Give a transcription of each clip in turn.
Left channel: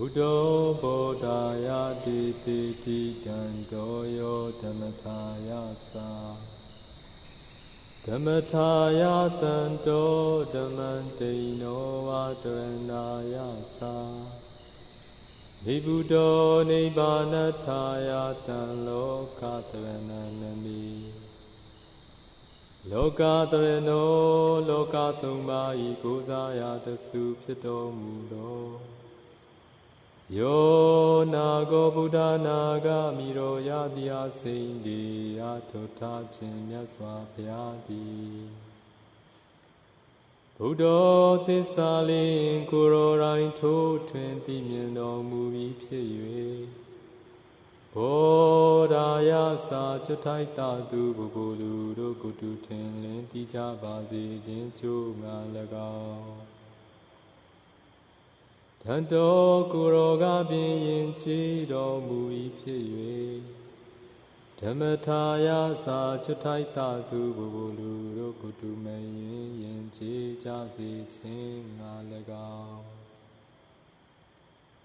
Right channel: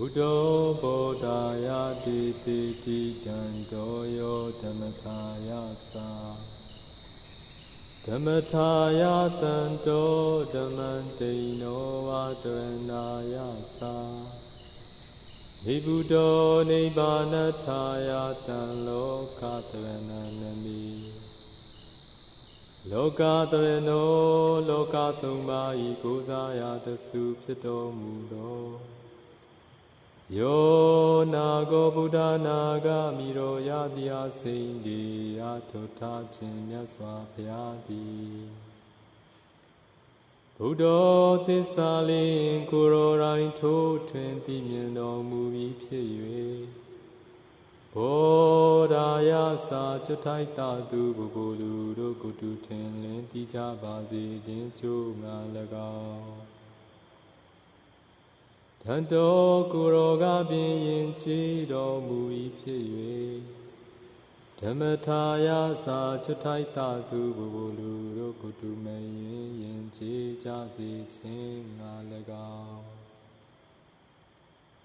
Buddha Bodhaya Diti Dandoyo Dhammataya Sa Dhammataya Dando Dhammantino Vadaranaya Sa Nibuddho Nibbanataya Dan Lokatarananami Lokatarano Lokatumma Ikosaya Dasu Pito Mudo Yo Nago Buddha Naga Miro Yadya Sindi Atota Chinya Swapyadi Buddha Tissalin Kuro Rain To 20 Miendo Muvi Pye Bodhaya Sa Chutai Tatu Bubulu Rokutu Tenlin Tija Bazi Jinchu Ngalagao Tanto Kuroga Bin Chido Mui Pye Dhammataya Sa Chutai Tatu Bubulu Rokutu Mayin Yin Chi Jasi Chin Ngalagao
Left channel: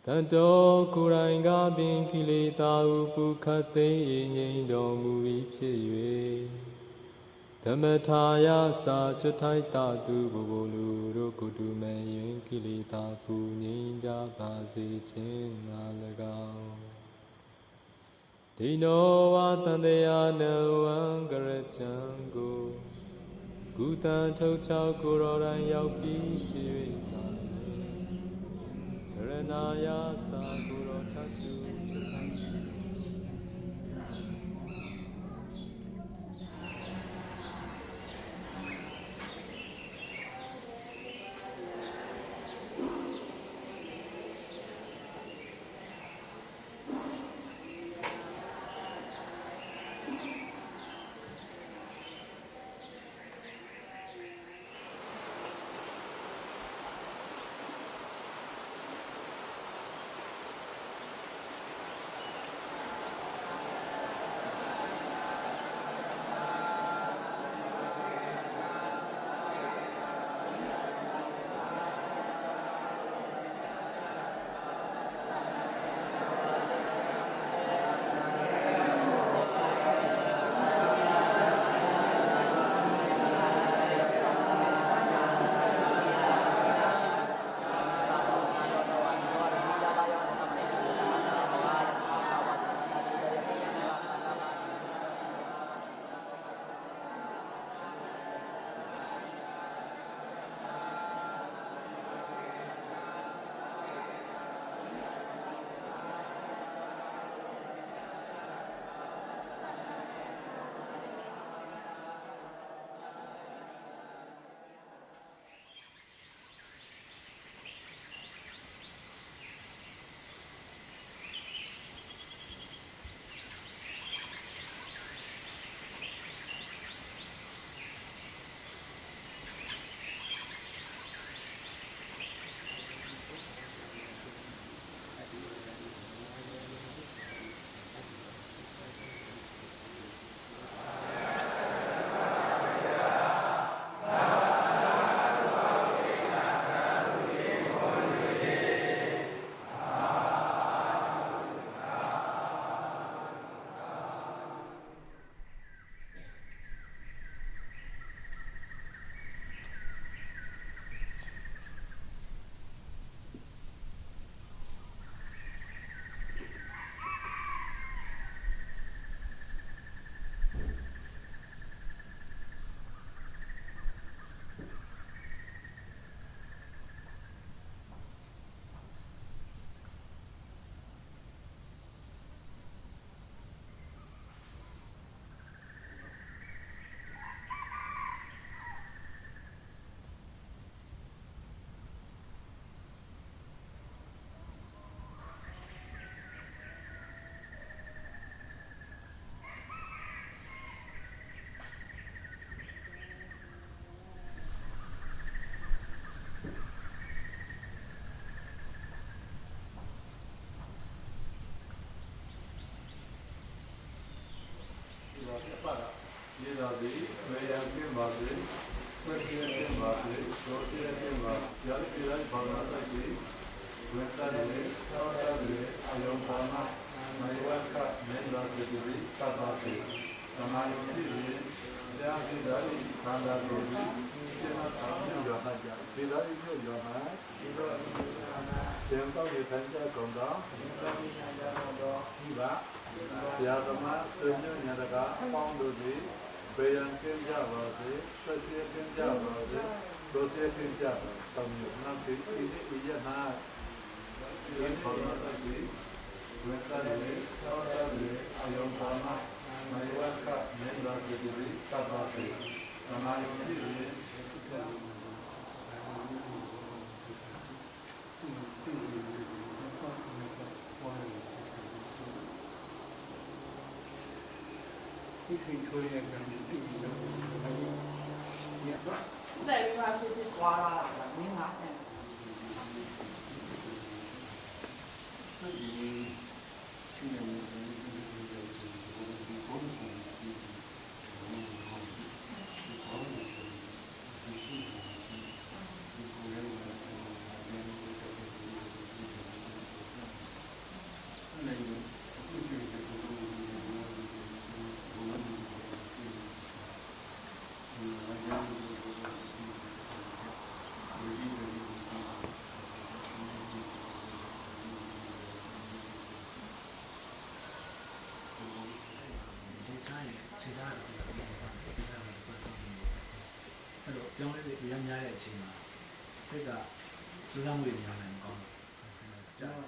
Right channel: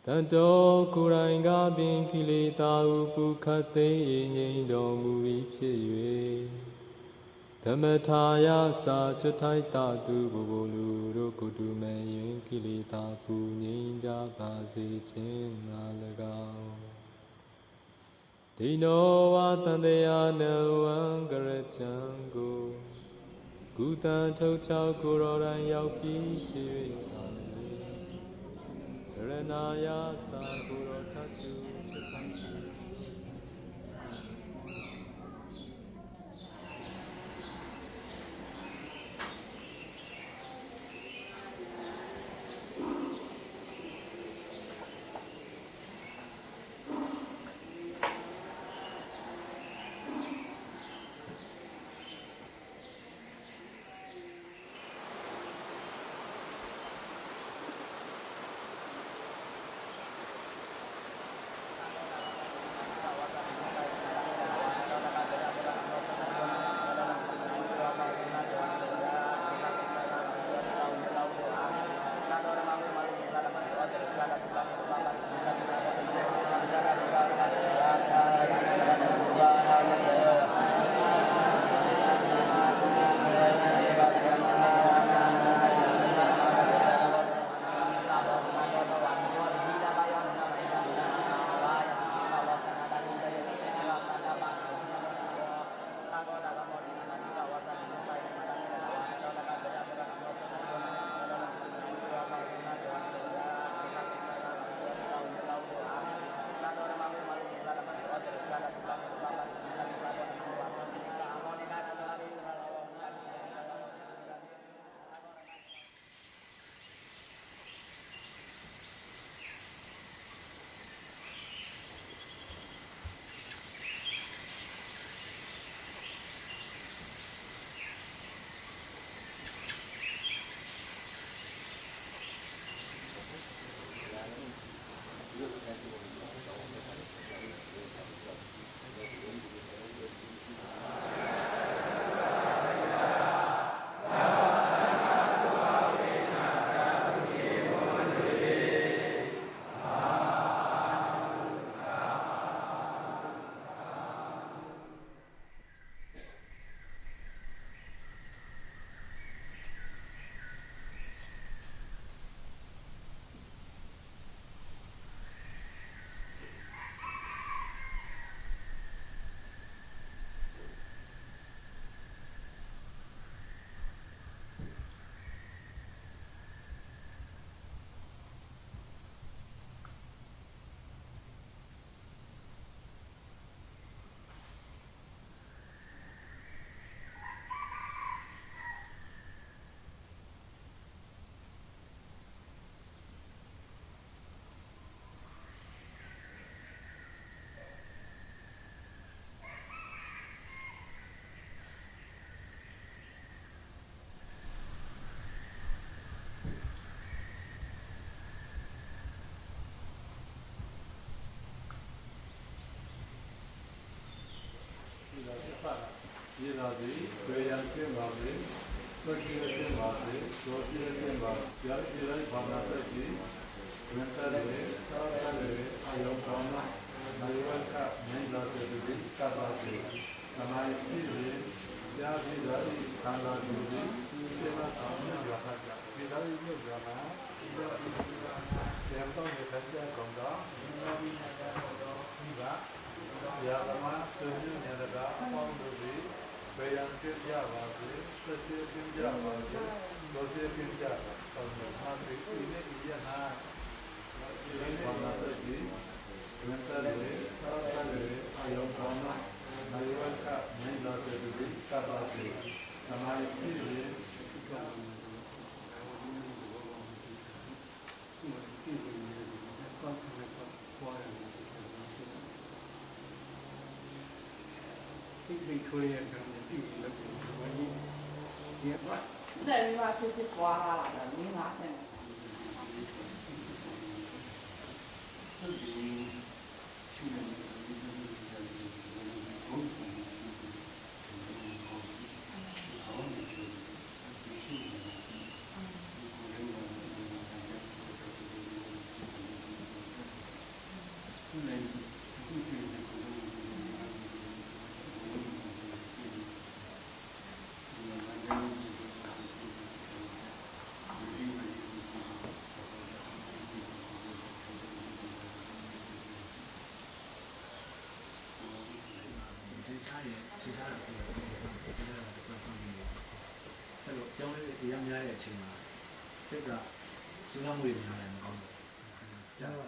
Tanto Kuranga Bin Kilita Upu Kate Nyindo Mui Pye Dhammataya Sa Chutai Tatu Bubulu Rokutu Mayin Kilita Punyinja Basi Chin Nalagao Dino Vatandeya Nawan Garachango Gutan Tochao Kuroran Yaupi Pye Ranaya Sa Kuro Tatu Chutai ပြောင်းလဲတဲ့တရားများတဲ့အချိန်မှာစိတ်ကစိုးရိမ်မှုတွေများလည်းမကောင်းဘူး။ကြားပါ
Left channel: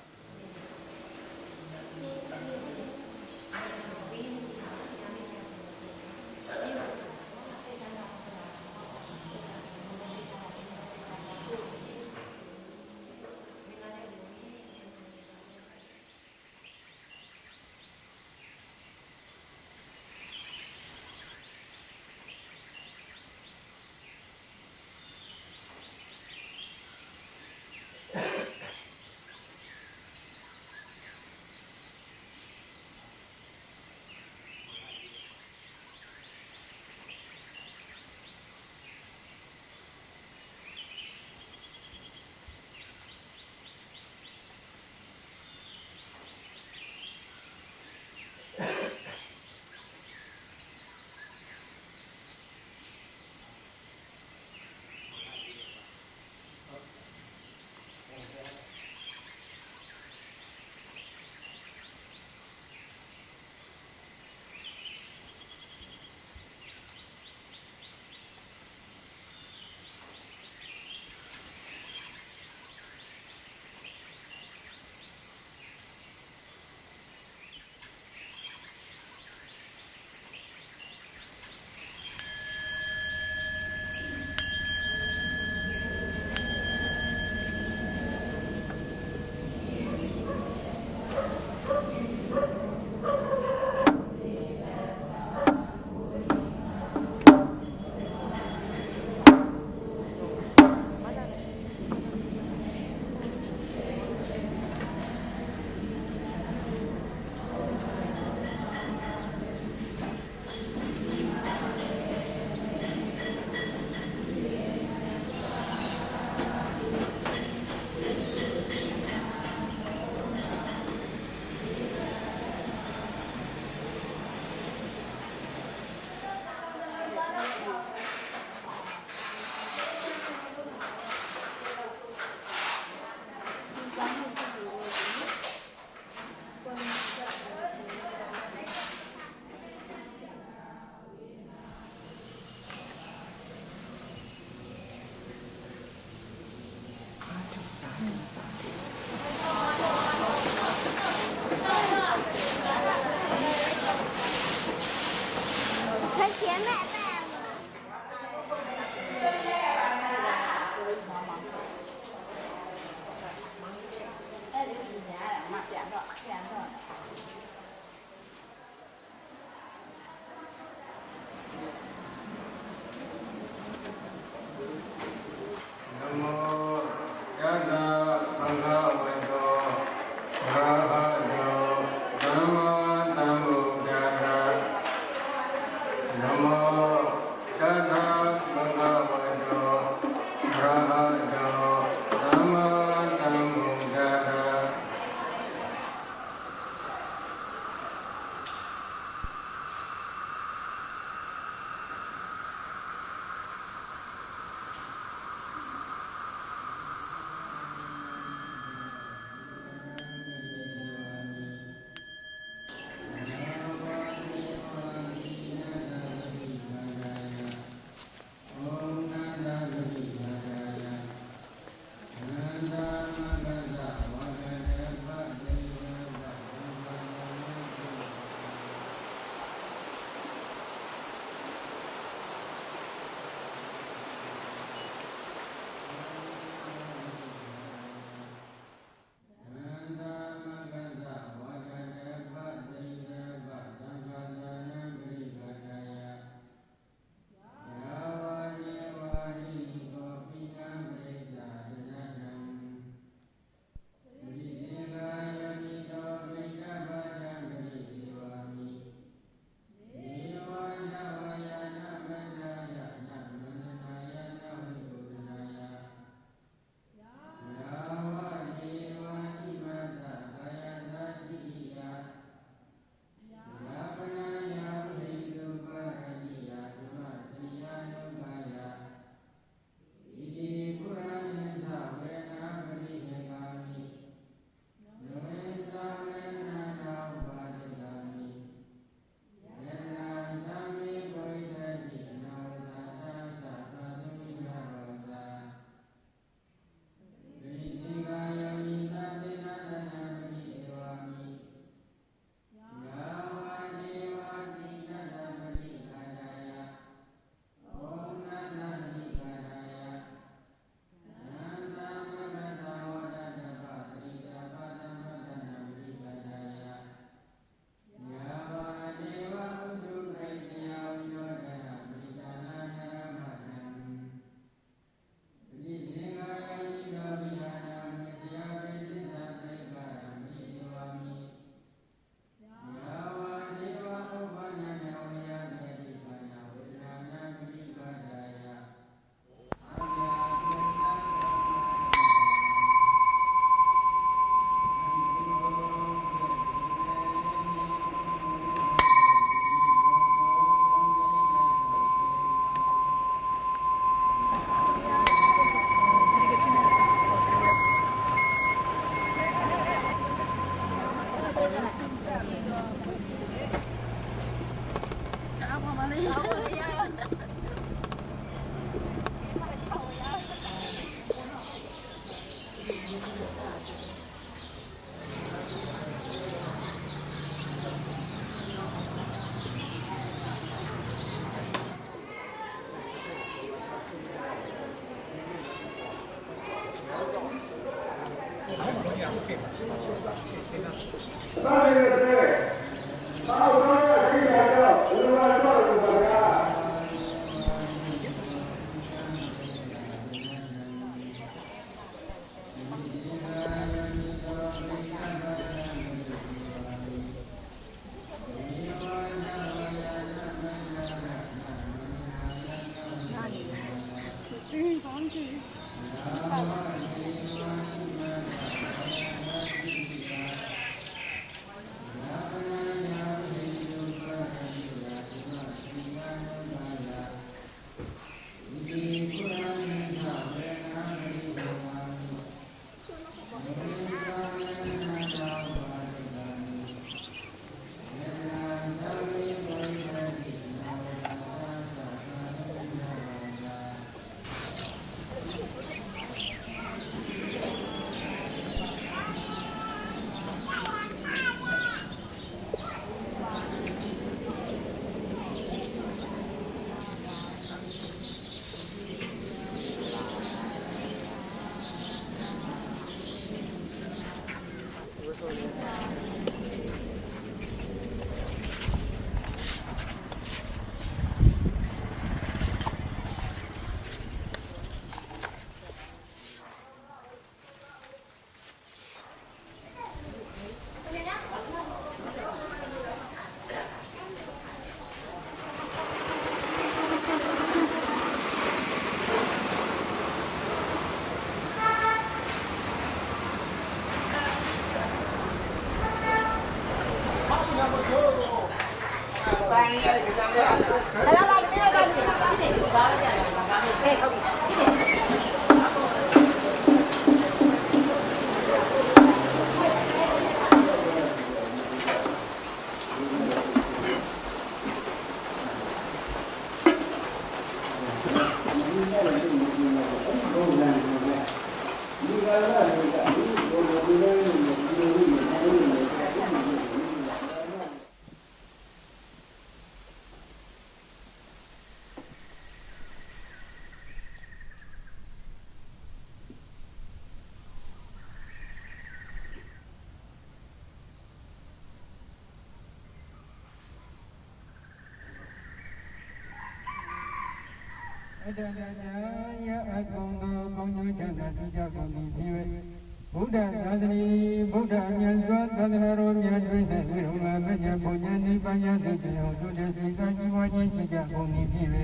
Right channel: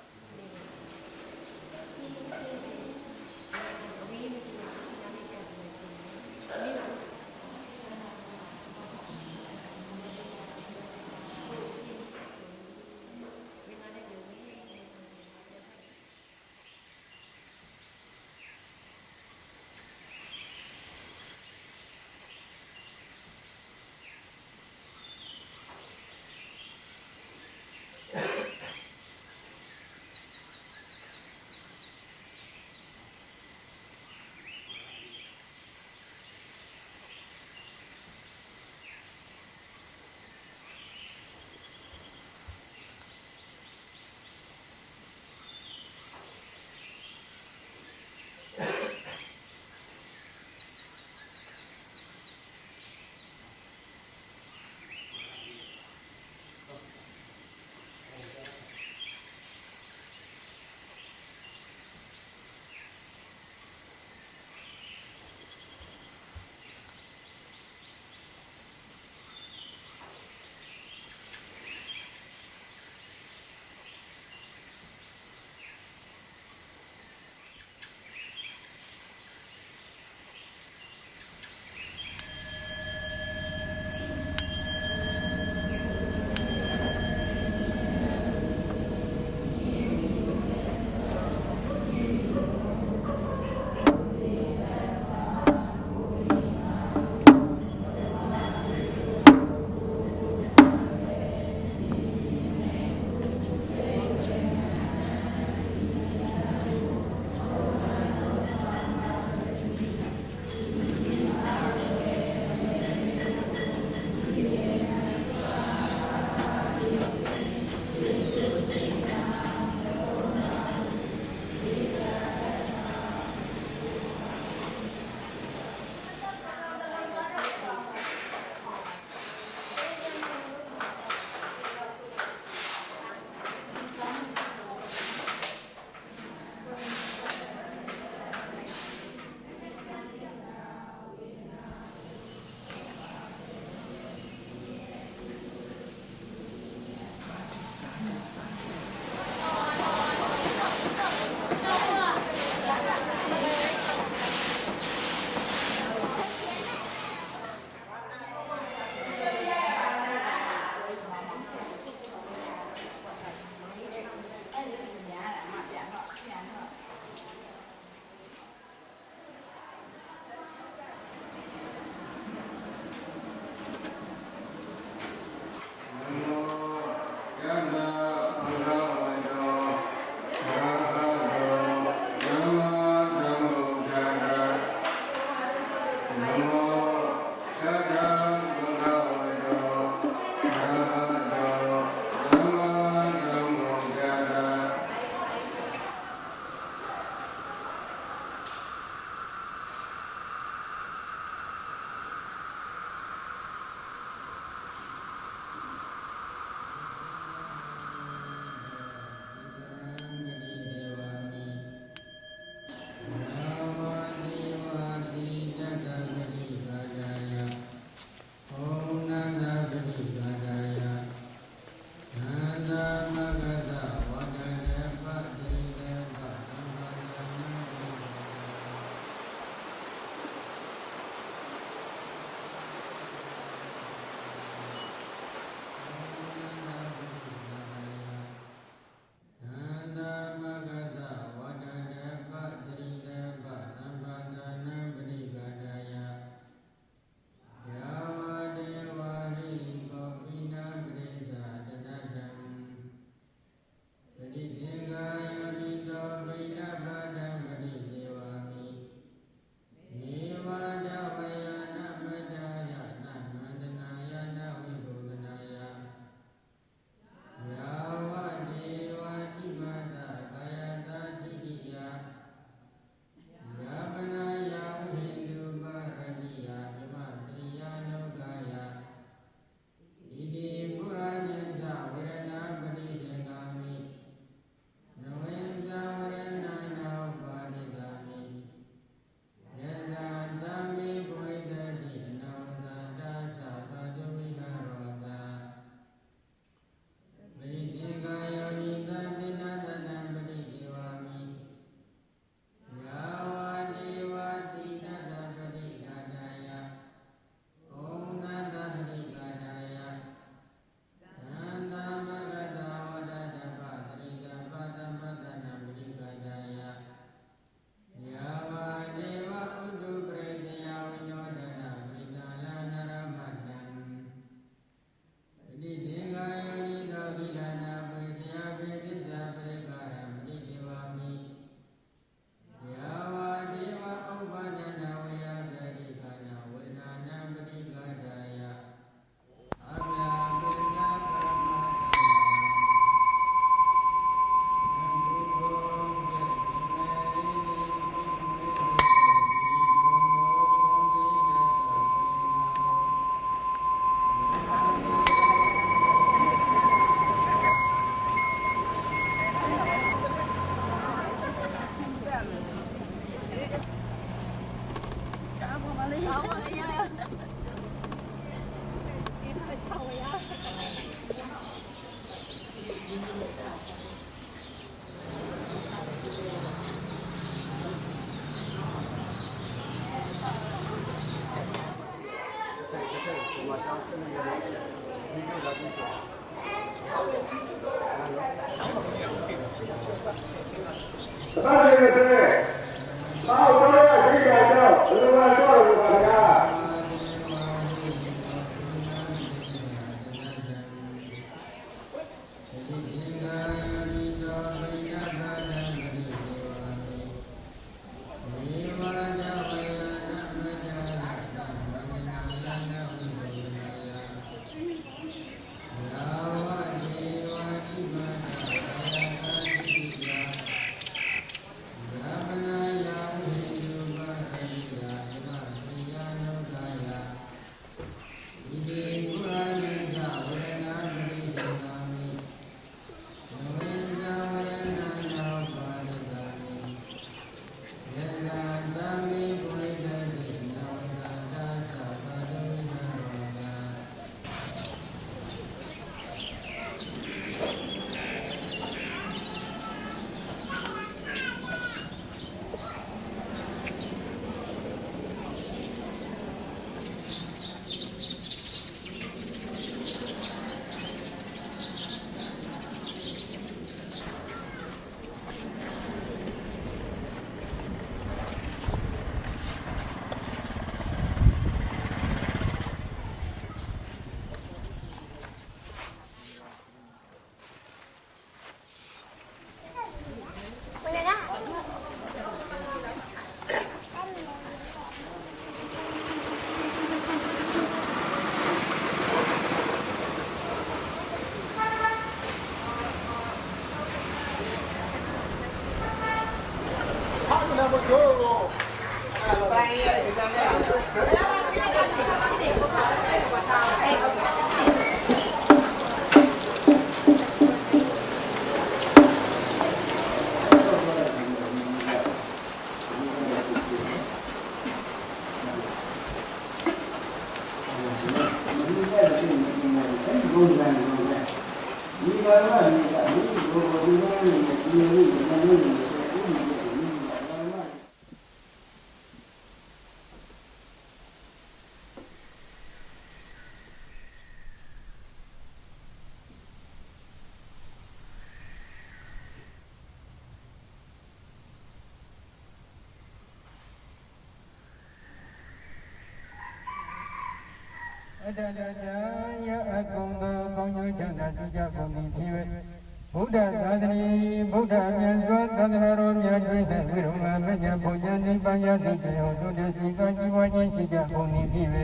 Buddha Gadri, Buddha Nyazwa, Gadaro, Nyadwina, Viruma, Maja, Pujani, Payati, Jodesi, Gajiwaji, Sija, Oni, Pive,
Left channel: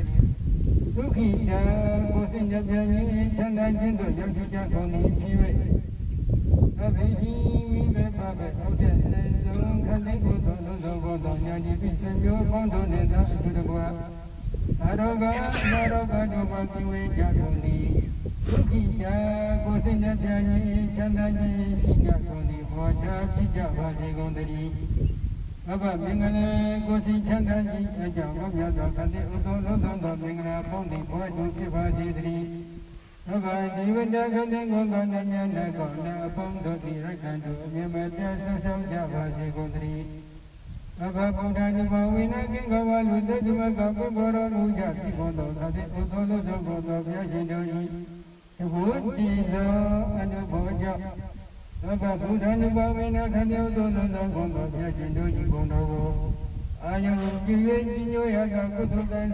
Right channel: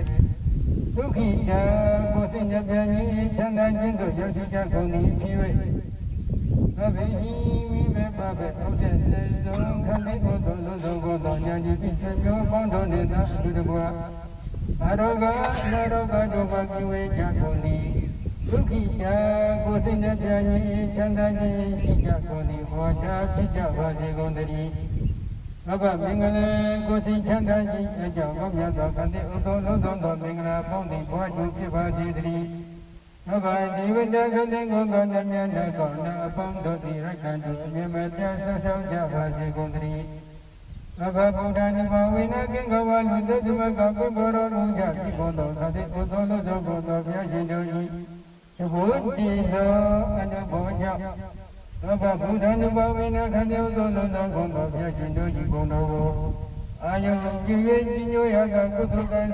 Tukita, Kosinja, Piani, Chanda, Jindo, Yosija, Oni, Pive, Avihi, Vive, Babe, Oden, Zon, Kali, Godo, Lozo, Godo, Nyadi, Pisanjo, Bondo, Neda, Dudabua, Aroga, Naroga, Doba, Kiwe, Jagoni, Tukita, Kosinja, Piani, Chanda, Sija, Oni, Hoja, Sija, Vaji, Gondari, Baba, Mingale, Kosi, Chanda, Sija, Gomyada, Kandi, Udo, Lozo, Mingala, Pondi, Boju, Piva, Baba, Divida, Kandi, Gonda, Nyana, Gonda, Pondo, Rakandu, Yamata, Sasa, Java, Gondari, Baba, Buddha, Nivawina, Kingawa, Luduma, Gabu, Boro, Luja, Kibondo, Kadi, Udo, Lozo, Godo, Yajido, Buddhi, and a Boja. Baba, Buddha, Nivawina, Kandi, Udo, Lozo, Godo, Yajido, Gondo, I am giving you a good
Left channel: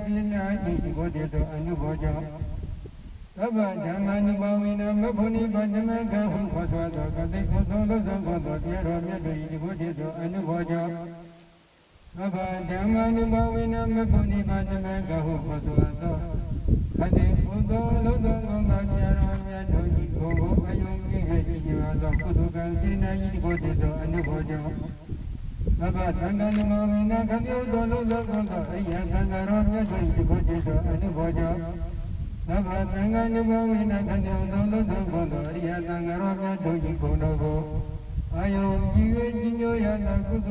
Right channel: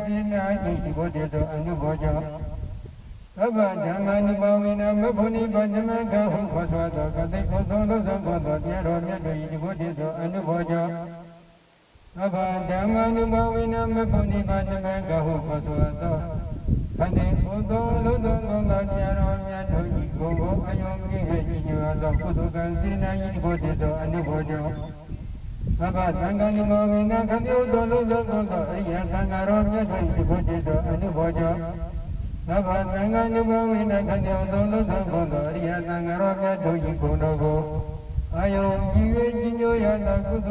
Sina, Igodo, and a Boja. Baba, Jamani, Bawina, Mabuni, Bajamaka, who was what Kadi, Udo, Lozo, Godo, Yajido, Igodo, and a Boja. Baba, Jamani, Bawina, Mabuni, Bajamaka, who was what Kadi, Udo, Lozo, Godo, Yajido, Igodo, I am giving you a good Sina, Igodo, and a Boja. Baba, Tangani, Mawina, Kadi, Udo, Lozo, Godo, Yatangaro, Igodo, and a Boja. Baba, Tangani, Mawina, Kadi, Udo, Lozo, Godo, Yatangaro, Igodo, I am giving you a good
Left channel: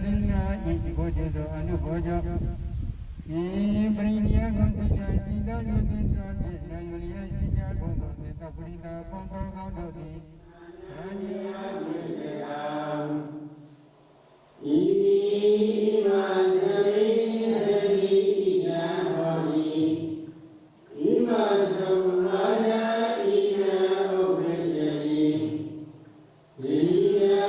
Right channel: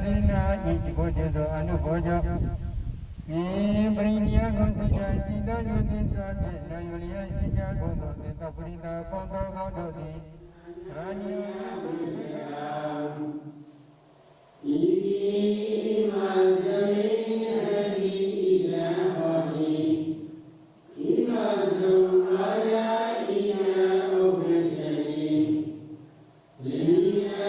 Sina, Igodo, and a Boja. Brinia, Concentratia, Julia, Sija, Godo, Taprina, Pondo, Godo, Rani, Yeah.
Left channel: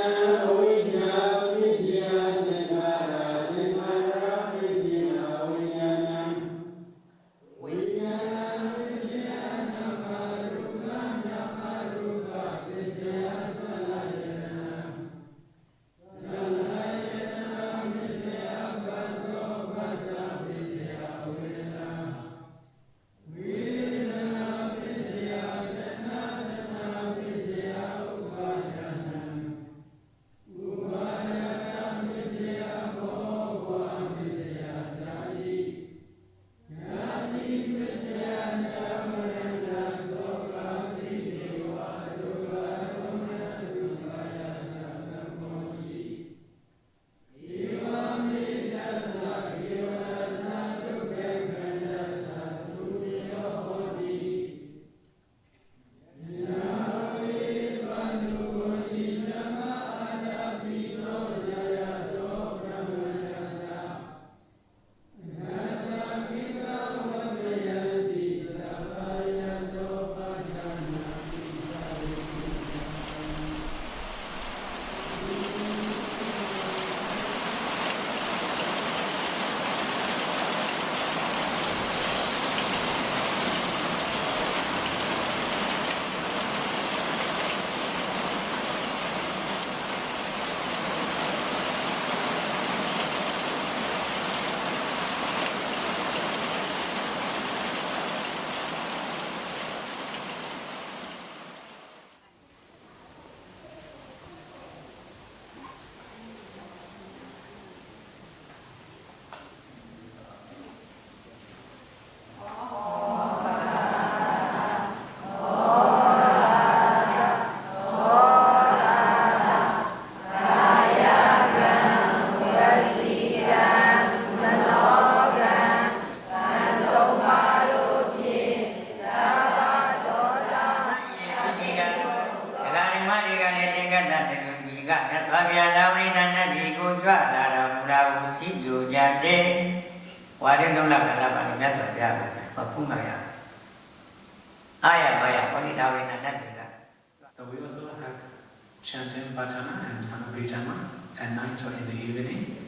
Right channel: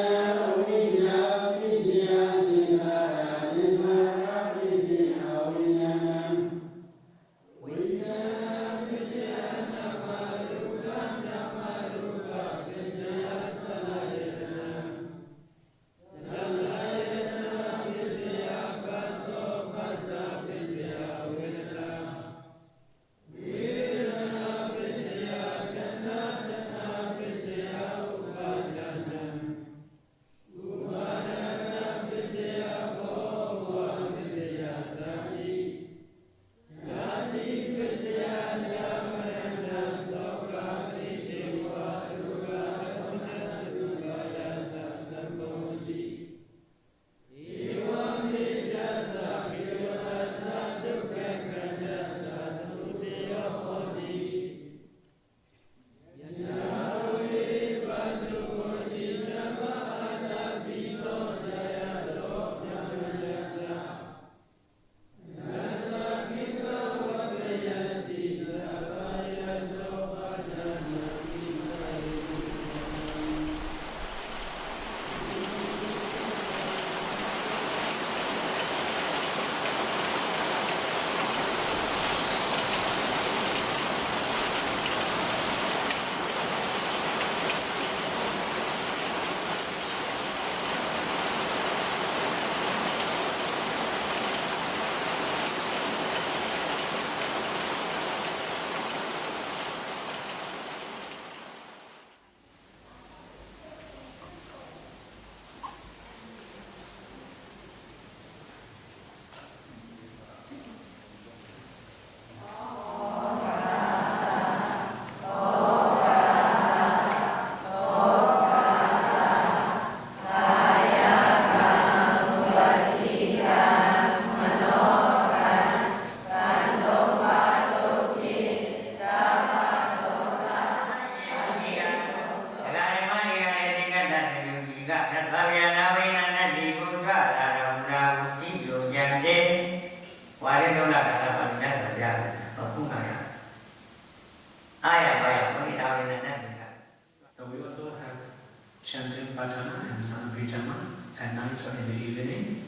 in the evening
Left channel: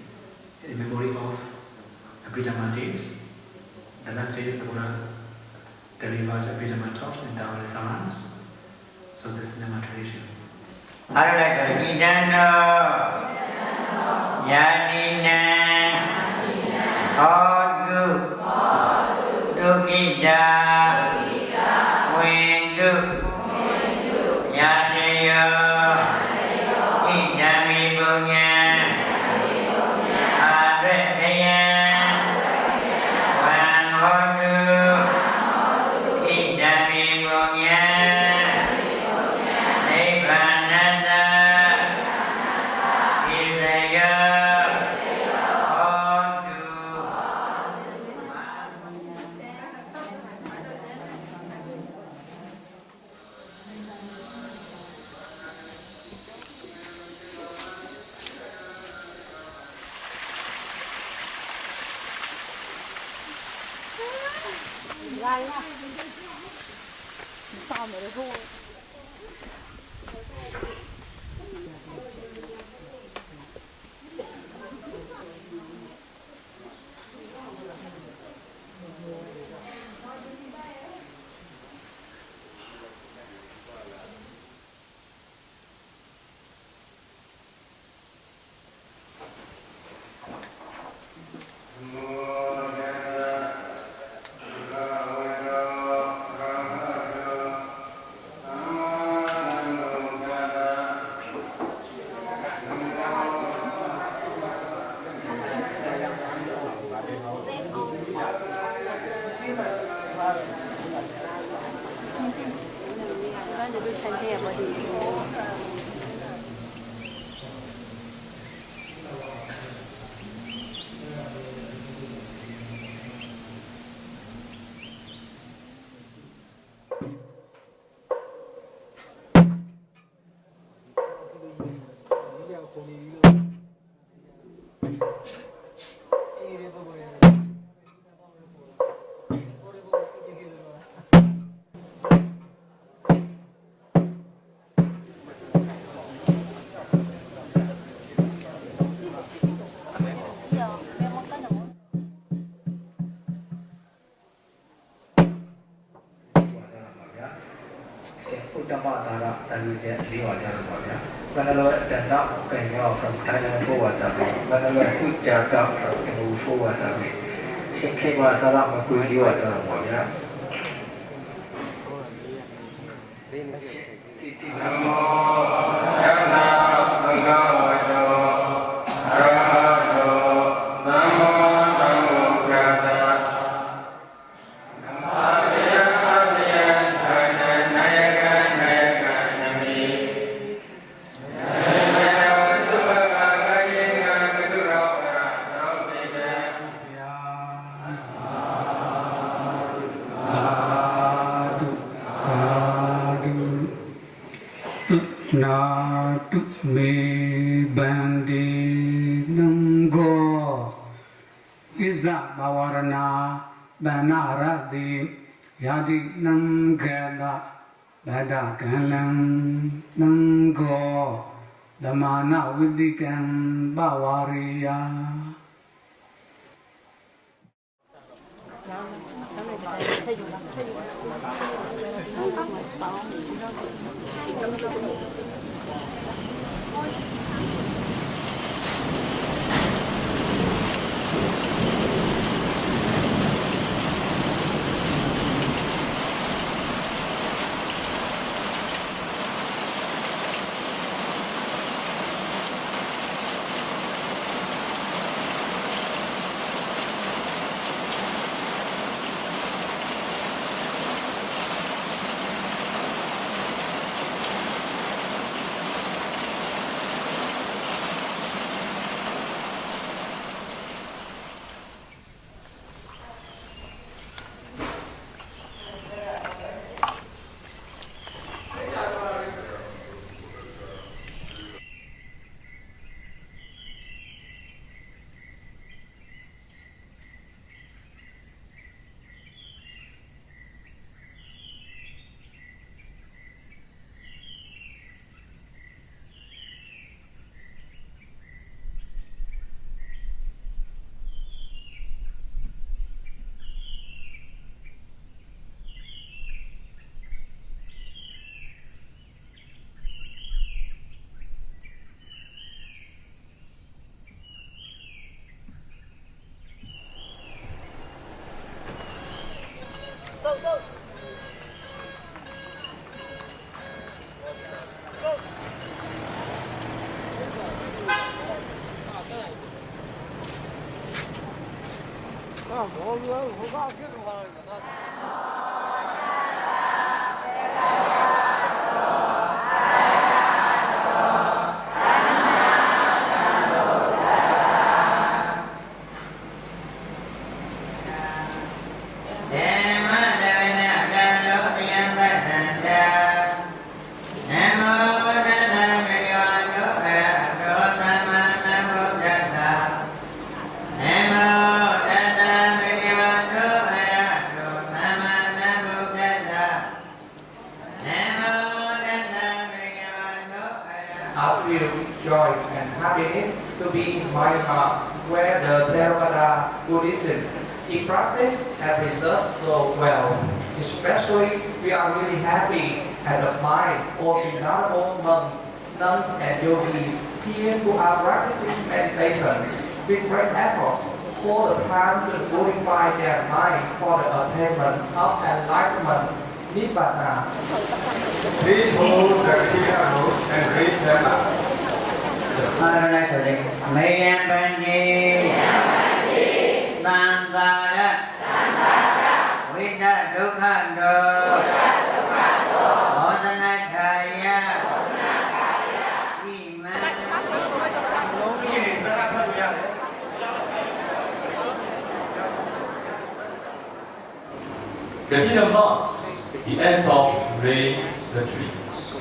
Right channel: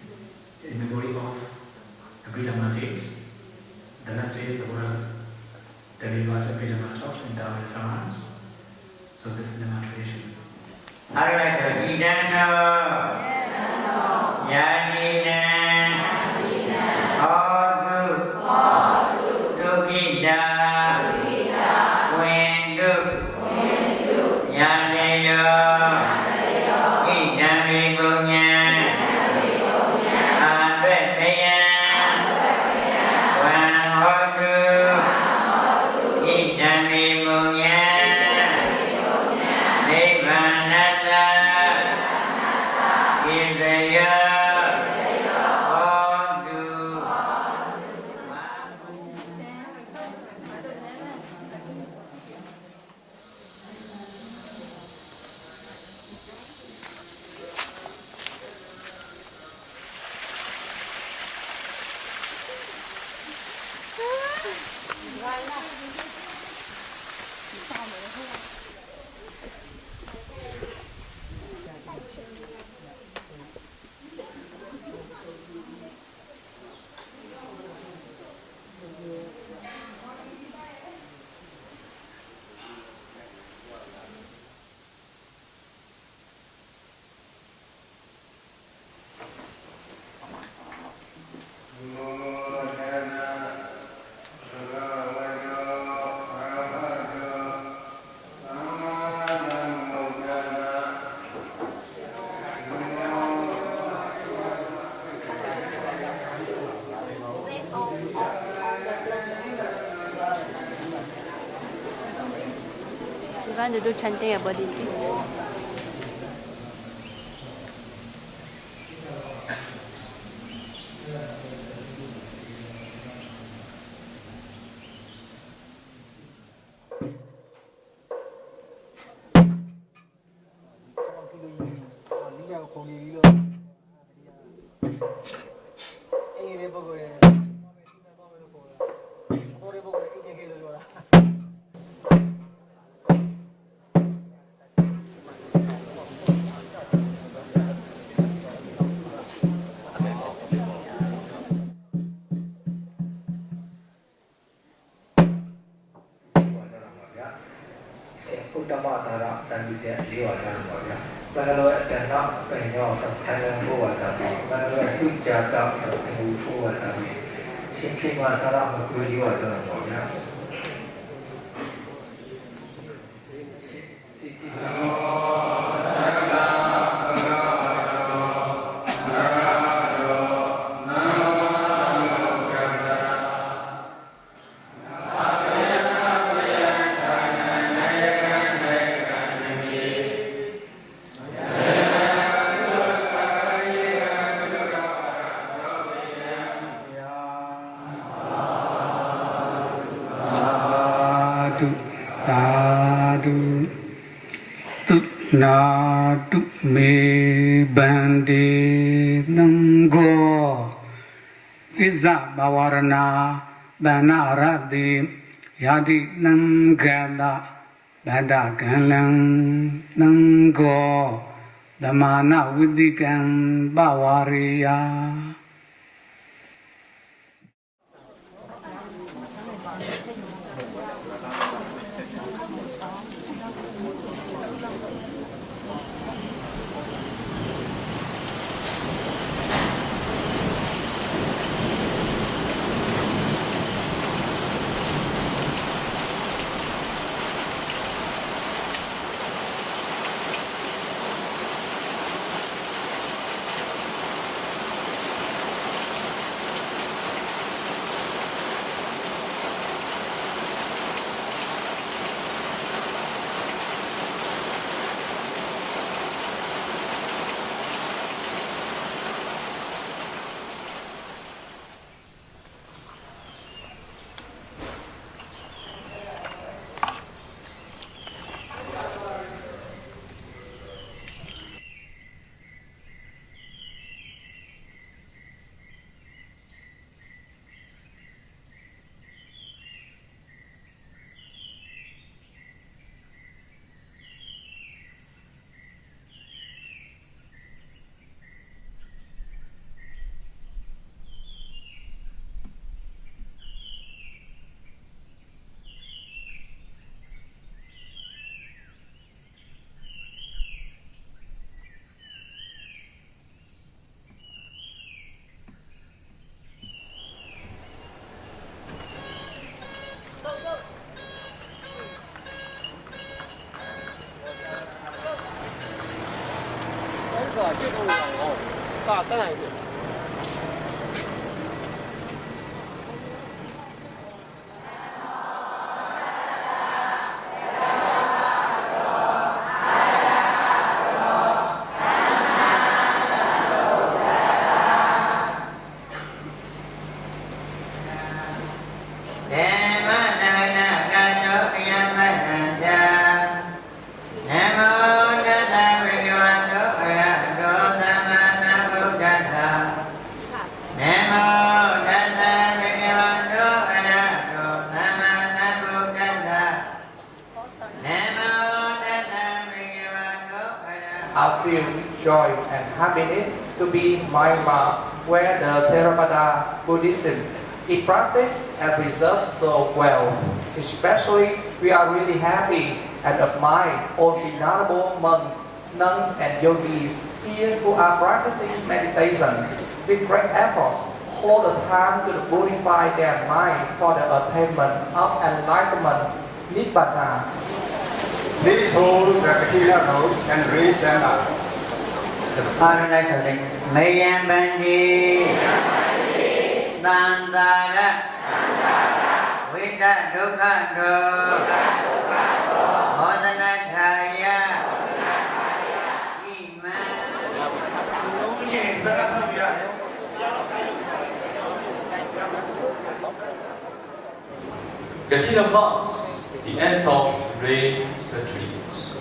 in memory of Abhidhamma days. The last day the Buddha delivers Abhidhamma talks in Taoist arms. So this is the meditation. Natu me bande nango Iza bawarana banaradi Yadi nangada Badagalang nango Damana widikan bawariya I feel joy and happiness to be in Myanmar, where the Theravada Buddhism is practiced and preserved so well. Especially, we are really happy and admire all venerable monks, nuns, and yogis here who are practicing meditation with great efforts all the time to purify their mind for the attainment of enlightenment, Nibbana. Please hold the material notes and raise them up. The Paradise Mayambandi Nandara Vita Dukkando Modanachaya Casino monks, the end of rain retreats.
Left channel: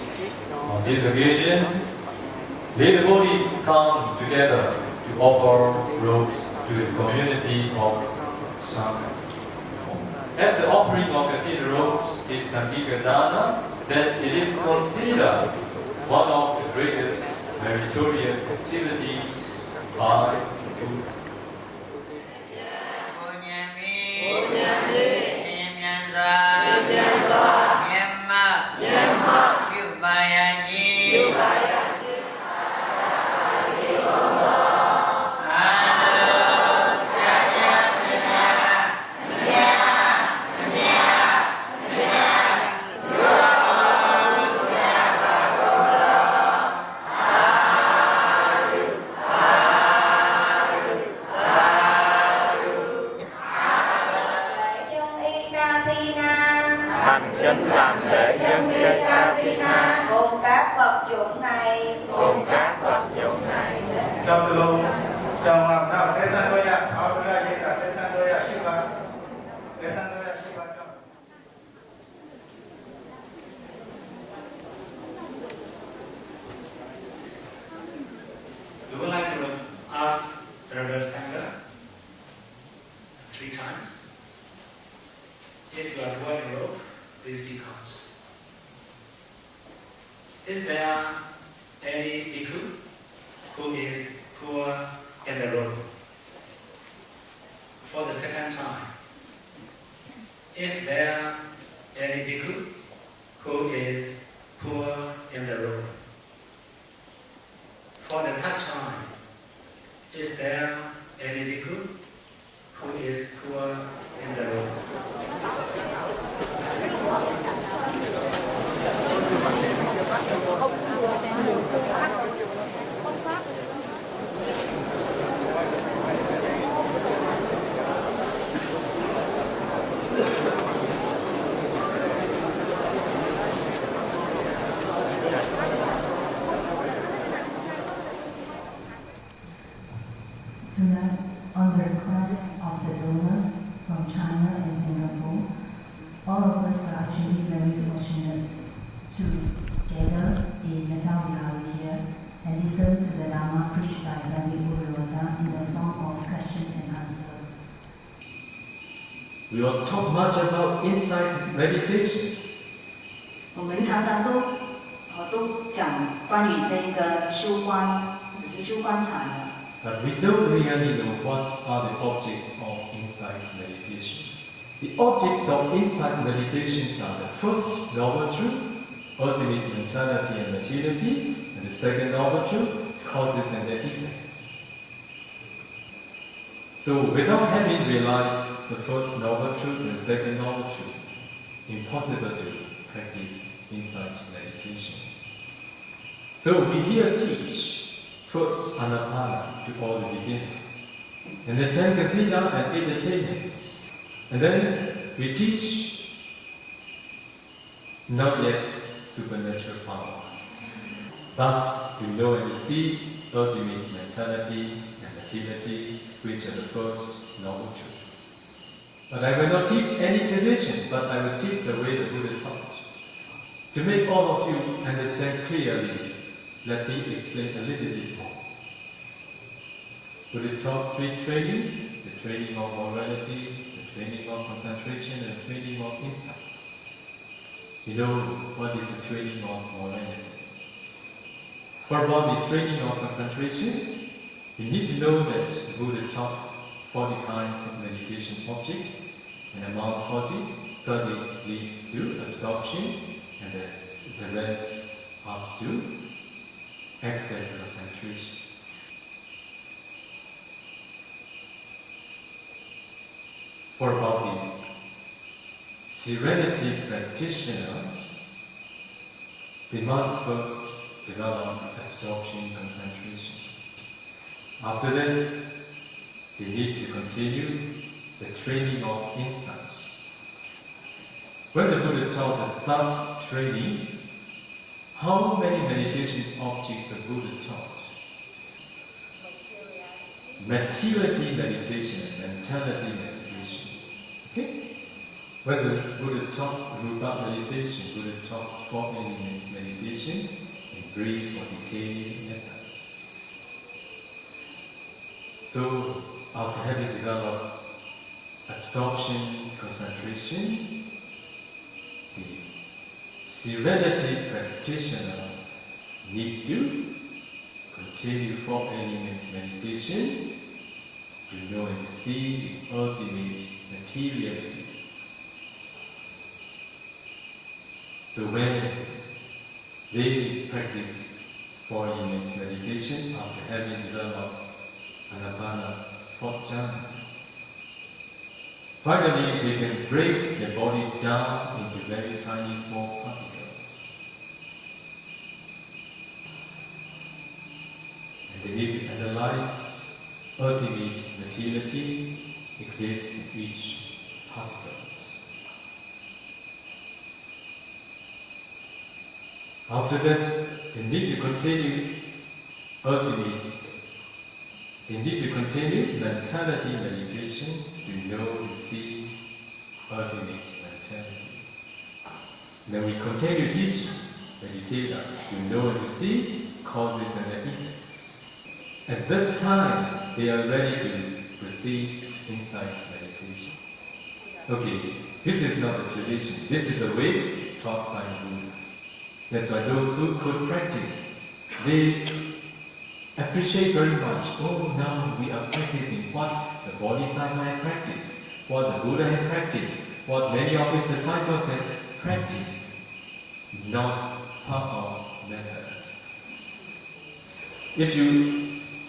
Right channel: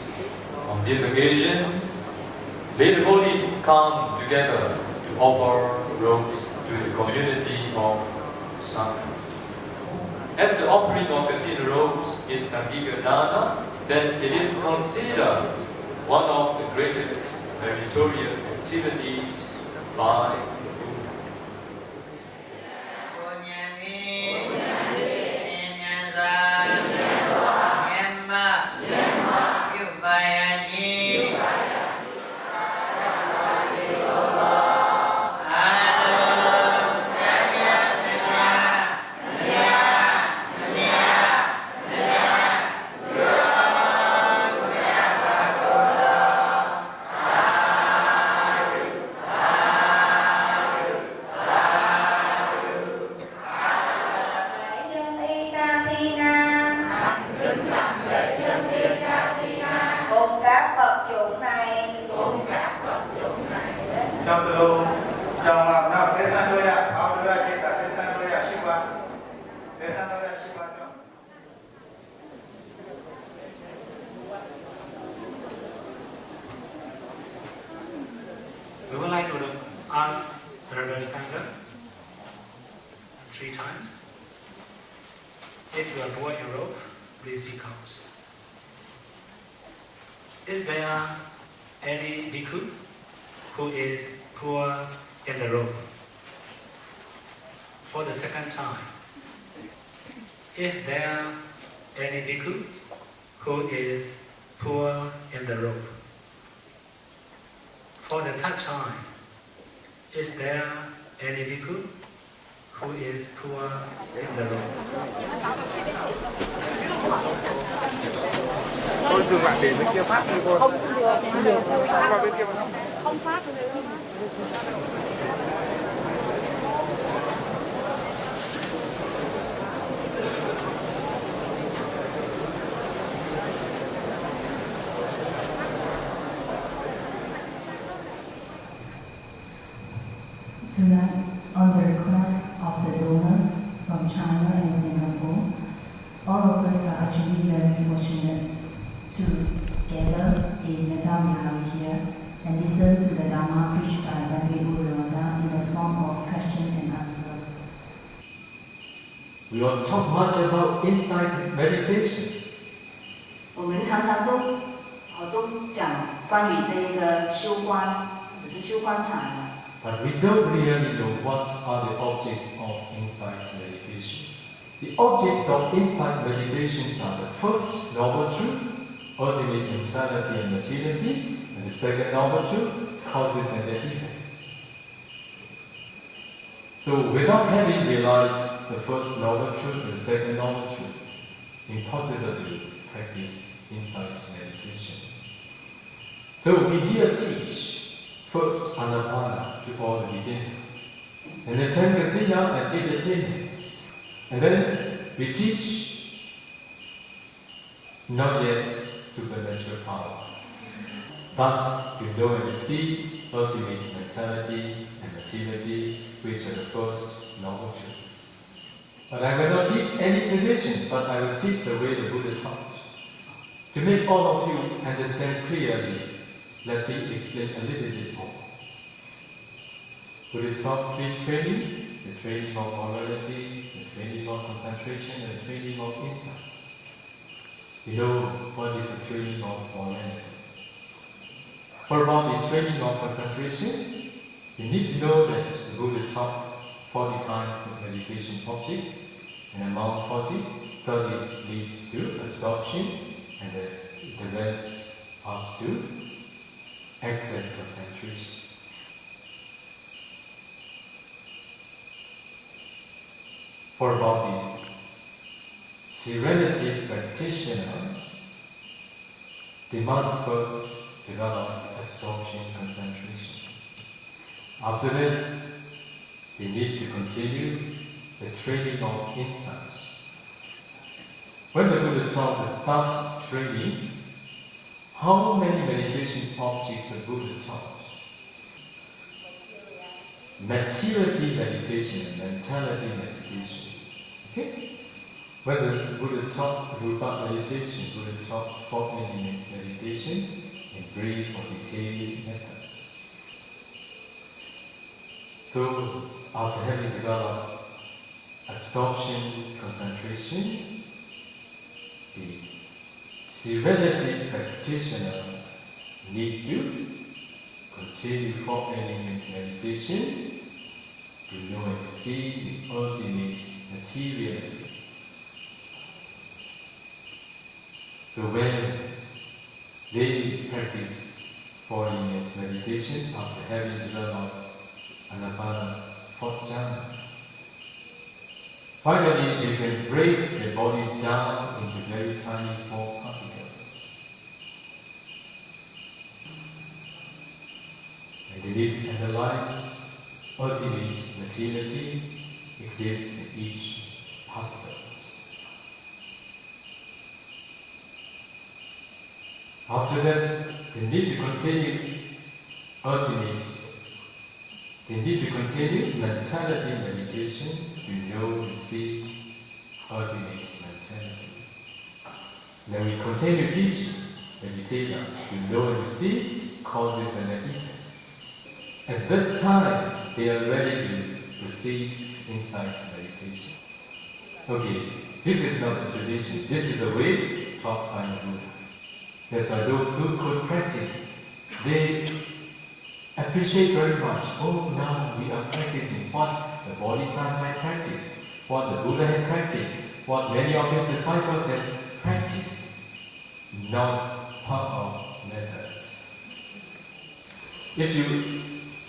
On this occasion, the devotees come together to offer robes to the community of Sangha. As the offering of Katina robes is Sangika Dana, then it is considered one of the greatest meritorious activities by We would like to ask the reverse tender 3 times. If you are poor in rope, please speak out. Is there any bhikkhu who is poor in the rope? For the second time, if there any bhikkhu who is poor in the rope? For the third time, is there any bhikkhu who is poor in the rope? Tonight, on the request of the donors from China and Singapore, all of us are actually very fortunate to gather in Myanmar here and listen to the Dharma preached by Buddha in the form of question and answer. We don't talk much about insight meditation. 我们常常都讲关于这个修观，只是修观禅。 But we don't really know what are the objects of insight meditation. The objects of insight meditations are the first noble truth, ultimate neutrality and materiality, and the second noble truth, causes and their effects. So without having realized the first noble truth and the second noble truth, impossible to practice insight meditation. So we here teach first Anapana to all the beginners, and then 10 kasina and entertainment. And then we teach not yet supernatural power, but to know and to see ultimate mentality and materiality, which are the first noble truth. But I will not teach any tradition, but I will teach the way the Buddha taught. To make all of you understand clearly, let me explain a little bit more. Buddha taught 3 trainings: the training of morality, the training of concentration, and the training of insight. You know what is the training of morality? For about the training of concentration, you need to know that the Buddha taught 40 kinds of meditation objects, and among 30 leads to absorption, and the rest comes to excess concentration. For about the serenity practitioners, they must first develop absorption concentration. After that, they need to continue the training of insight. When the Buddha taught the thought training, how many meditation objects the Buddha taught? Materiality meditation and mentality meditation. Okay? When the Buddha taught Rupa meditation, Buddha taught 4 elements meditation in brief or detailed methods. So, after having developed absorption, concentration, the serenity practitioners need to continue 4 elements meditation to know and to see the ultimate materiality. So when they practice 4 elements meditation after having developed Anapana 4th jhana, finally they can break their body down into very tiny small particles. And they need to analyze ultimate materiality exists in each particle. After that, they need to continue mentality meditation to know, to see ultimate mentality. Then we continue teaching meditators to know and to see causes and effects. At that time, they are ready to proceed insight meditation. Okay, this is not a tradition. This is the way taught by Buddha. That's why those who could practice, they appreciate very much. Oh, now we are practicing what the Bodhisattva practiced, what the Buddha had practiced, what many of his disciples had practiced, not power methods. If you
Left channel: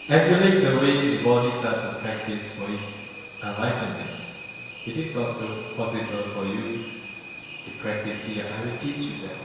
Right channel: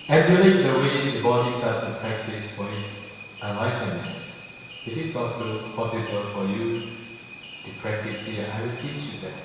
emulate the way the Bodhisattva practiced for his enlightenment, it is also possible for you to practice here. I will teach you that.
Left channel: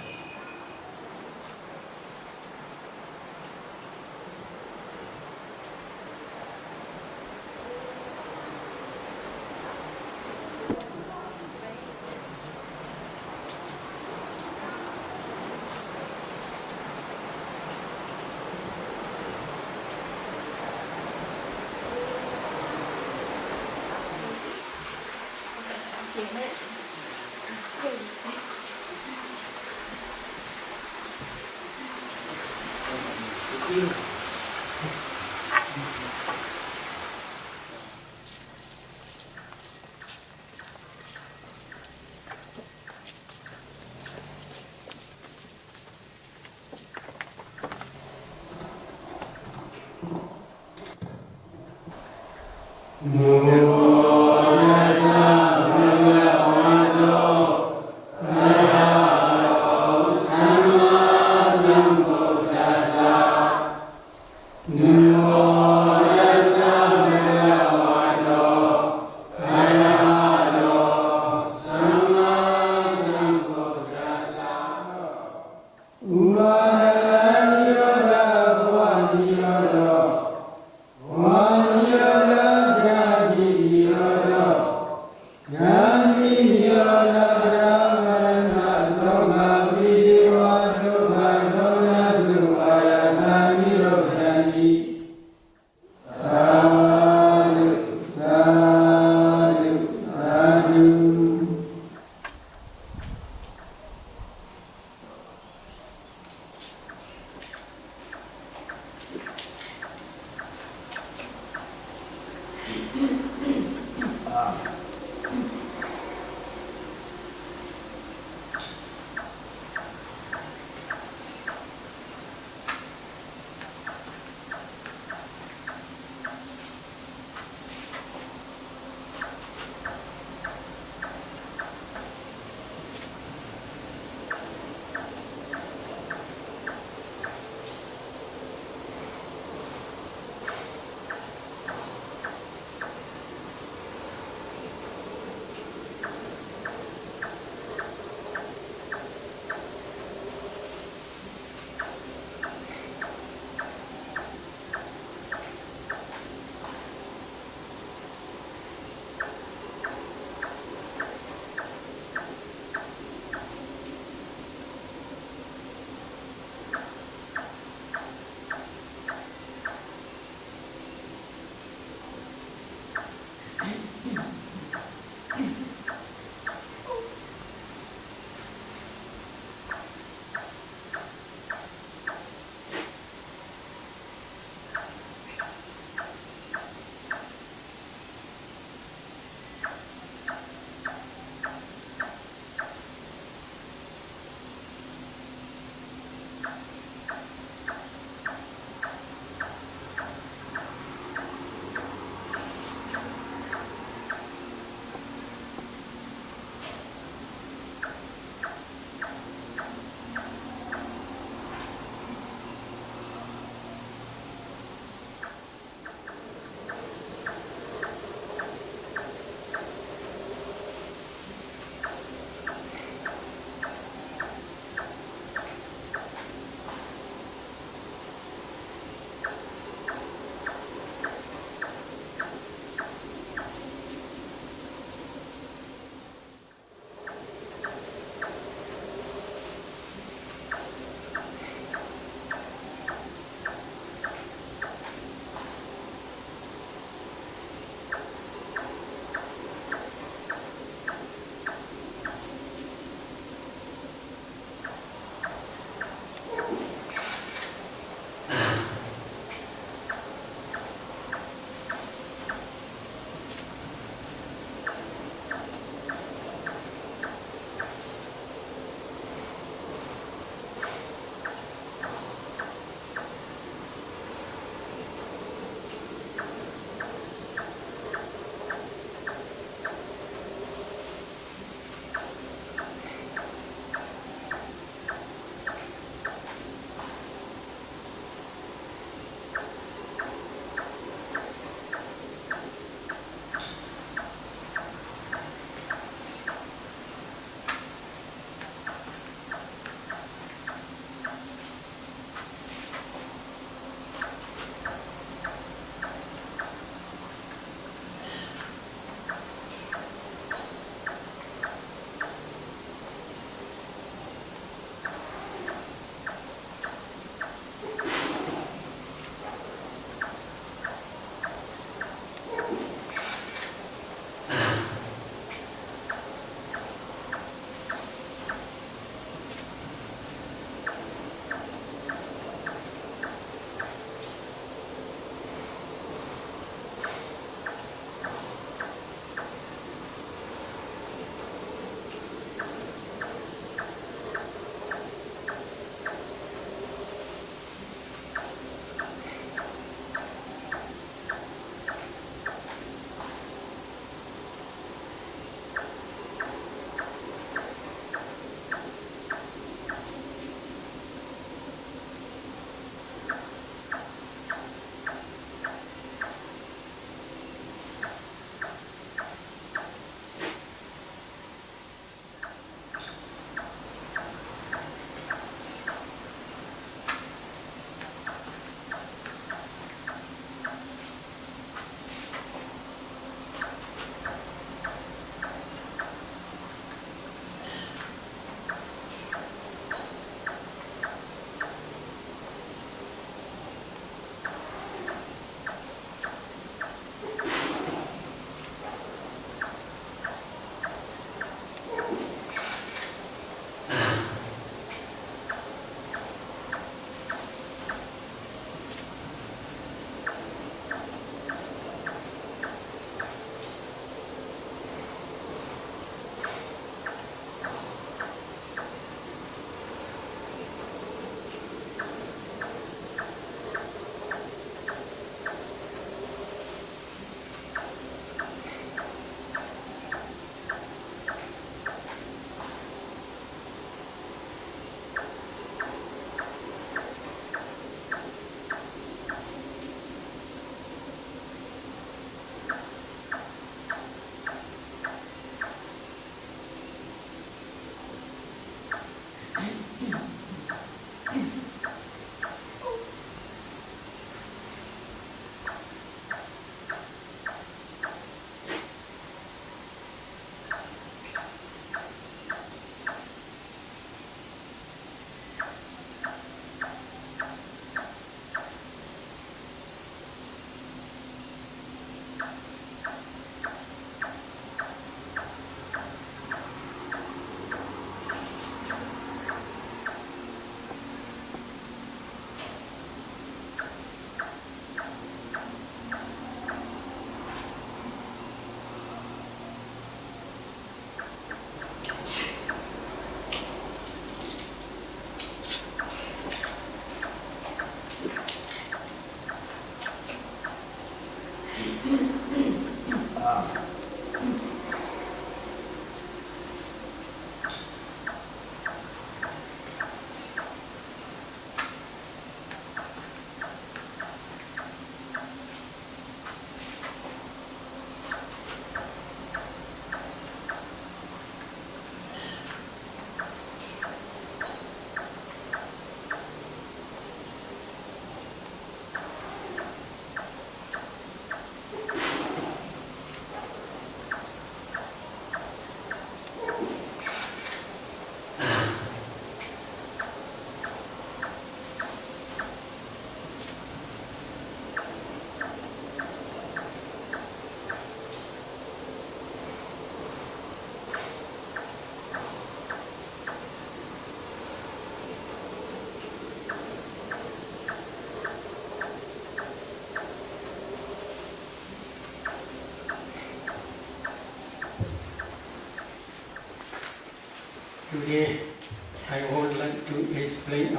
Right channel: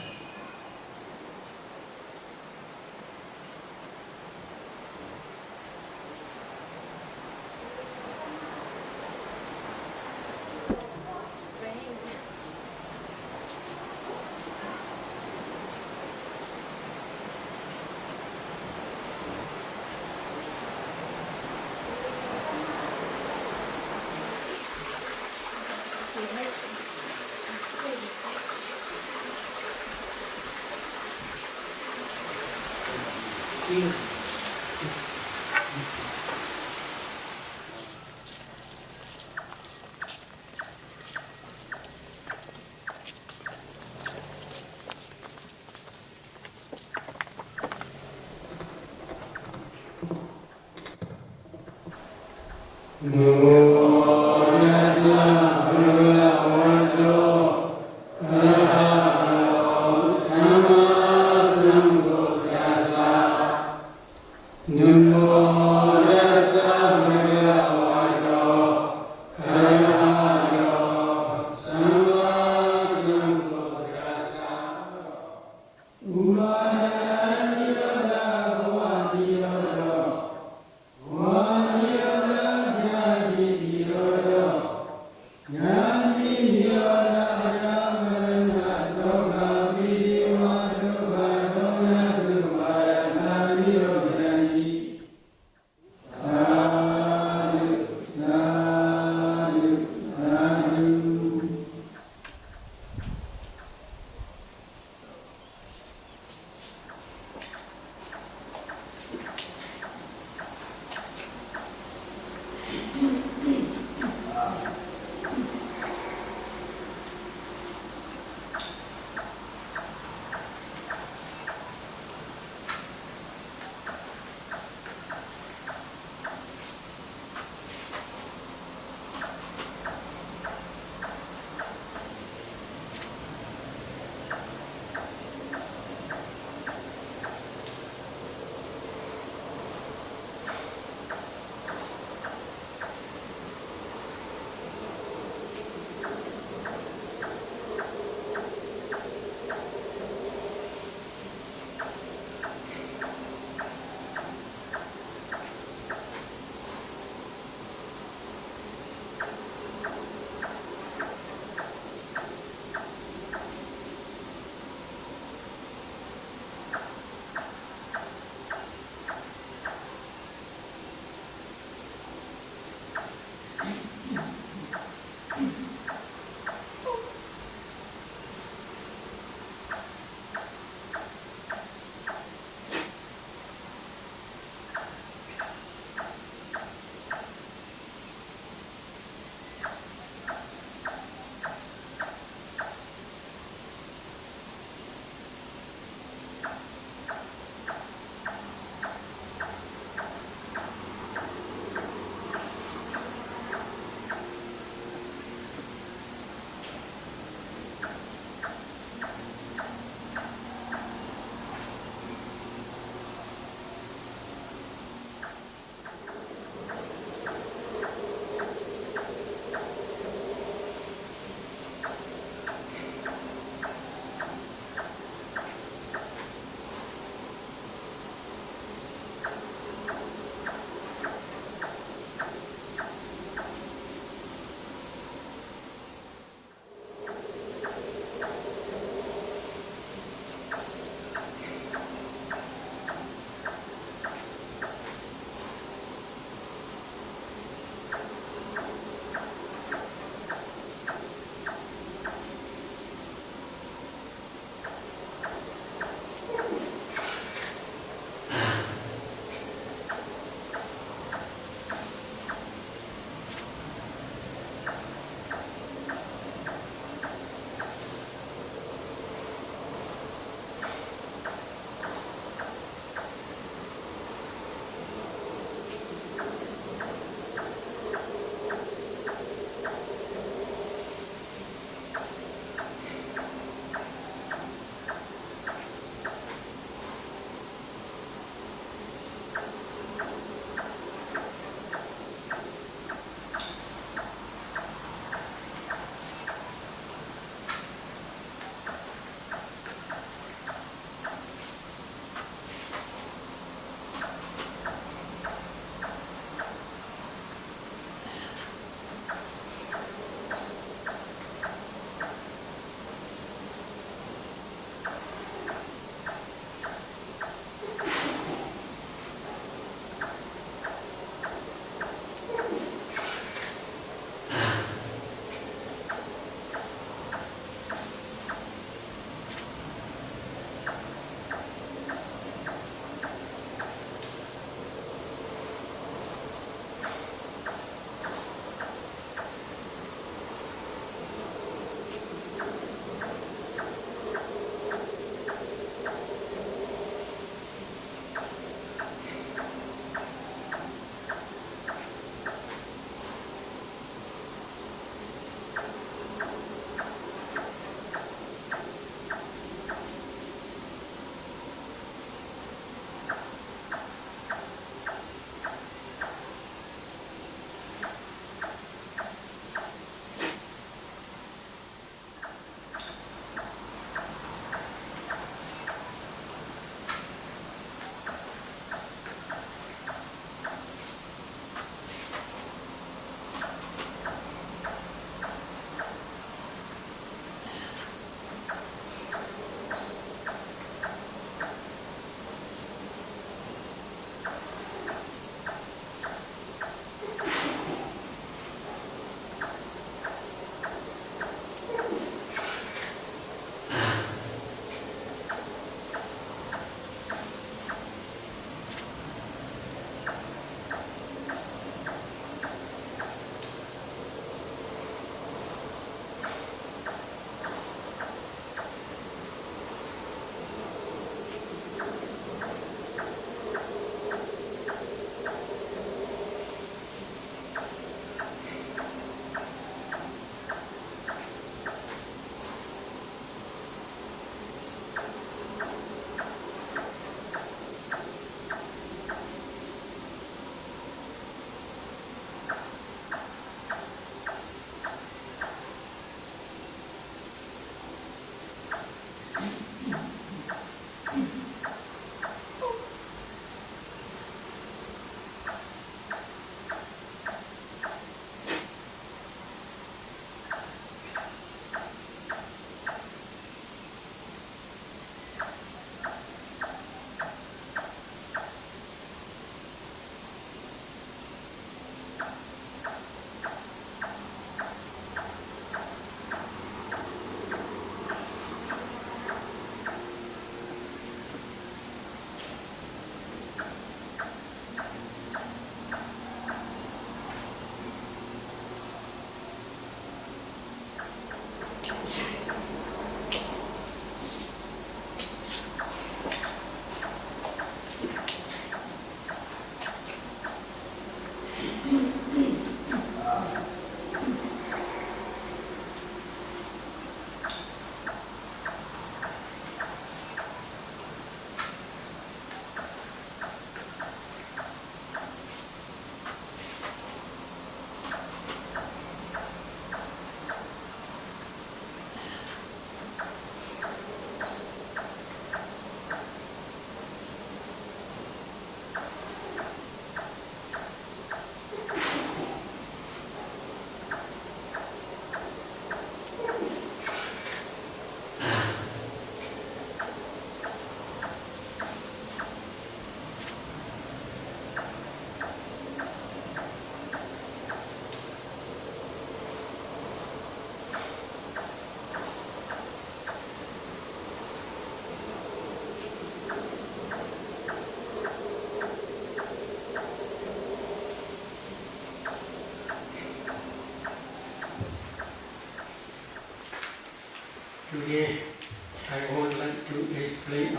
Wa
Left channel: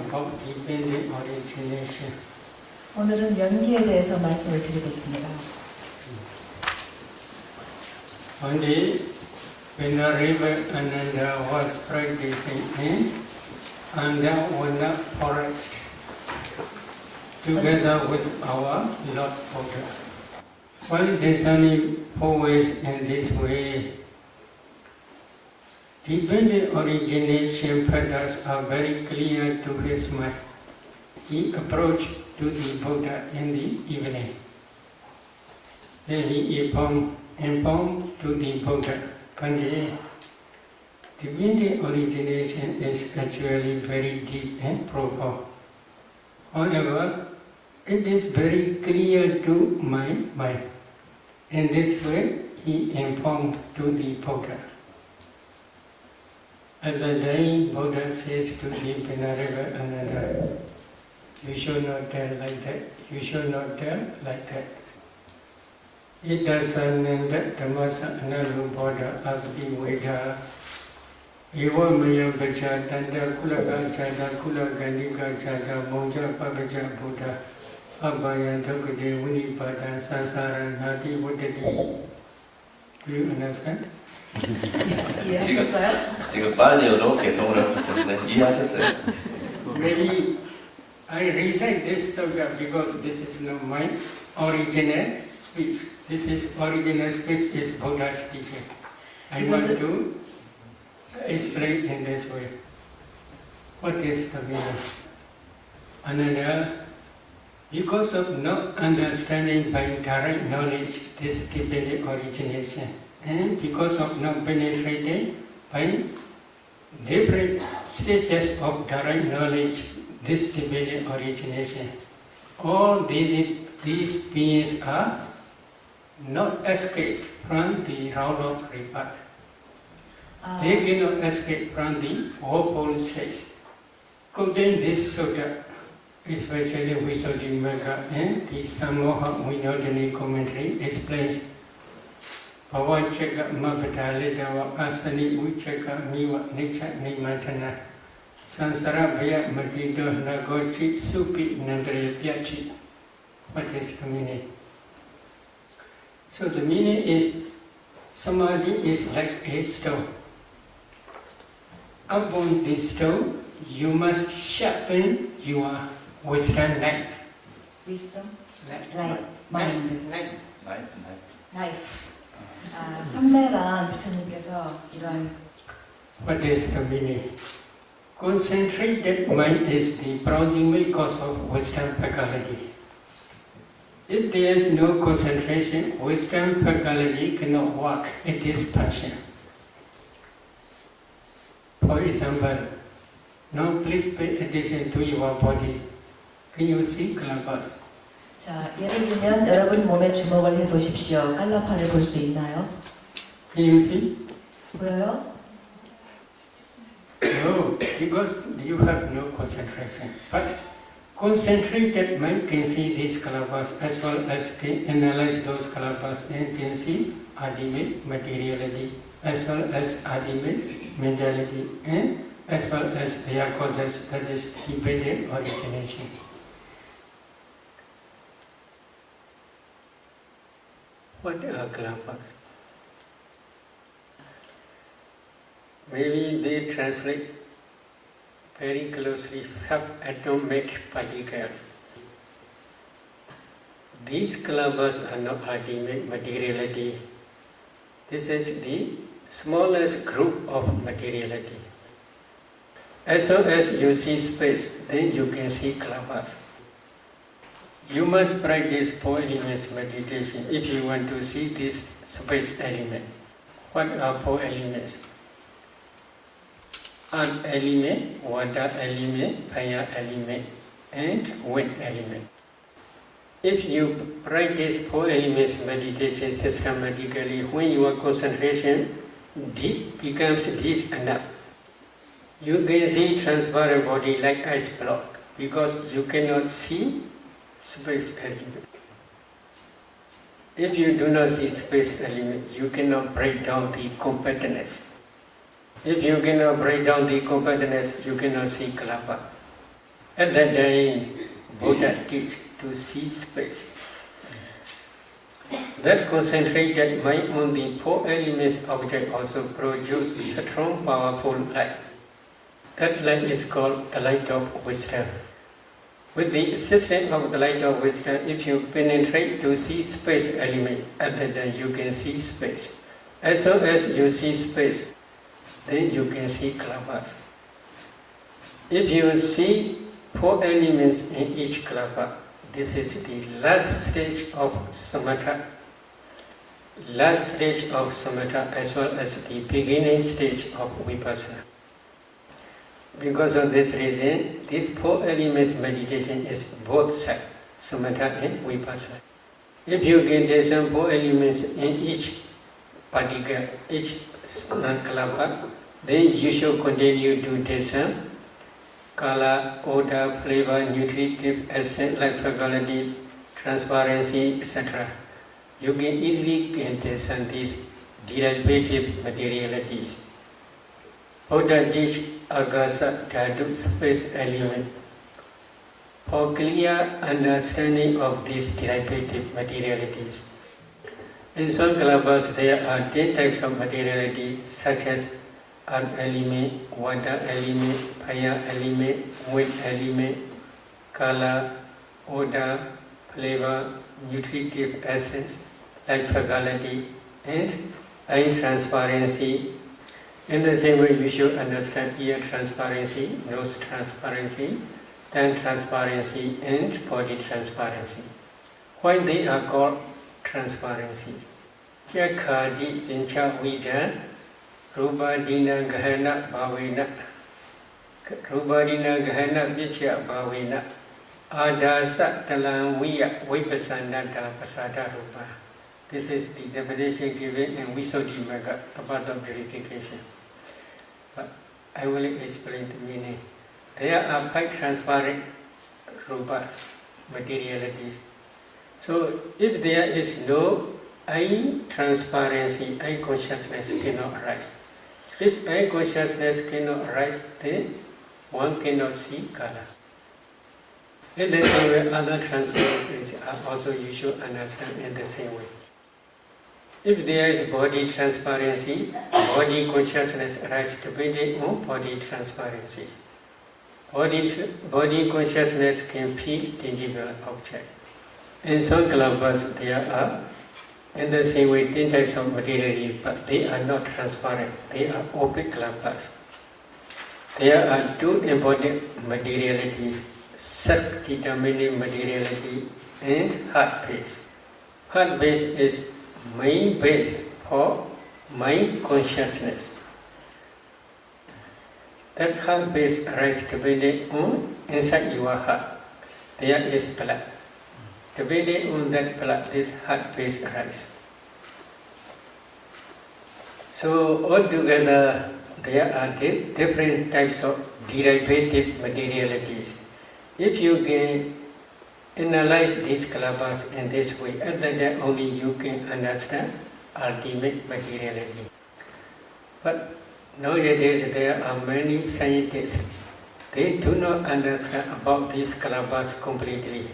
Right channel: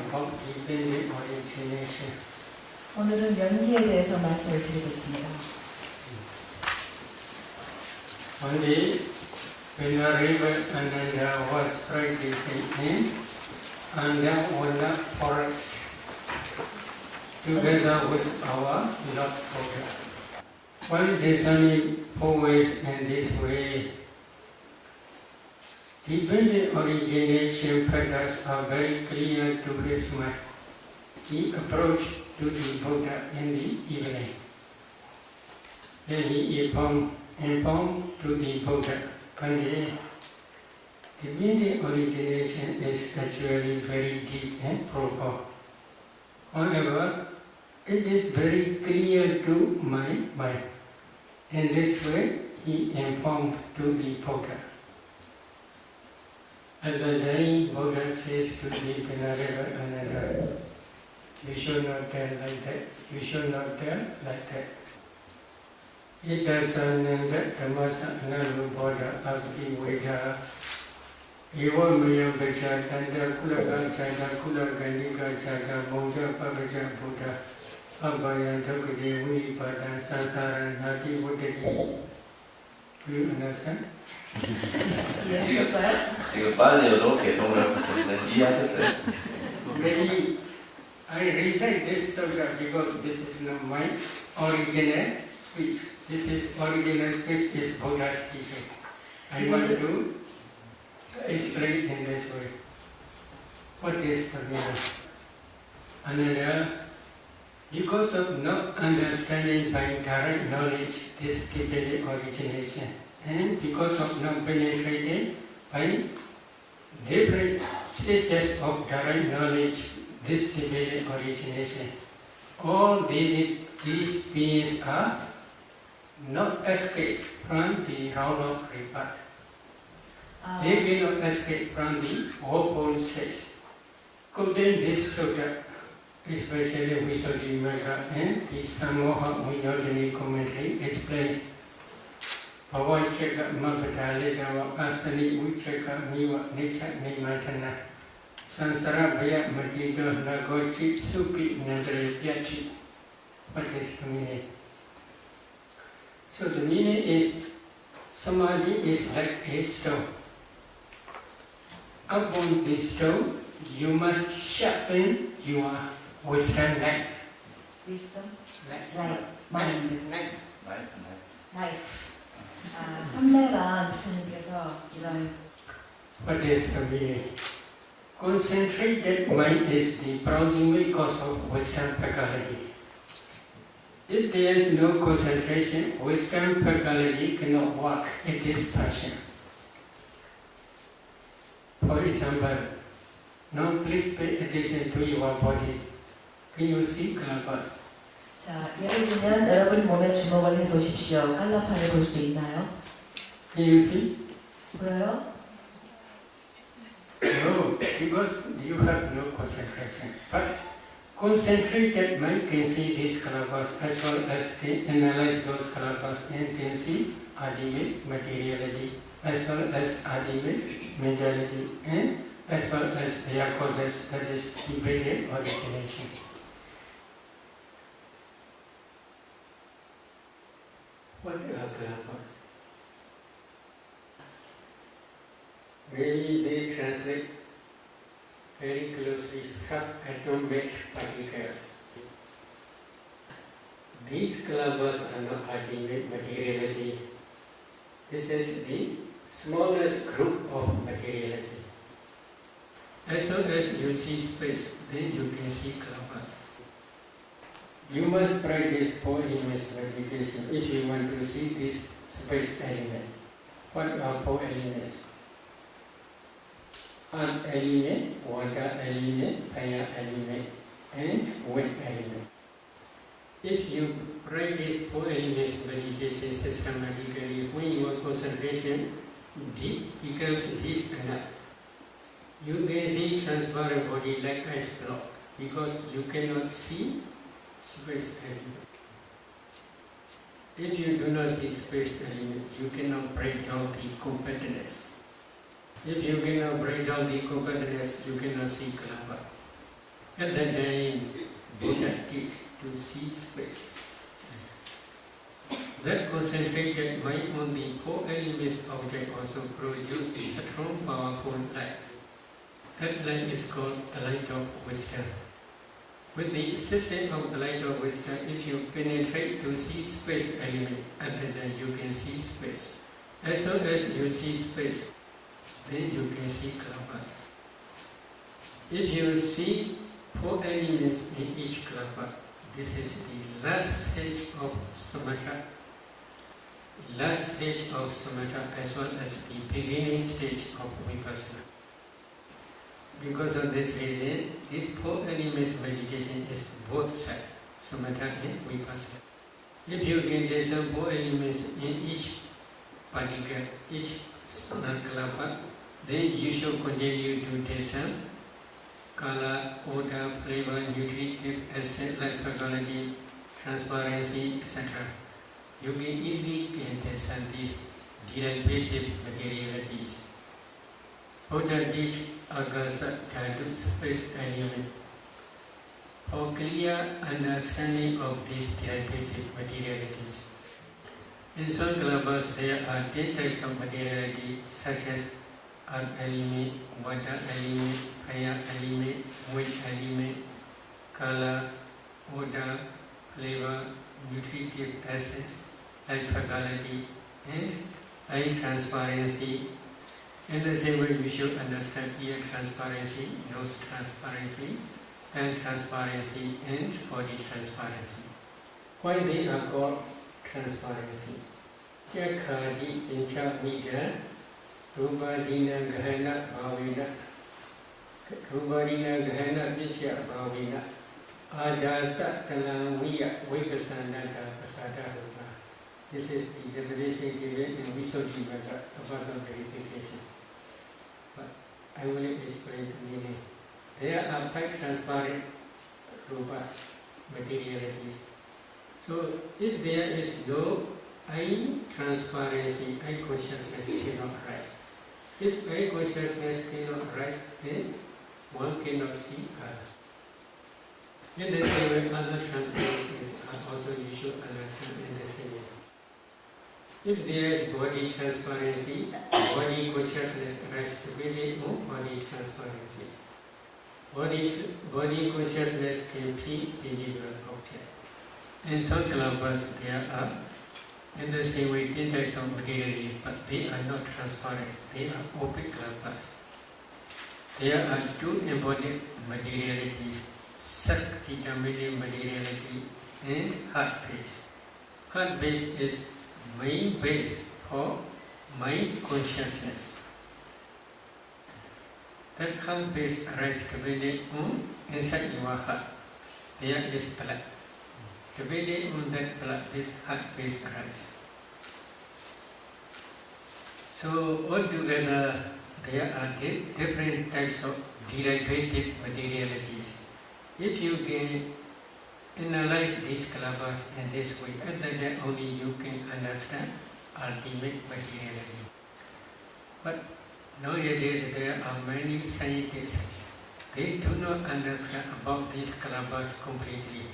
about dependent origination. 오늘은 연기에 대해서 말씀을 드리겠습니다. One day, when a river Ananda was practicing in Andamwana forest, together with our Lord Buddha. While discerning always in this way, dependent origination patterns are very clear to his mind. He approached to the Buddha in the evening. Then he informed to the Buddha, Pandit, dependent origination is actually very deep and profound. However, it is very clear to my mind. In this way, he informed to the Buddha. At the day, Buddha says to the Venerable Ananda, you should not tell like that, you should not tell like that. Itasananda Dhammasa Analuboda Abdi Veda Ewa Maya Baja Tanda Kulaga Chada Kulaganika Chada Moja Pabaja Buddha Abhaya Dhokade Unipada Sansara Nati Vodadi. Do you understand? 이해하셨어요? 지금 빨리어로 계속 어렵으셨는데 이해하셨어요? Maybe I recite this sutta because this is not my original speech. This is original speech is Buddha's teaching. I want to explain in this way. What is the meaning? Another, because of not understanding by direct knowledge this dependent origination, and because of not penetrating by different stages of direct knowledge this dependent origination, all these beings are not escape from the round of rebirth. They cannot escape from the fourfold stage. Quoting this sutta, especially Visuddhi Magga and the Samoha Vinodani commentary explains Bhavachaka Mabhadalidawa Asani Uchaka Miwa Nicha Nimatana Sansara Bhaya Madido Nagochi Supi Nagari Pyachi. What is the meaning? So the meaning is Samadhi is like a stone. Upon this stone, you must sharpen your wisdom light. Wisdom? Light. Mind. Life. 삼매란 부처님께서 이런 What is the meaning? Concentrated mind is the proximate cause of wisdom faculty. If there is no concentration, wisdom faculty cannot work. It is passion. For example, now please pay attention to your body. Can you see calabas? 자, 예를 들면 여러분 몸에 주목을 해보십시오. 깔라파를 볼 수 있나요? Can you see? 보여요? No, because you have no concentration. But concentrated mind can see these calabas as well as can analyze those calabas and can see ultimate materiality as well as ultimate mentality and as well as their causes, that is dependent origination. What are calabas? Maybe they translate very closely subatomic particles. These calabas are not ultimate materiality. This is the smallest group of materiality. As soon as you see space, then you can see calabas. You must practice 4 elements meditation if you want to see this space element. What are 4 elements? Earth element, water element, fire element, and wind element. If you practice 4 elements meditation systematically, when your concentration becomes deep enough, you can see transparent body like ice block because you cannot see space element. If you do not see space element, you cannot break down the compactness. If you cannot break down the compactness, you cannot see kalapa. At that time, Buddha teach to see space. That concentrated mind on the four elements object also produce strong, powerful light. That light is called the light of wisdom. With the assistance of the light of wisdom, if you penetrate to see space element, at that time you can see space. As soon as you see space, then you can see kalabas. If you see four elements in each kalapa, this is the last stage of samatha. Last stage of samatha as well as the beginning stage of vipassana. Because of this reason, this four elements meditation is both sides, samatha and vipassana. If you get some four elements in each particle, each kalapa, then you should continue to descend color, odor, flavor, nutritive, essence, light quality, transparency, etc. You can easily discern these derivative materialities. Buddha teach agasa dhatu space element. For clear understanding of these derivative materialities. In some kalapas there are 10 types of materialities such as earth element, water element, fire element, wind element, color, odor, flavor, nutritive essence, light faculty, and eye transparency. In the same way, you should understand ear transparency, nose transparency, tongue transparency, and body transparency. Why they are called transparency? Yakhadi incha vida, rubadina gahana bhavina, rubadina gahana vichya bhavina, adasa talang viya vipasanada pasada rupa. This is the definition given in Visuddhi Magga, a part of purification. But I will explain the meaning. There are quite transparent rupas, materialities. So if there is no eye transparency, eye consciousness cannot arise. If eye consciousness cannot arise, then one cannot see color. In the same way, other transparencies are also you should understand in the same way. If there is body transparency, body consciousness arises depending on body transparency. Body consciousness can feel tangible object. In some kalapas there are, in the same way, 10 types of materiality, but they are not transparent. They are opaque kalapas. There are two important materialities, Sat-determining materiality and heart-based. Heart-based is mind base for mind consciousness. That heart base arises depending on inside your heart. There is blood. Depending on that blood, this heart base arises. So altogether, there are different types of derivative materialities. If you can analyze these kalapas in this way, and then only you can understand ultimate materiality. But nowadays there are many scientists, they do not understand about these kalapas completely.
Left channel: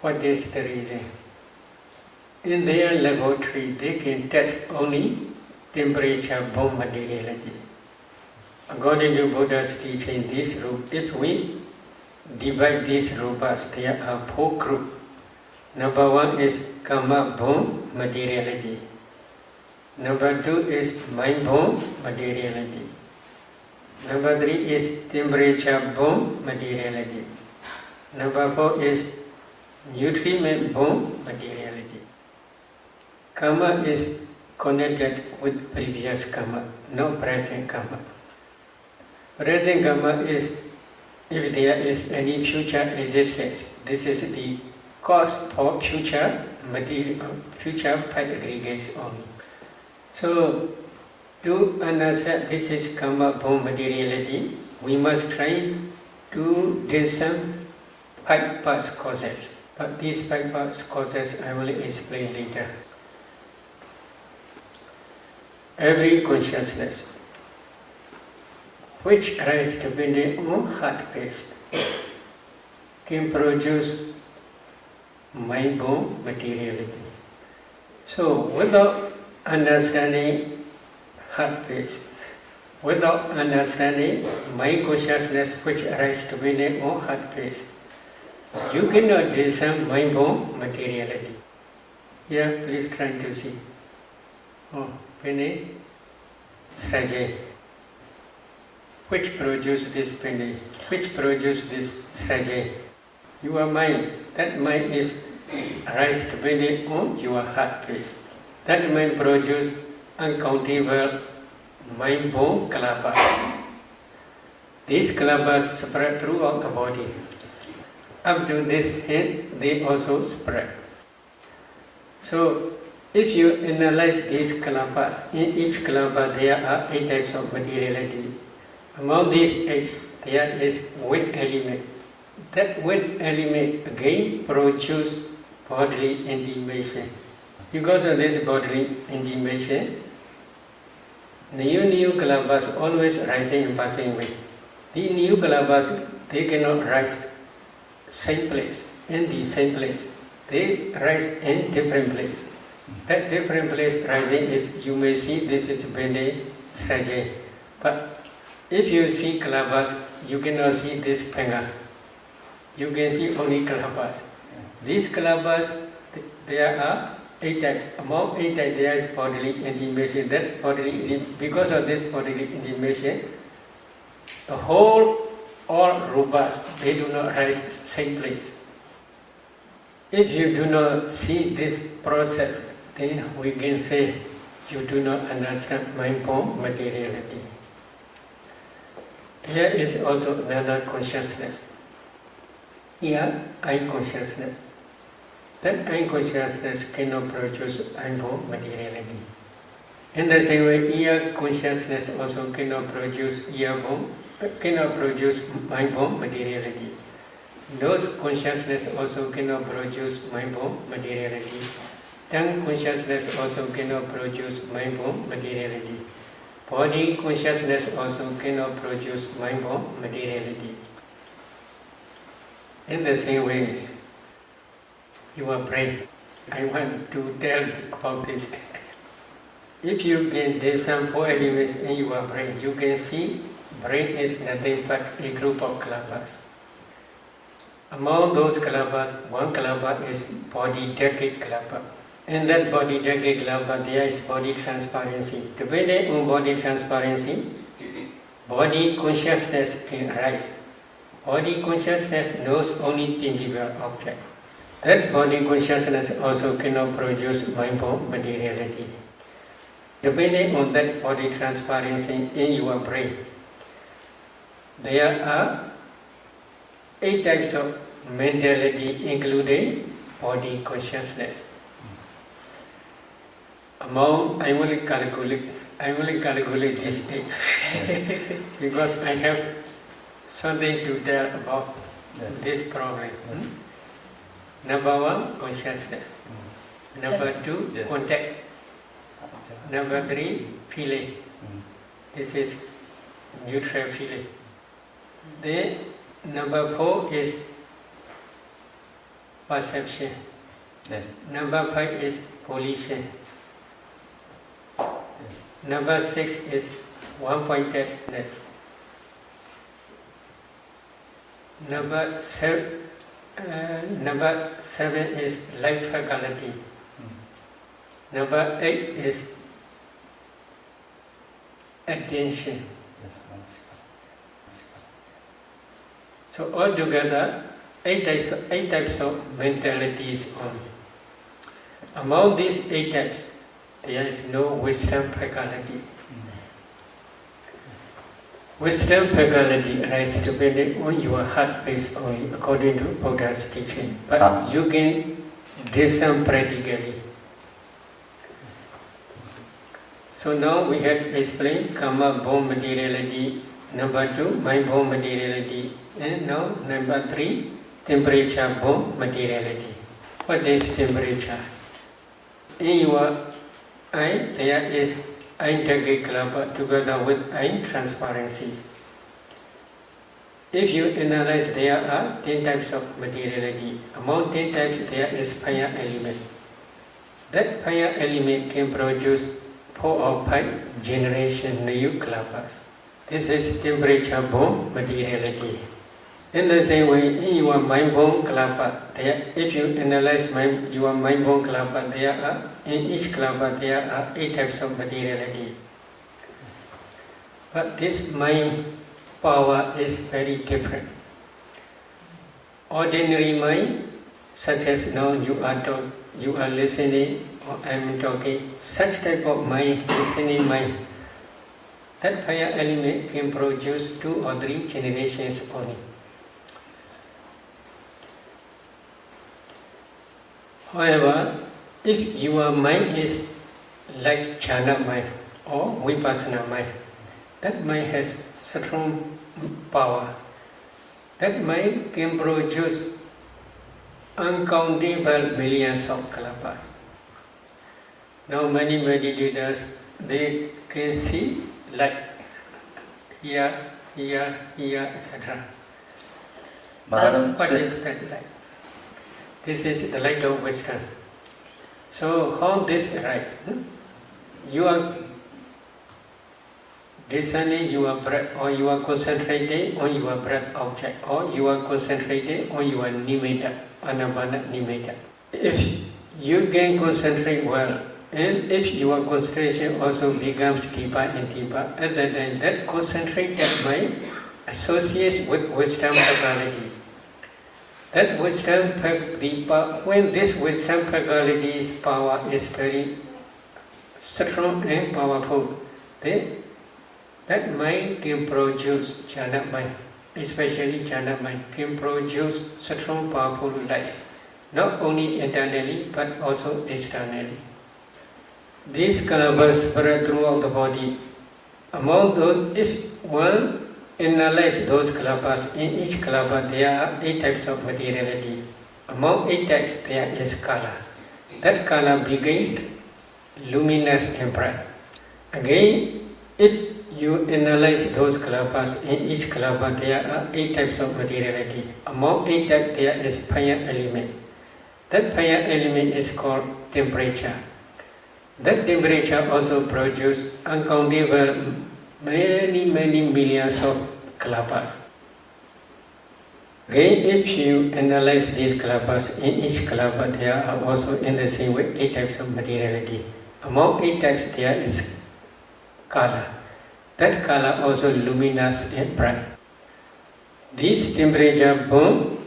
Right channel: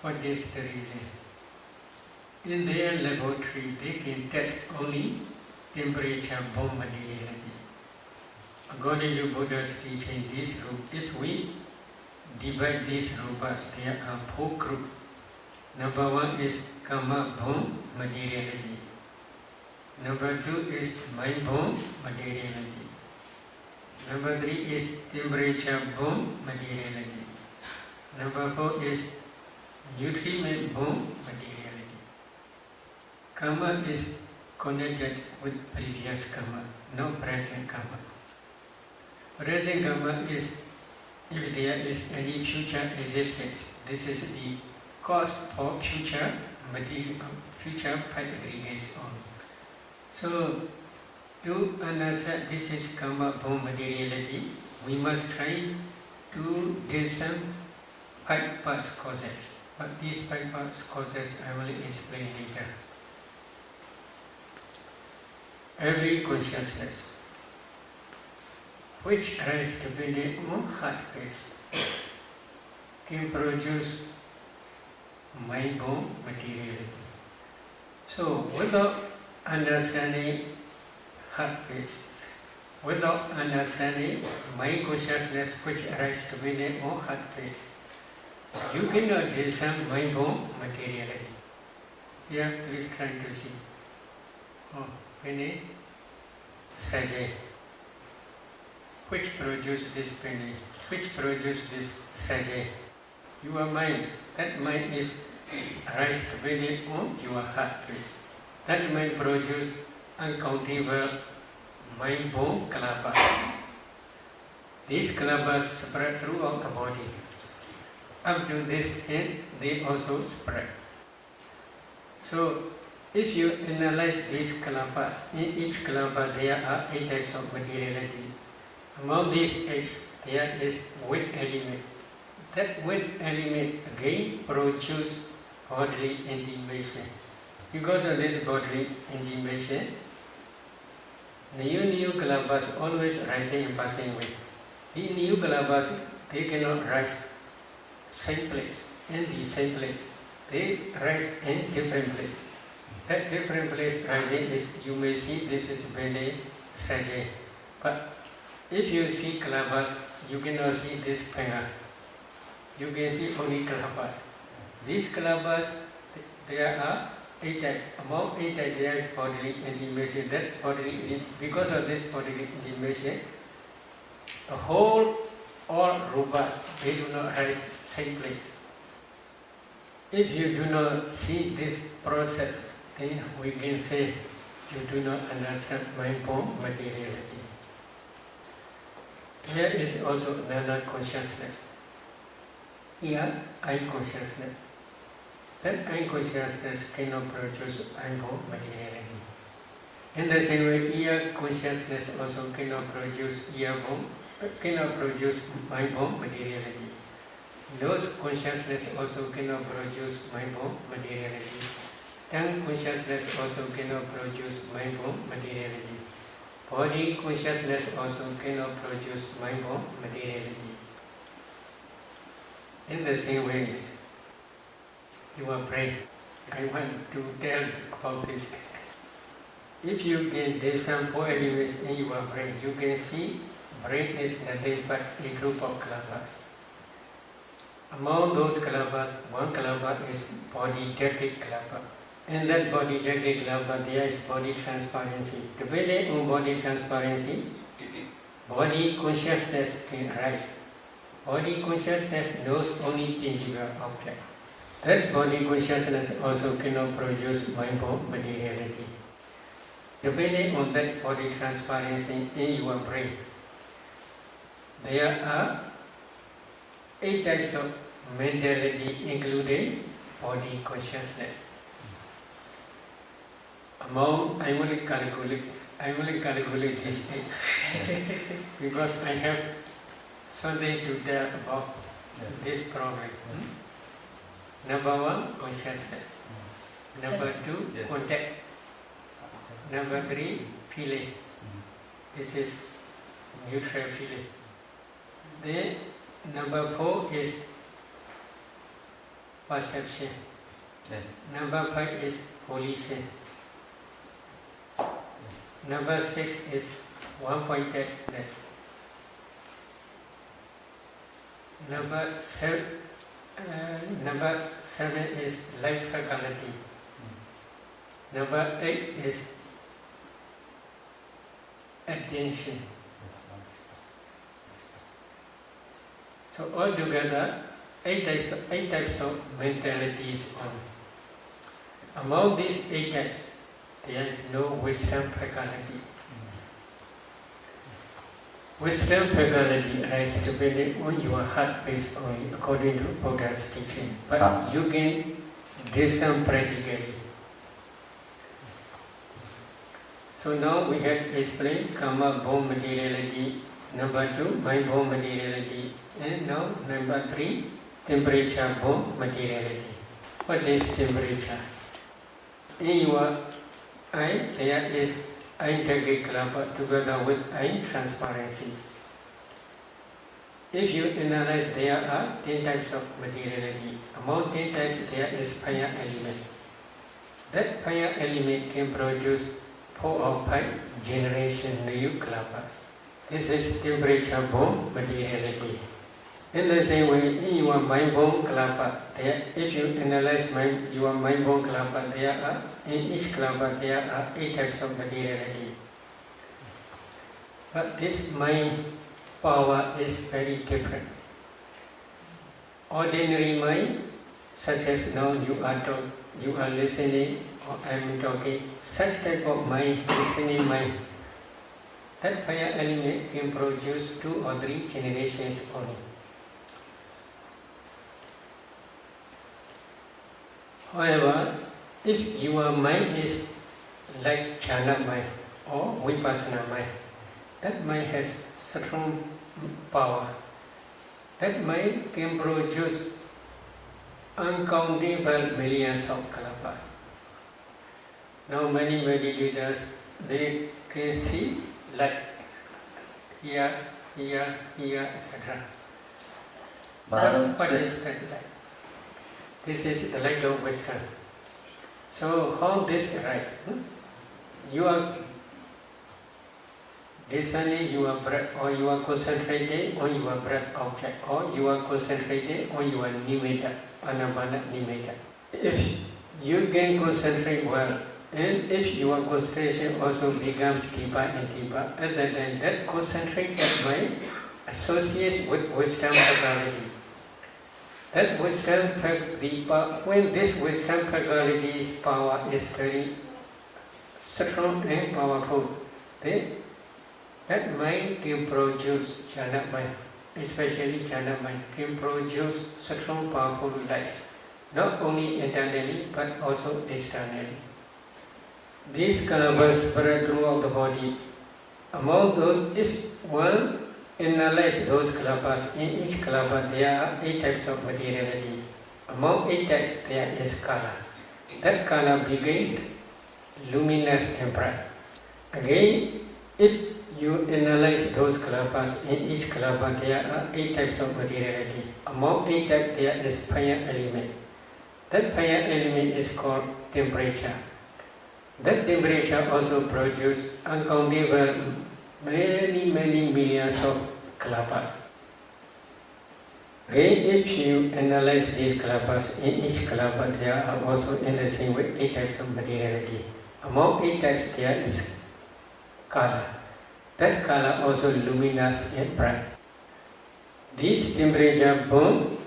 What is the reason? In their laboratory, they can test only temperature-borne materiality. According to Buddha's teaching, this group, if we divide these rupas, there are 4 groups. Number 1 is karma-borne materiality. Number 2 is mind-borne materiality. Number 3 is temperature-borne materiality. Number 4 is nutriment-borne materiality. Karma is connected with previous karma, no present karma. Present karma is if there is any future existence. This is the cause for future material, future part aggregates only. So, to understand this is karma-borne materiality, we must try to discern 5 past causes. But these 5 past causes I will explain later. Every consciousness which arises depending on heart-based. can produce mind-born materiality. So without understanding heart-based, without understanding mind consciousness which arises to be on heart-based, you cannot discern mind-born materiality. Here, please try to see. Oh, penny, strategy. Which produce this penny? Which produce this strategy? Your mind. That mind is rise to be on your heart base. That mind produce uncountable mind-born kalabas. These kalabas spread throughout the body. Up to this end, they also spread. So, if you analyze these kalabas, in each kalaba there are 8 types of materiality. Among these 8, there is wind element. That wind element again produces bodily intimation. Because of this bodily intimation, new kalabas always rising and passing away. The new kalabas, they cannot rise same place, in the same place. They rise in different place. That different place rising is, you may see this is Bende Sraje. But if you see kalabas, you cannot see this panga. You can see only kalabas. These kalabas, there are 8 types. Among 8 types, there is bodily intimation. That bodily, because of this bodily intimation, the whole, all rupas, they do not rise same place. If you do not see this process, then we can say you do not understand mind-born materiality. There is also another consciousness. Here, I consciousness. That I consciousness cannot produce mind-born materiality. In the same way, ear consciousness also cannot produce mind-born materiality. Nose consciousness also cannot produce mind-born materiality. Tongue consciousness also cannot produce mind-born materiality. Body consciousness also cannot produce mind-born materiality. In the same way, your brain, I want to tell about this. If you can discern 4 elements in your brain, you can see brain is nothing but a group of kalabas. Among those kalabas, one kalaba is body decade kalaba. In that body decade kalaba, there is body transparency. Depending on body transparency, body consciousness can arise. Body consciousness knows only tangible object. That body consciousness also cannot produce mind-born materiality. Depending on that body transparency in your brain, there are 8 types of mentality, including body consciousness. Among, I will calculate this thing because I have something to tell about this problem. Number 1, consciousness. Number 2, contact. Number 3, feeling. This is neutral feeling. Then number 4 is perception. Number 5 is volition. Number 6 is one-pointedness. Number 7 is life faculty. Number 8 is attention. So altogether, 8 types of mentalities only. Among these 8 types, there is no wisdom faculty. Wisdom faculty arises depending on your heart base only, according to Buddha's teaching. But you can discern practically. So now we have explained karma-born materiality, number 2, mind-born materiality, and now number 3, temperature-born materiality. What is temperature? In your eye, there is eye decade kalaba together with eye transparency. If you analyze, there are 10 types of materiality. Among 10 types, there is fire element. That fire element can produce 4 or 5 generation new klapas. This is temperature-born materiality. In the same way, in your mind-born klapa, if you analyze your mind-born klapa, in each klapa there are 8 types of materiality. But this mind power is very different. Ordinary mind, such as now you are listening, or I am talking, such type of mind, listening mind, that fire element can produce 2 or 3 generations only. However, if your mind is like jhana mind or vipassana mind, that mind has strong power. That mind can produce uncountable millions of klapas. Now many meditators, they can see light here, etc. What is that light? This is the light of wisdom. So how this arises? You are discerning your breath, or you are concentrating on your breath object, or you are concentrating on your nimitta, anapana nimitta. If you can concentrate well, and if your concentration also becomes deeper and deeper, at that time that concentrated mind associates with wisdom faculty. That wisdom faculty, when this wisdom faculty's power is very strong and powerful, then that mind can produce jhana mind, especially jhana mind, can produce strong powerful lights, not only internally but also externally. These kalapas spread throughout the body. Among those, if one analyze those kalapas, in each kalapa there are 8 types of materiality. Among 8 types there is kala. That kala begins luminous and bright. Again, if you analyze those kalapas, in each kalapa there are 8 types of materiality. Among 8 types there is fire element. That fire element is called temperature. That temperature also produces uncountable many millions of kalapas. Again, if you analyze these kalapas, in each kalapa there are also in the same way 8 types of materiality. Among 8 types there is kala. That kala also luminous and bright. This temperature burn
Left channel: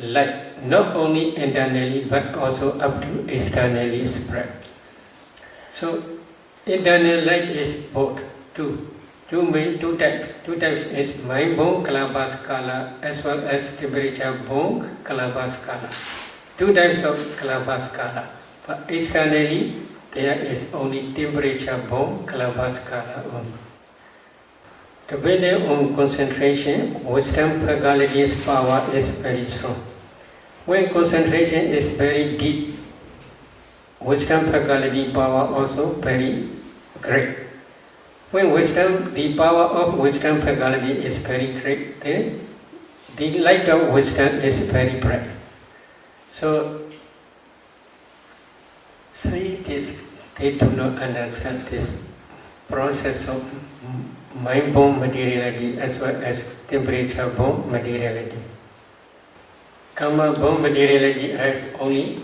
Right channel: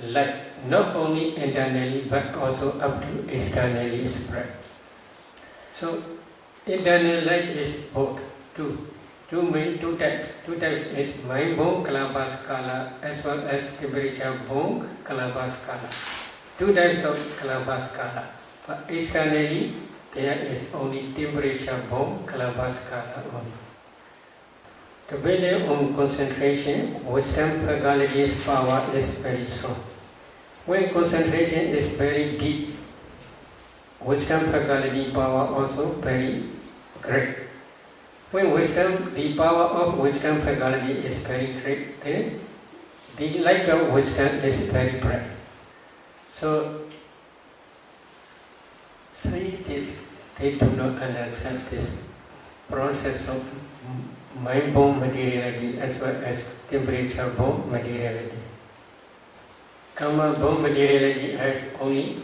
light not only internally but also up to externally spread. So internal light is both two types. 2 types is mind-born kalapas kala as well as temperature-born kalapas kala. 2 types of kalapas kala. But externally there is only temperature-born kalapas kala only. Depending on concentration, wisdom faculty's power is very strong. When concentration is very deep, wisdom faculty power also very great. When the power of wisdom faculty is very great, then the light of wisdom is very bright. So, scientists, they do not understand this process of mind-born materiality as well as temperature-born materiality. Karma-born materiality is only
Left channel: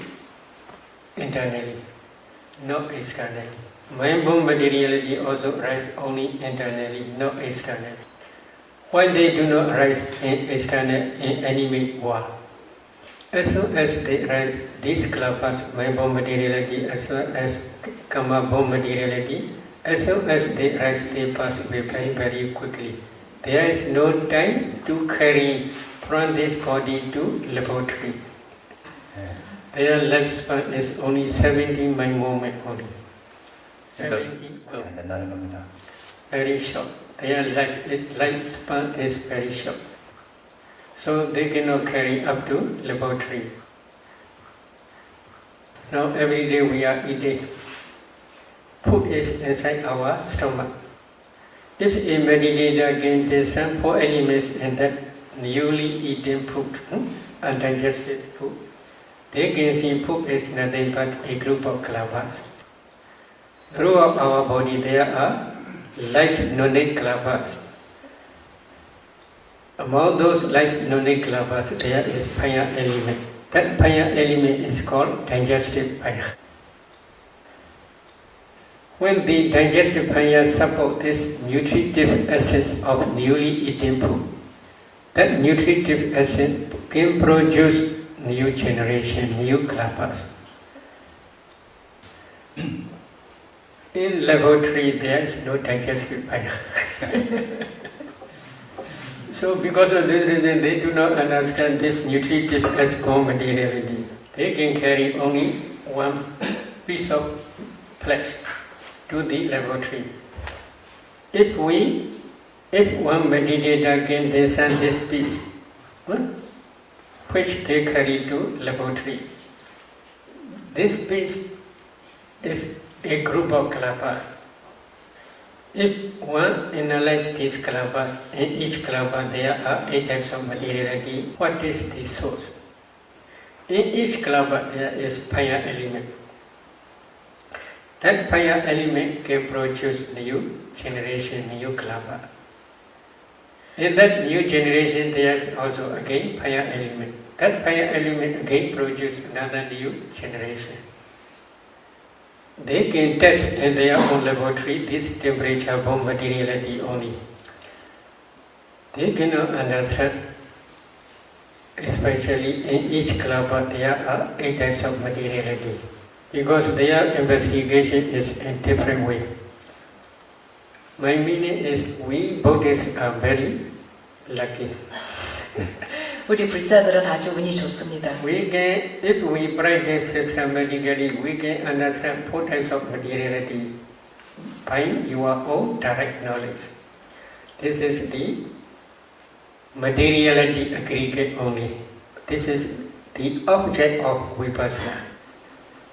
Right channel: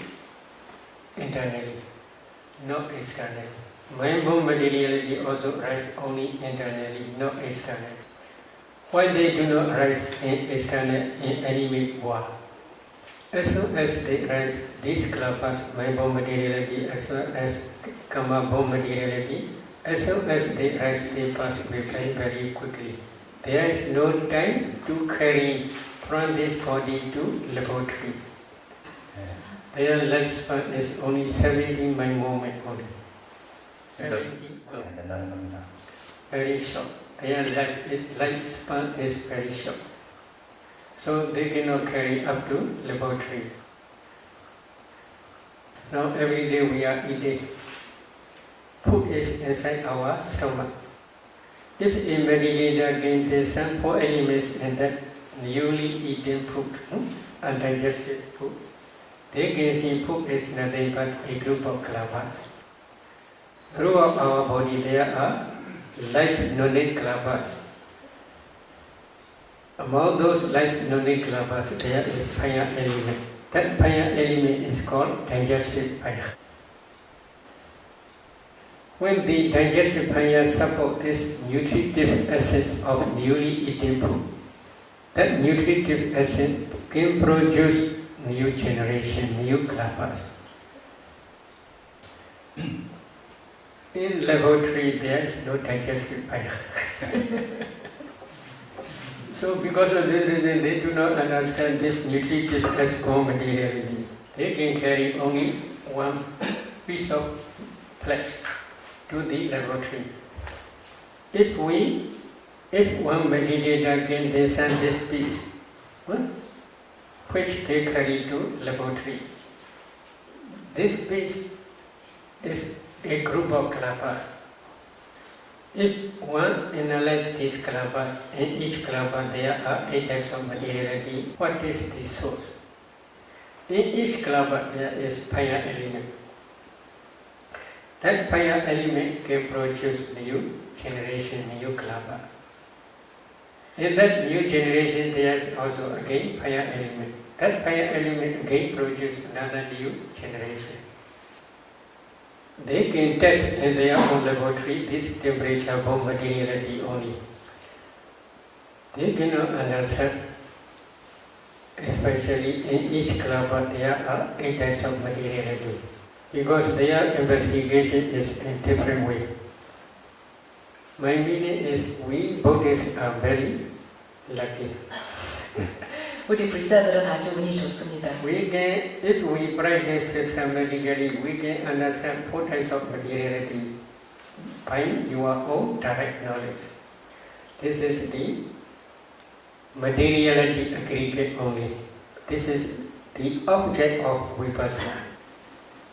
internally, not externally. Mind-born materiality also rises only internally, not externally. Why they do not rise in external in enemy war? As soon as they rise, these kalapas, mind-born materiality as well as karma-born materiality, as soon as they rise, they pass away very quickly. There is no time to carry from this body to laboratory. Their lifespan is only 70 mind moment only. 70. Very short. Their lifespan is very short. So they cannot carry up to laboratory. Now every day we are eating. Food is inside our stomach. If a meditator can discern 4 elements in that newly eaten food, undigested food, they can see food is nothing but a group of kalabas. Throughout our body there are life knowledge kalabas. Among those life knowledge kalabas there is fire element. That fire element is called digestive fire. When the digestive fire supports this nutritive essence of newly eaten food, that nutritive essence can produce new generation, new kalabas. In laboratory there is no digestive fire. So because of this reason they do not understand this nutritive as materiality. They can carry only one piece of flesh to the laboratory. If one meditator can discern this piece, which they carry to laboratory, this piece is a group of kalabas. If one analyzes these kalabas, in each kalaba there are 8 types of materiality. What is the source? In each kalaba there is fire element. That fire element can produce new generation, new kalaba. In that new generation there is also again fire element. That fire element again produces another new generation. They can test in their own laboratory this temperature bomb materiality only. They cannot understand, especially in each kalaba there are 8 types of materiality, because their investigation is in different way. My meaning is we Buddhists are very lucky. 우리 불자들은 아주 운이 좋습니다. We can, if we practice systematically, we can understand 4 types of materiality by your own direct knowledge. This is the materiality aggregate only. This is the object of vipassana.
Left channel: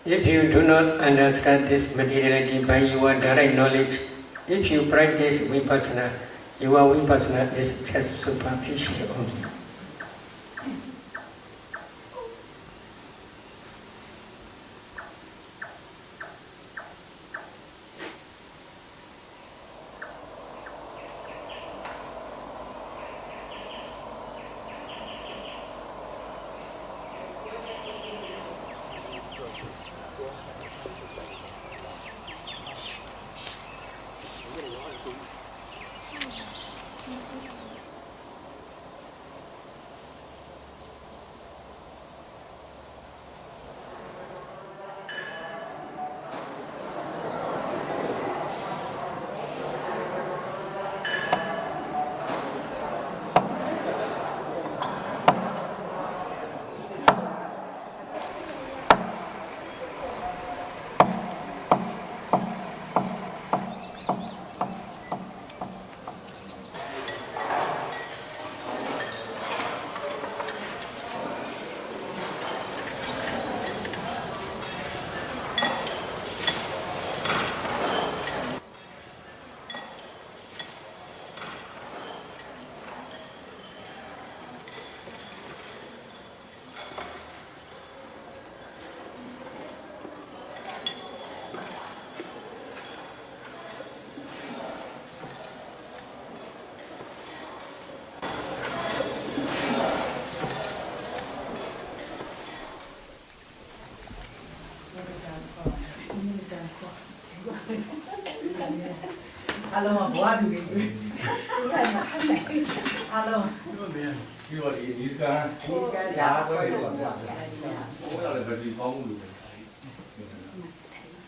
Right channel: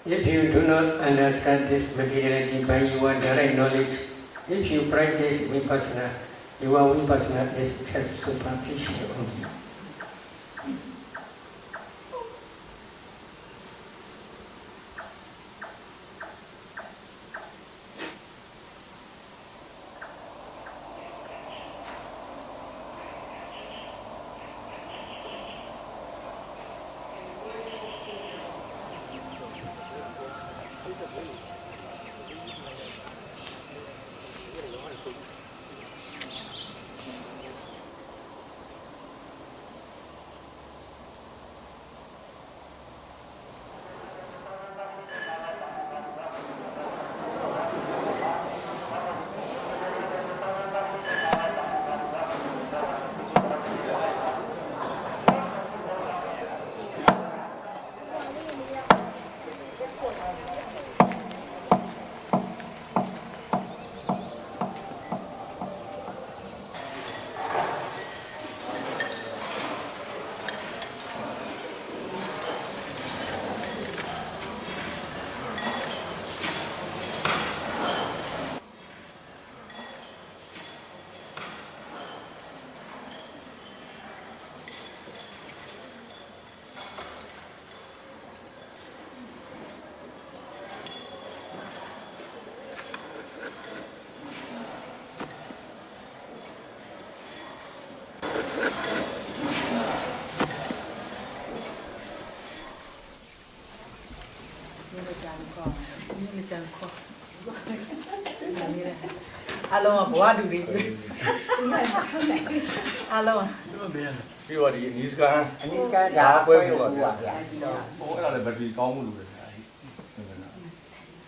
If you do not understand this materiality by your direct knowledge, if you practice vipassana, your vipassana is just superficial only. Alo bố đi về. Đúng rồi mà không này. Alo. Đi vào đi Niska. Niska dạ quên rồi. Cái là bởi vì có một đủ.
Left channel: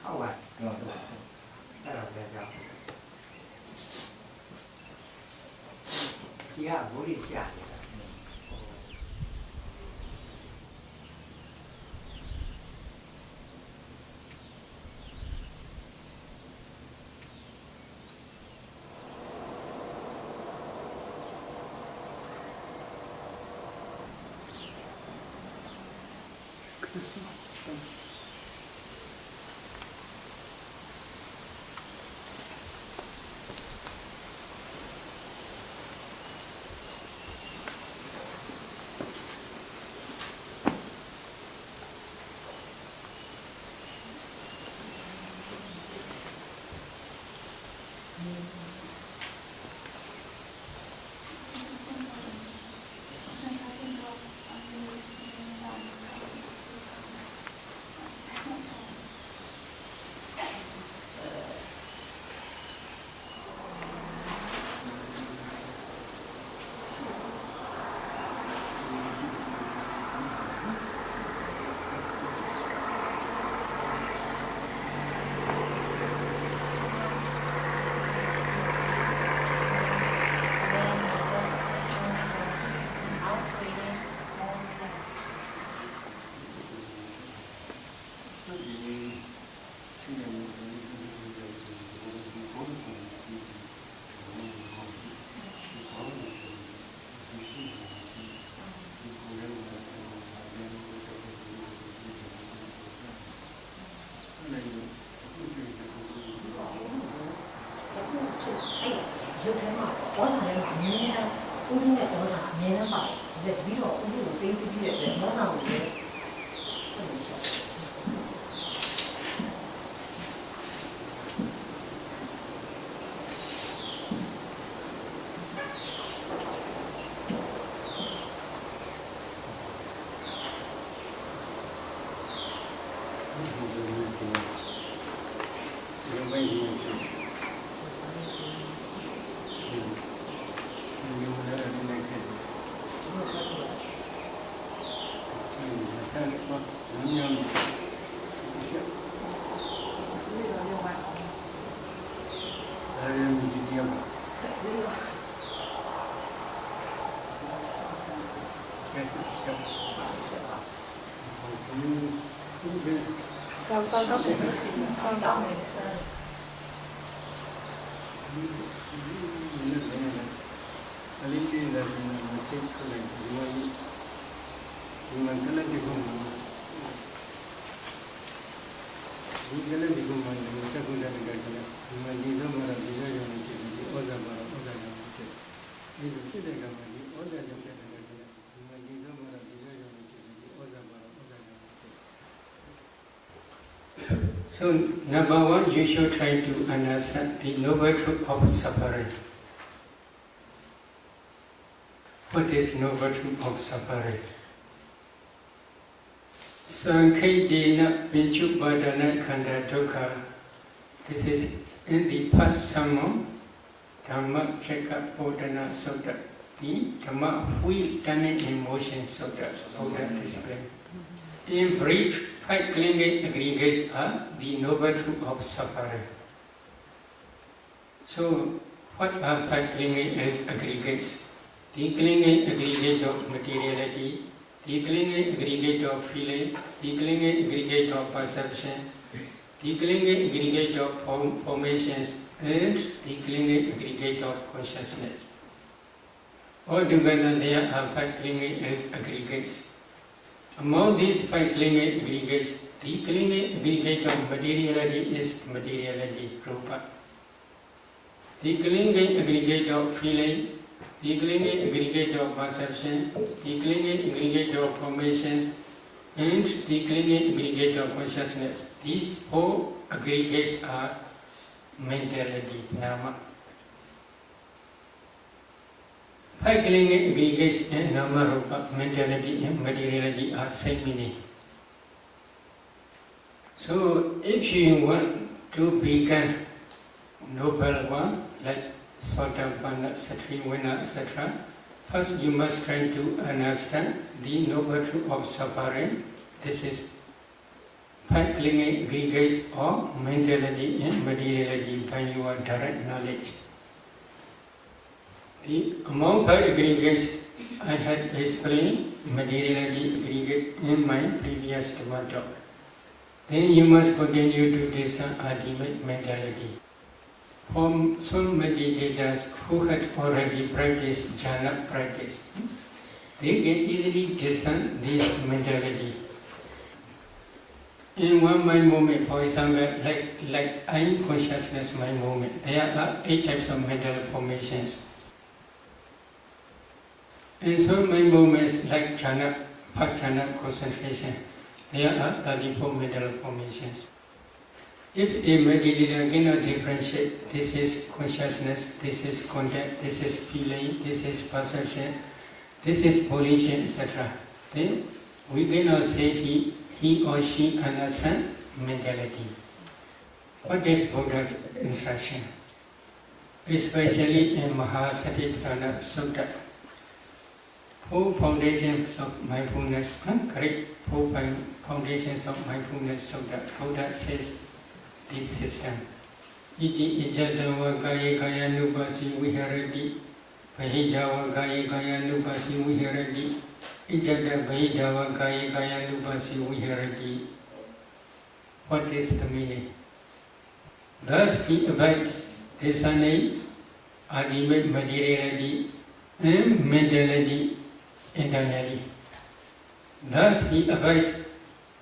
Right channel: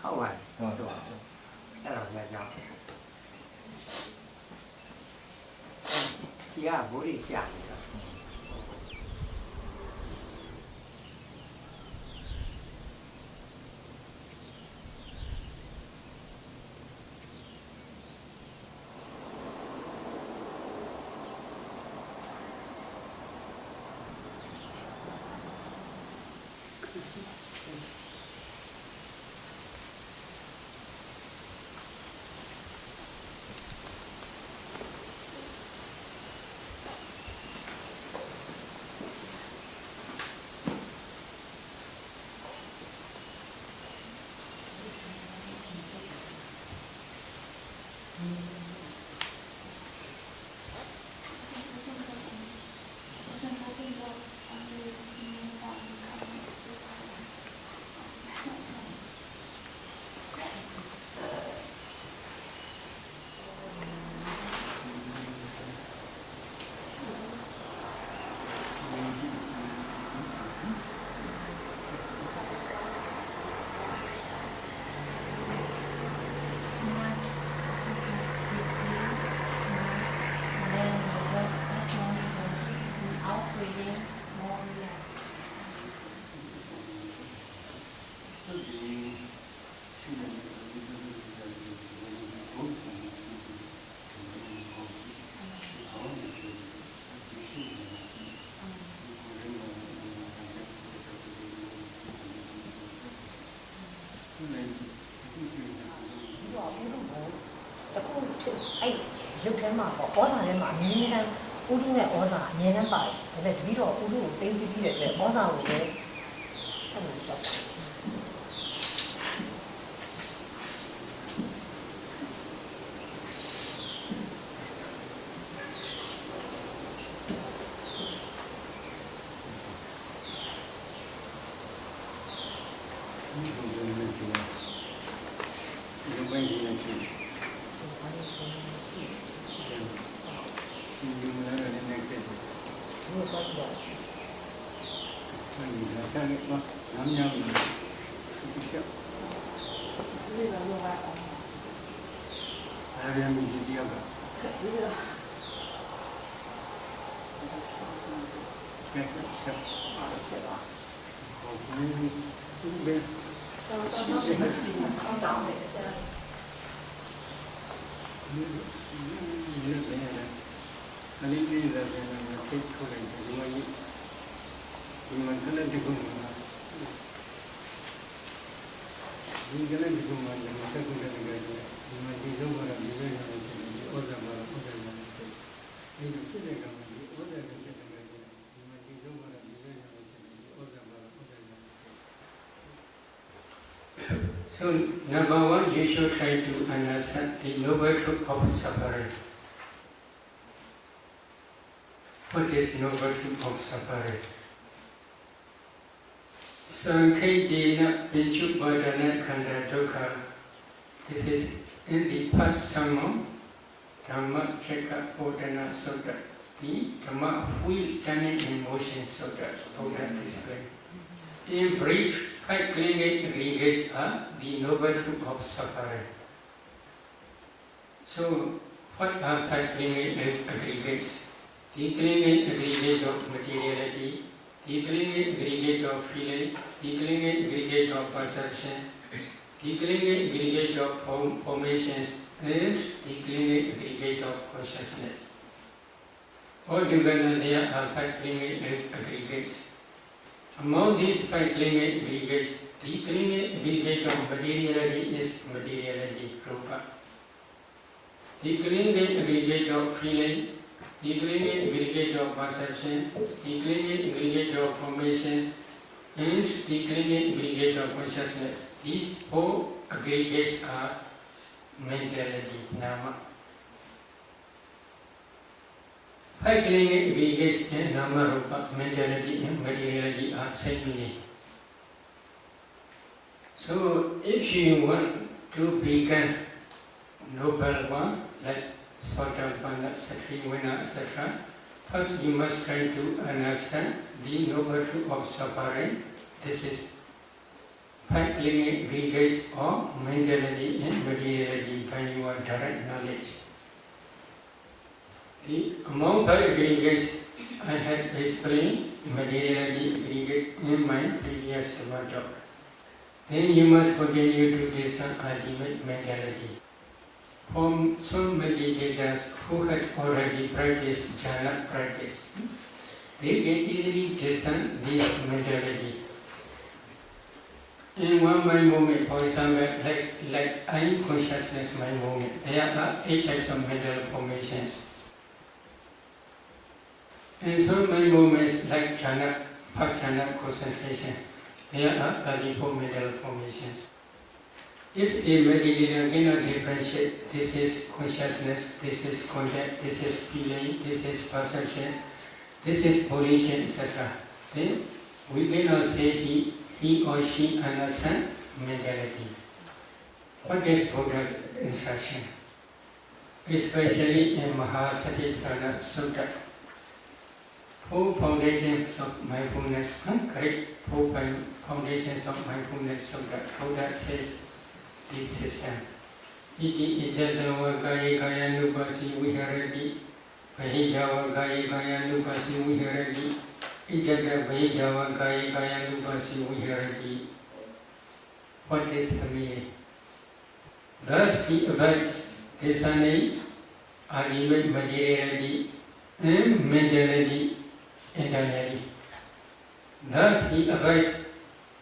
Không à. Đó là nhỏ. Chị à bố đi chả. ရုပ်ထဲမှာပေါ့ဩဇာထဲမှာအမြဲတမ်းဥဒုနဲ့ဩဇာအမြဲတမ်းပါတယ်ဒါပေမဲ့တပည့်တော်ဥဒုကိုသိသိပြီးတဲ့အတွက်ဩဇာကိုလည်းဆက်လို့ရှောက်တယ်So, number one, you should try to understand the noble truth of suffering. What is noble truth of suffering? Sankhetena Vichubhadana Khanda Dukkha. This is in the past sermon, Dhamma Chekka Bodhana Sutta, the Dhamma Wheel Turning in Motion Sutta, Buddha explained. In brief, 5 clinging aggregates are the noble truth of suffering. So, what are 5 clinging aggregates? The clinging aggregate of materiality, the clinging aggregate of feeling, the clinging aggregate of perception, the clinging aggregate of formations, and the clinging aggregate of consciousness. Altogether, there are 5 clinging aggregates. Among these 5 clinging aggregates, the clinging aggregate of materiality is materiality, rupa. The clinging aggregate of feeling, the clinging aggregate of perception, the clinging aggregate of formations, and the clinging aggregate of consciousness. These 4 aggregates are mentality, nama. 5 clinging aggregates in nama, rupa, mentality and materiality are same meaning. So, if you want to become noble one, like Sotapanna, Satrivanna, etc., first you must try to understand the noble truth of suffering. This is 5 clinging aggregates of mentality and materiality by your direct knowledge. Among 5 aggregates, I had explained materiality aggregate in my previous talk. Then you must continue to discern ultimate mentality. For some meditators who have already practiced jhana practice, they can easily discern this mentality. In one mind moment, for example, like I am consciousness mind moment, there are 8 types of mental formations. In some mind moments, like jhana, past jhana concentration, there are 34 mental formations. If a meditator cannot differentiate, this is consciousness, this is contact, this is feeling, this is perception, this is volition, etc., then we cannot say he or she understands mentality. What is Buddha's instruction? Especially in Mahasatipatthana Sutta, 4 foundations of mindfulness, correct 4 foundations of mindfulness Sutta, Buddha says this system. Iti ijadava kaya kaya nupasi viharati, vahijava kaya kaya nupasi viharati, ijada vahijava kaya kaya nupasi viharati. What is the meaning? Thus he abides discerning ultimate materiality and mentality internally. Thus he abides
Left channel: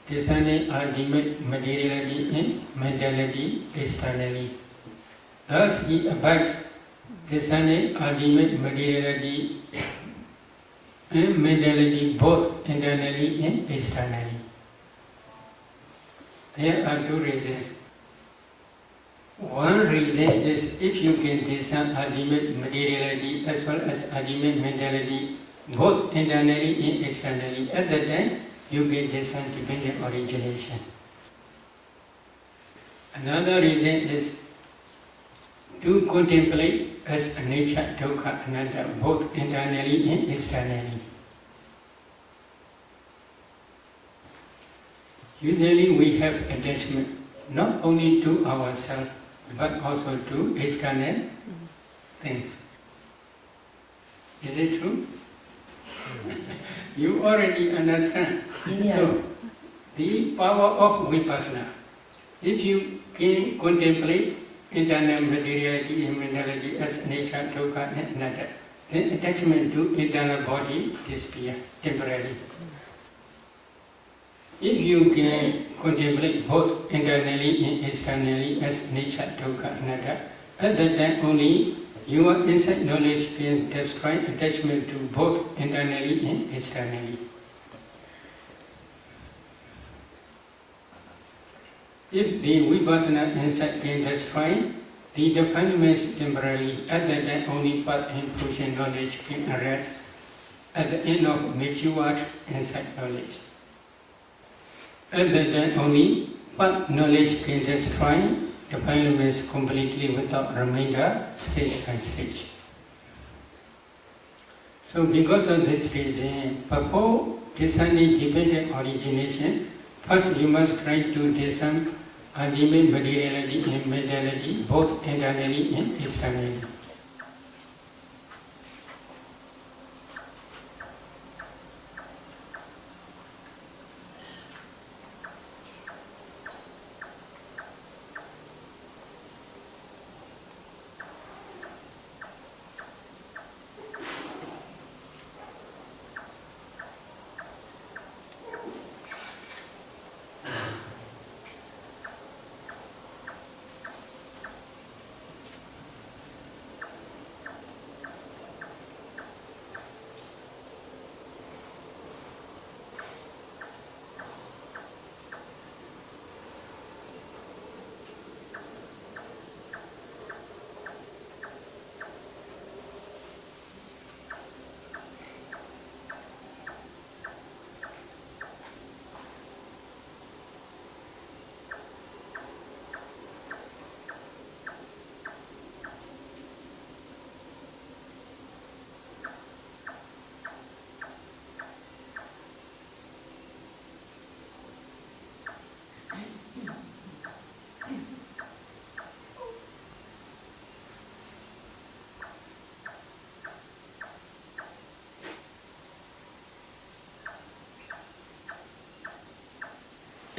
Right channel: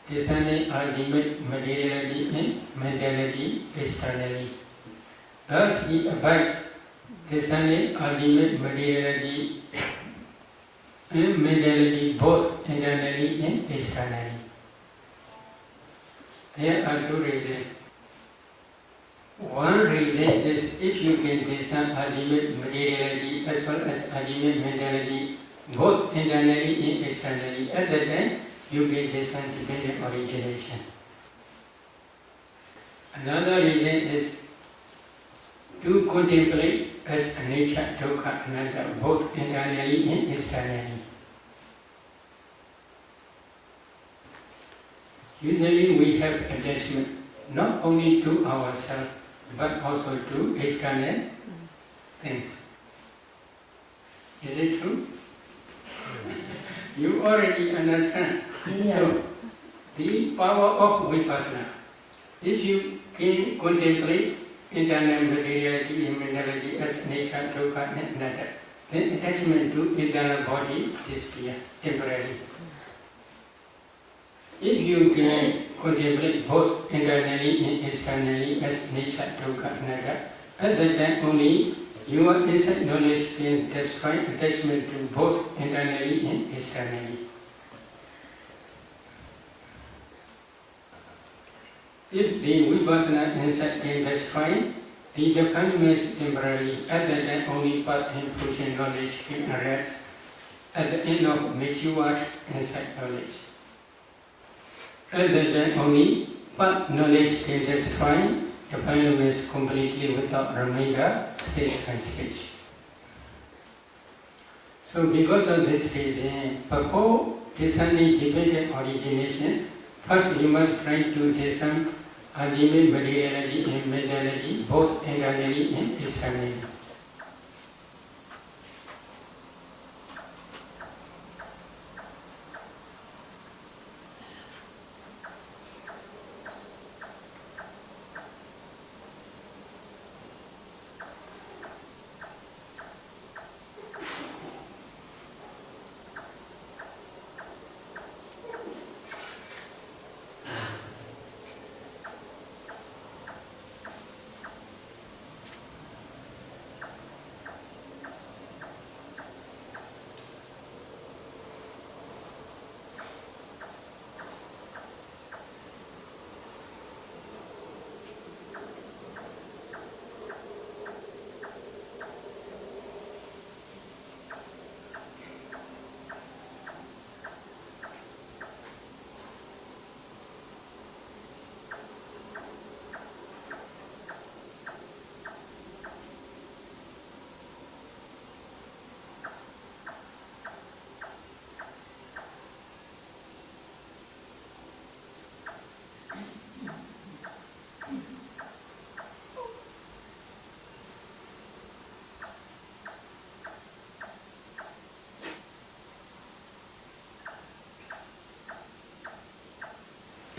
discerning ultimate materiality and mentality externally. Thus he abides discerning ultimate materiality and mentality both internally and externally. There are two reasons. One reason is if you can discern ultimate materiality as well as ultimate mentality both internally and externally, at that time you can discern dependent origination. Another reason is to contemplate as a nature, dukkha, anatta, both internally and externally. Usually we have attachment not only to ourselves but also to external things. Is it true? You already understand. Yeah. So, the power of vipassana. If you can contemplate internal materiality and mentality as nature, dukkha and anatta, then attachment to internal body disappears temporarily. If you can contemplate both internally and externally as nature, dukkha, anatta, at that time only your insight knowledge can destroy attachment to both internally and externally. If the vipassana insight can destroy the defilements temporarily, at that time only path and fruition knowledge can arise at the end of matured insight knowledge. At that time only path knowledge can destroy defilements completely without remainder, stage by stage. So because of this reason, before discerning dependent origination, first you must try to discern ultimate materiality and mentality both internally and externally.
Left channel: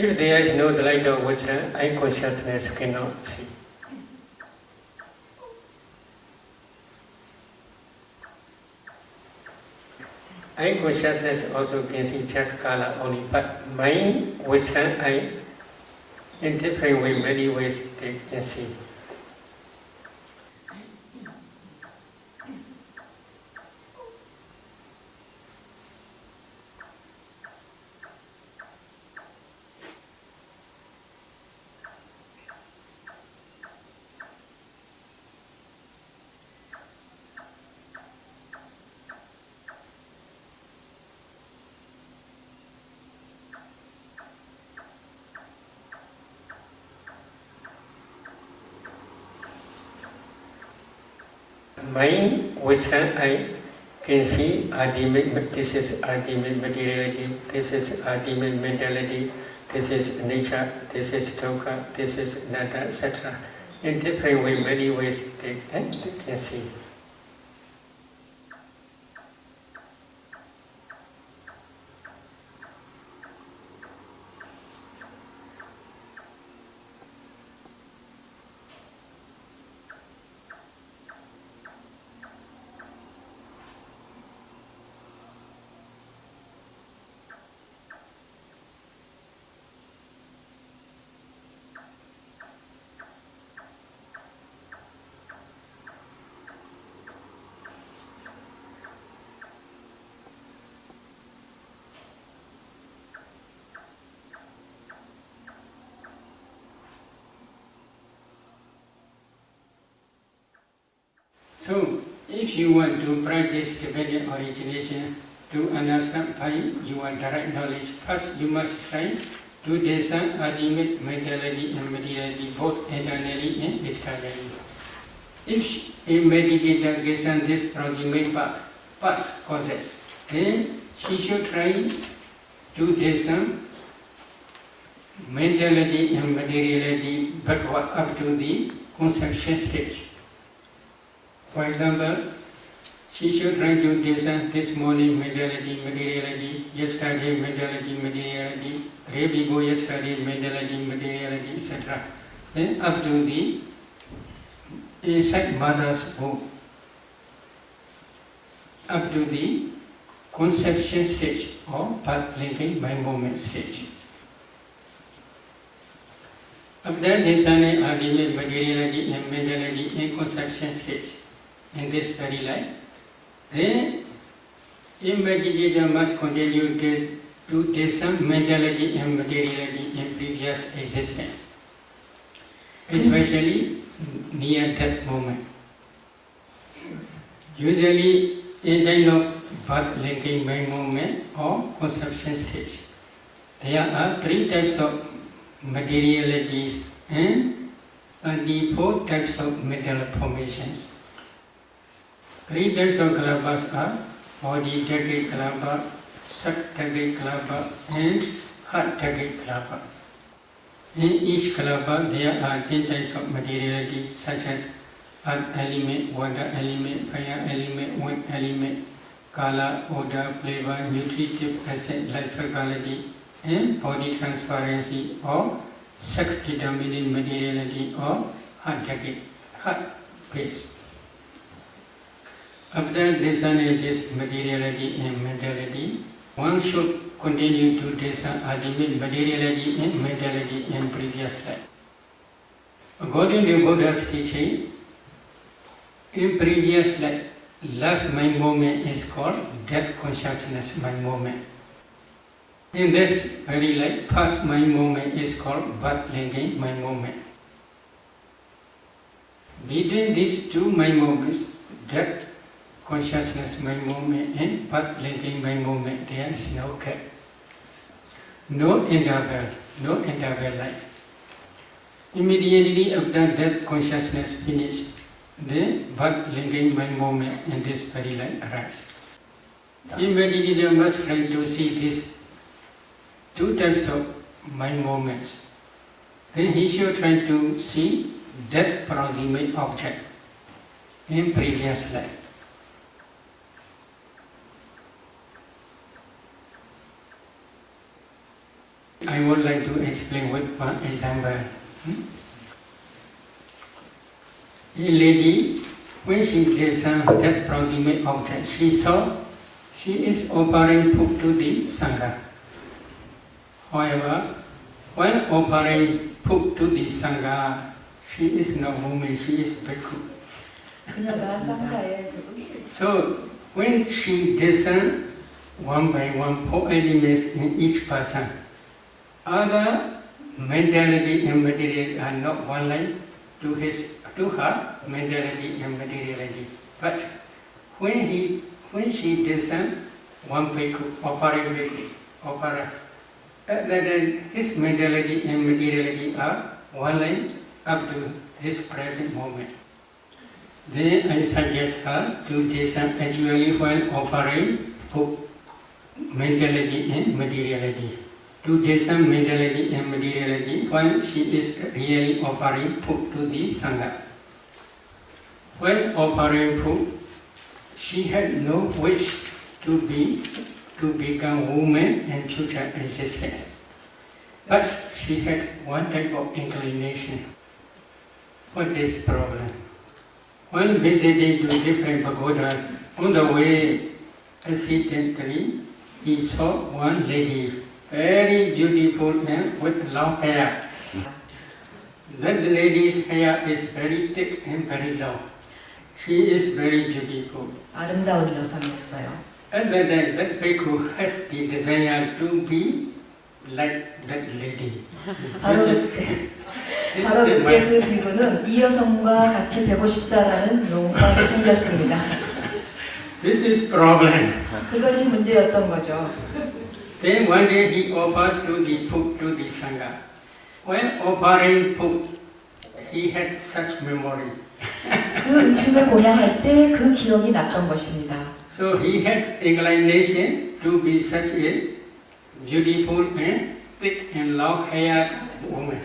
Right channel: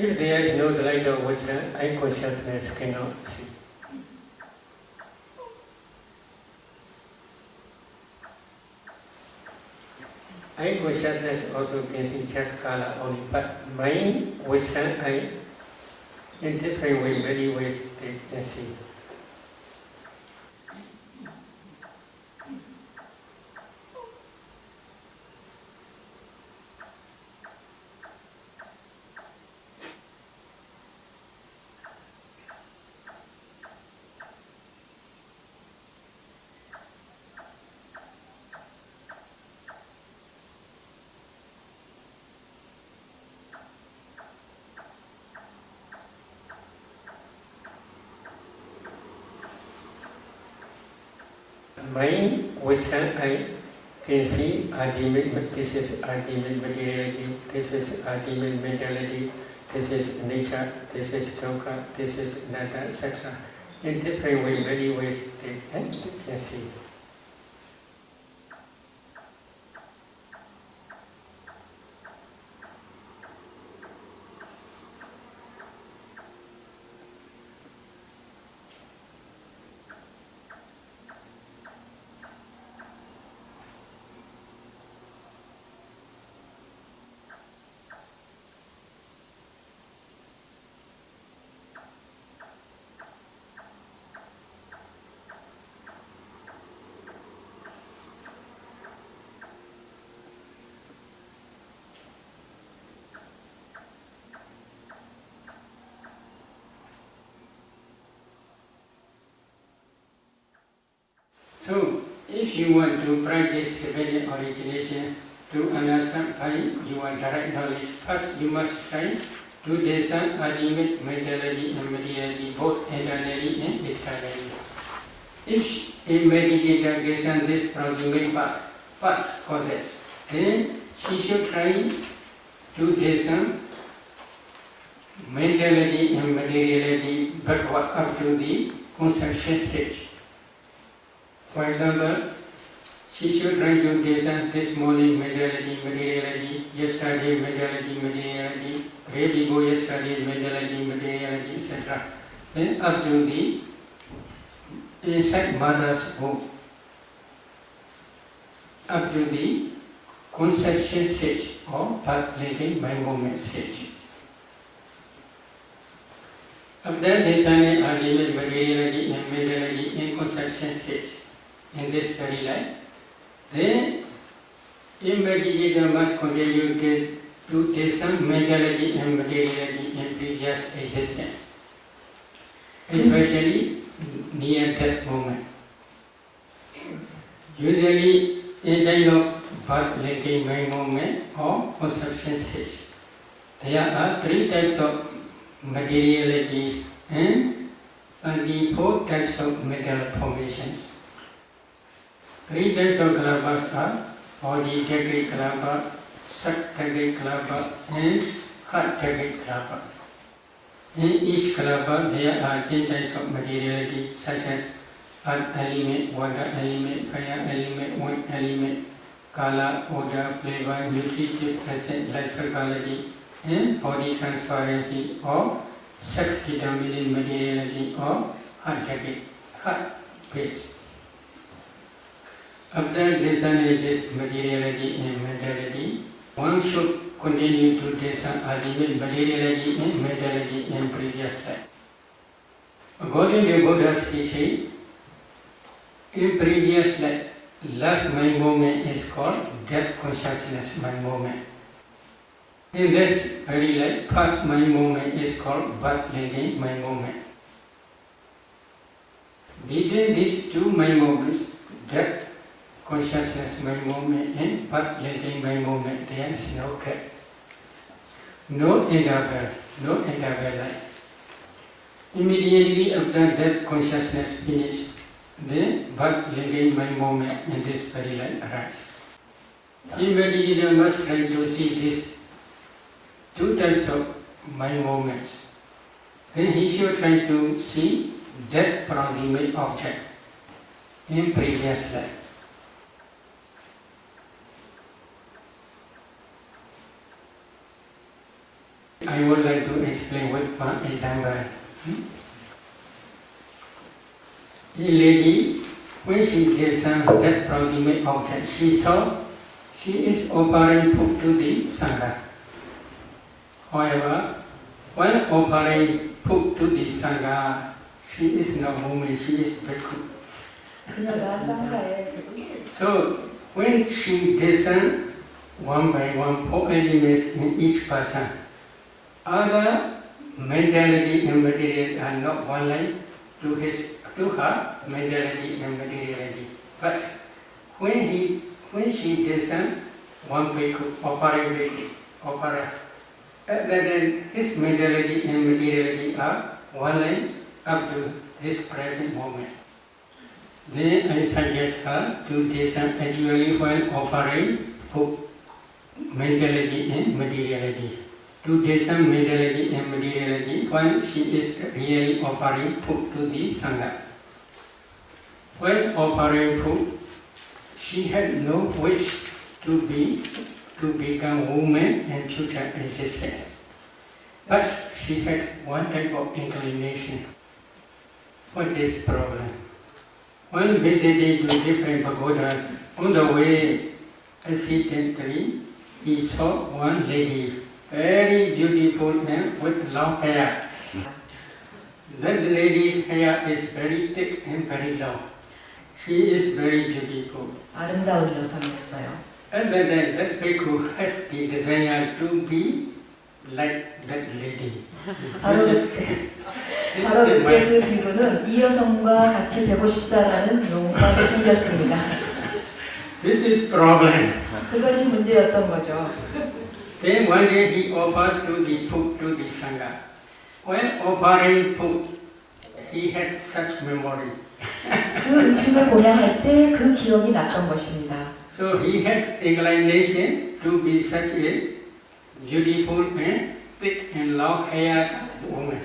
If there is no light of wisdom, I consciousness cannot see. I consciousness also can see just color only, but mind, wisdom, I in different ways, many ways they can see. Mind, wisdom, I can see ultimate, this is ultimate materiality, this is ultimate mentality, this is nature, this is dukkha, this is anatta, etc. In different ways, many ways they can see. you want to practice dependent origination to understand by your direct knowledge, first you must try to discern ultimate mentality and materiality, both internally and externally. If a meditator gets on this proximate past causes, then she should try to discern mentality and materiality backward up to the conception stage. For example, she should try to discern this morning mentality, materiality, yesterday mentality, materiality, day before yesterday mentality, materiality, etc. Then up to the inside mother's womb, up to the conception stage or path linking by moment stage. After discerning ultimate materiality and mentality in conception stage in this very life, then a meditator must continue to discern mentality and materiality in previous existence, especially near that moment. Usually, in time of birth linking by moment or conception stage, there are 3 types of materialities and 24 types of mental formations. 3 types of kalabas are body decade kalaba, sak decade kalaba, and heart decade kalaba. In each kalaba, there are 10 types of materiality, such as earth element, water element, fire element, wind element, color, odor, flavor, nutritive acid, life quality, and body transparency or sex determining materiality or heart base. After discerning this materiality and mentality, one should continue to discern ultimate materiality and mentality in previous life. According to Buddha's teaching, in previous life, last mind moment is called death consciousness mind moment. In this very life, first mind moment is called birth linking mind moment. Between these 2 mind moments, death consciousness mind moment and birth linking mind moment, there is no gap, no interval life. Immediately after death consciousness finish, the birth linking mind moment in this very life arises. The meditator must try to see these 2 types of mind moments. Then he should try to see that proximate object in previous life. I would like to explain with one example. A lady, when she discerned that proximate object, she saw she is offering food to the Sangha. However, when offering food to the Sangha, she is no woman, she is bhikkhu. So, when she discerned one by one 4 elements in each person, other mentality and materiality are not one line to her mentality and materiality. But when she discerned one bhikkhu, offering bhikkhu, then his mentality and materiality are one line up to this present moment. Then I suggest her to discern actually when offering food, mentality and materiality. To discern mentality and materiality when she is really offering food to the Sangha. When offering food, she had no wish to become woman and future existence. But she had one type of inclination for this problem. When visiting to different pagodas, on the way, accidentally, he saw one lady, very beautiful and with long hair. That lady's hair is very thick and very long. She is very beautiful. 아름다운 여성이었어요. And then that bhikkhu has the desire to be like that lady. 바로 그때 그 비구는 이 여성과 같이 되고 싶다라는 욕망이 생겼습니다. This is problem. 그것이 문제였던 거죠. Then one day he offered to the food to the Sangha. When offering food, he had such memory. 그 음식을 보양할 때 그 기억이 났던 것입니다. So he had inclination to be such a beautiful and thick and long-haired woman.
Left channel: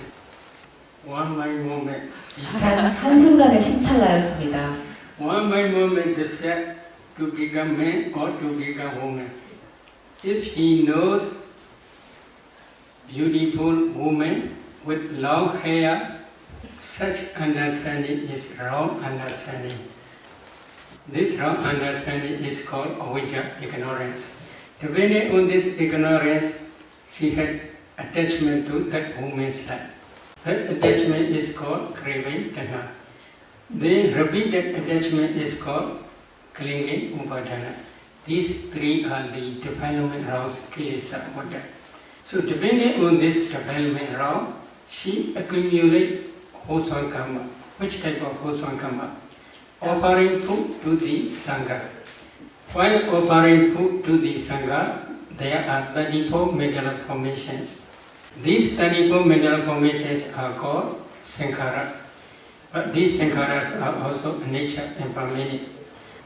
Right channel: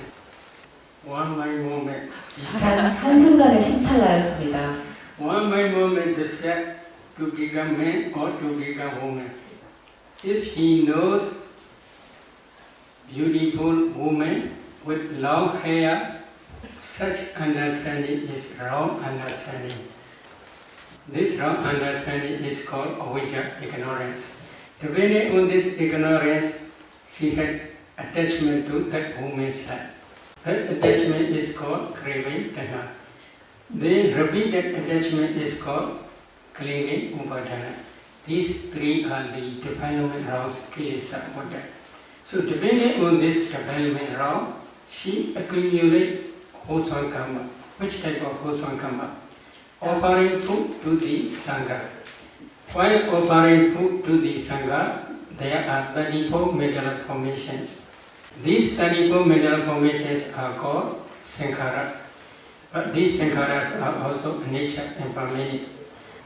One by moment, he said. 한순간에 심찰나였습니다. One by moment, he said to become man or to become woman. If he knows beautiful woman with long hair, such understanding is wrong understanding. This wrong understanding is called avijja, ignorance. Depending on this ignorance, she had attachment to that woman's life. That attachment is called craving, tanha. The repeated attachment is called clinging, upadana. These three are the development rounds, kilesa, Buddha. So depending on this development round, she accumulates wholesome karma. Which type of wholesome karma? Offering food to the Sangha. While offering food to the Sangha, there are 34 mental formations. These 34 mental formations are called sankhara. But these sankharas are also nature and permanent.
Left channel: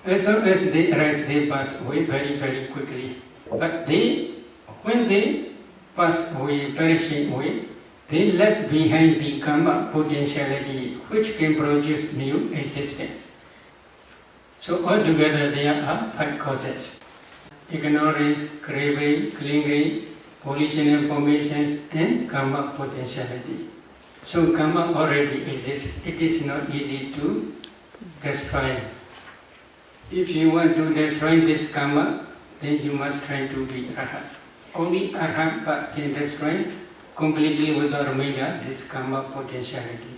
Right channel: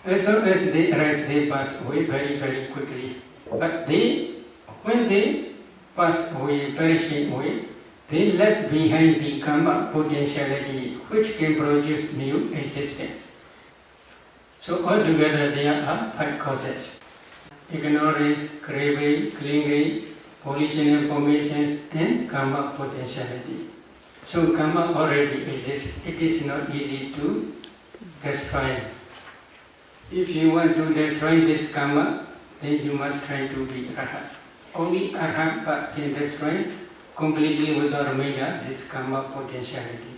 As soon as they arise, they pass away very, very quickly. But when they pass away, perishing away, they left behind the karma potentiality which can produce new existence. So altogether there are 5 causes: ignorance, craving, clinging, volitional formations, and karma potentiality. So karma already exists. It is not easy to destroy. If you want to destroy this karma, then you must try to be arhat. Only arhat can destroy completely without remainder this karma potentiality.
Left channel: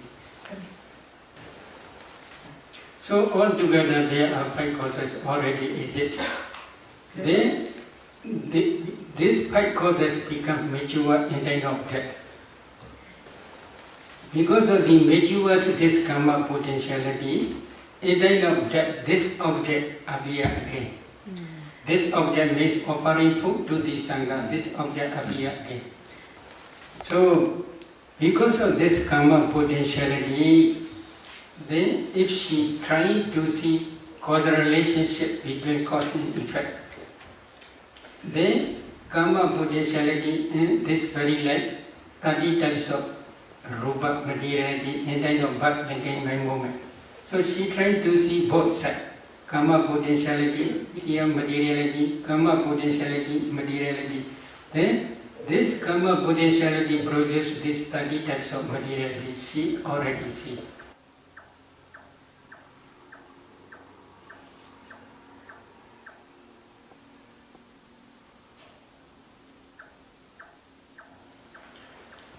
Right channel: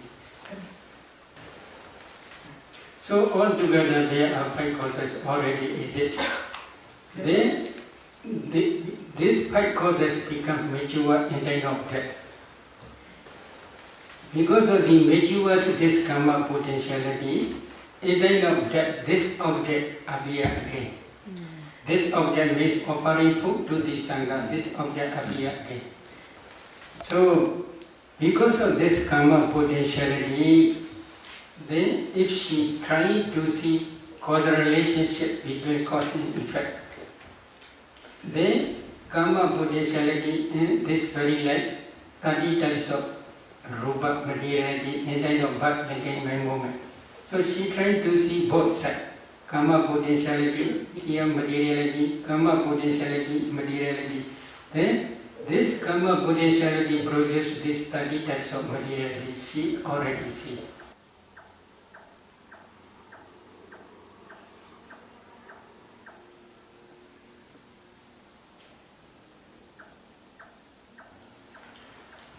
So altogether there are 5 causes already exist. Then these 5 causes become mature in time of death. Because of the mature to this karma potentiality, in time of death, this object appears again. This object means offering food to the Sangha. This object appears again. So, because of this karma potentiality, then if she tries to see causal relationship between cause and effect, then karma potentiality in this very life, 30 types of rupa materiality in time of birth and by moment. So she tried to see both sides, karma potentiality, here materiality, karma potentiality, materiality. Then this karma potentiality produces these 30 types of materiality. She already see.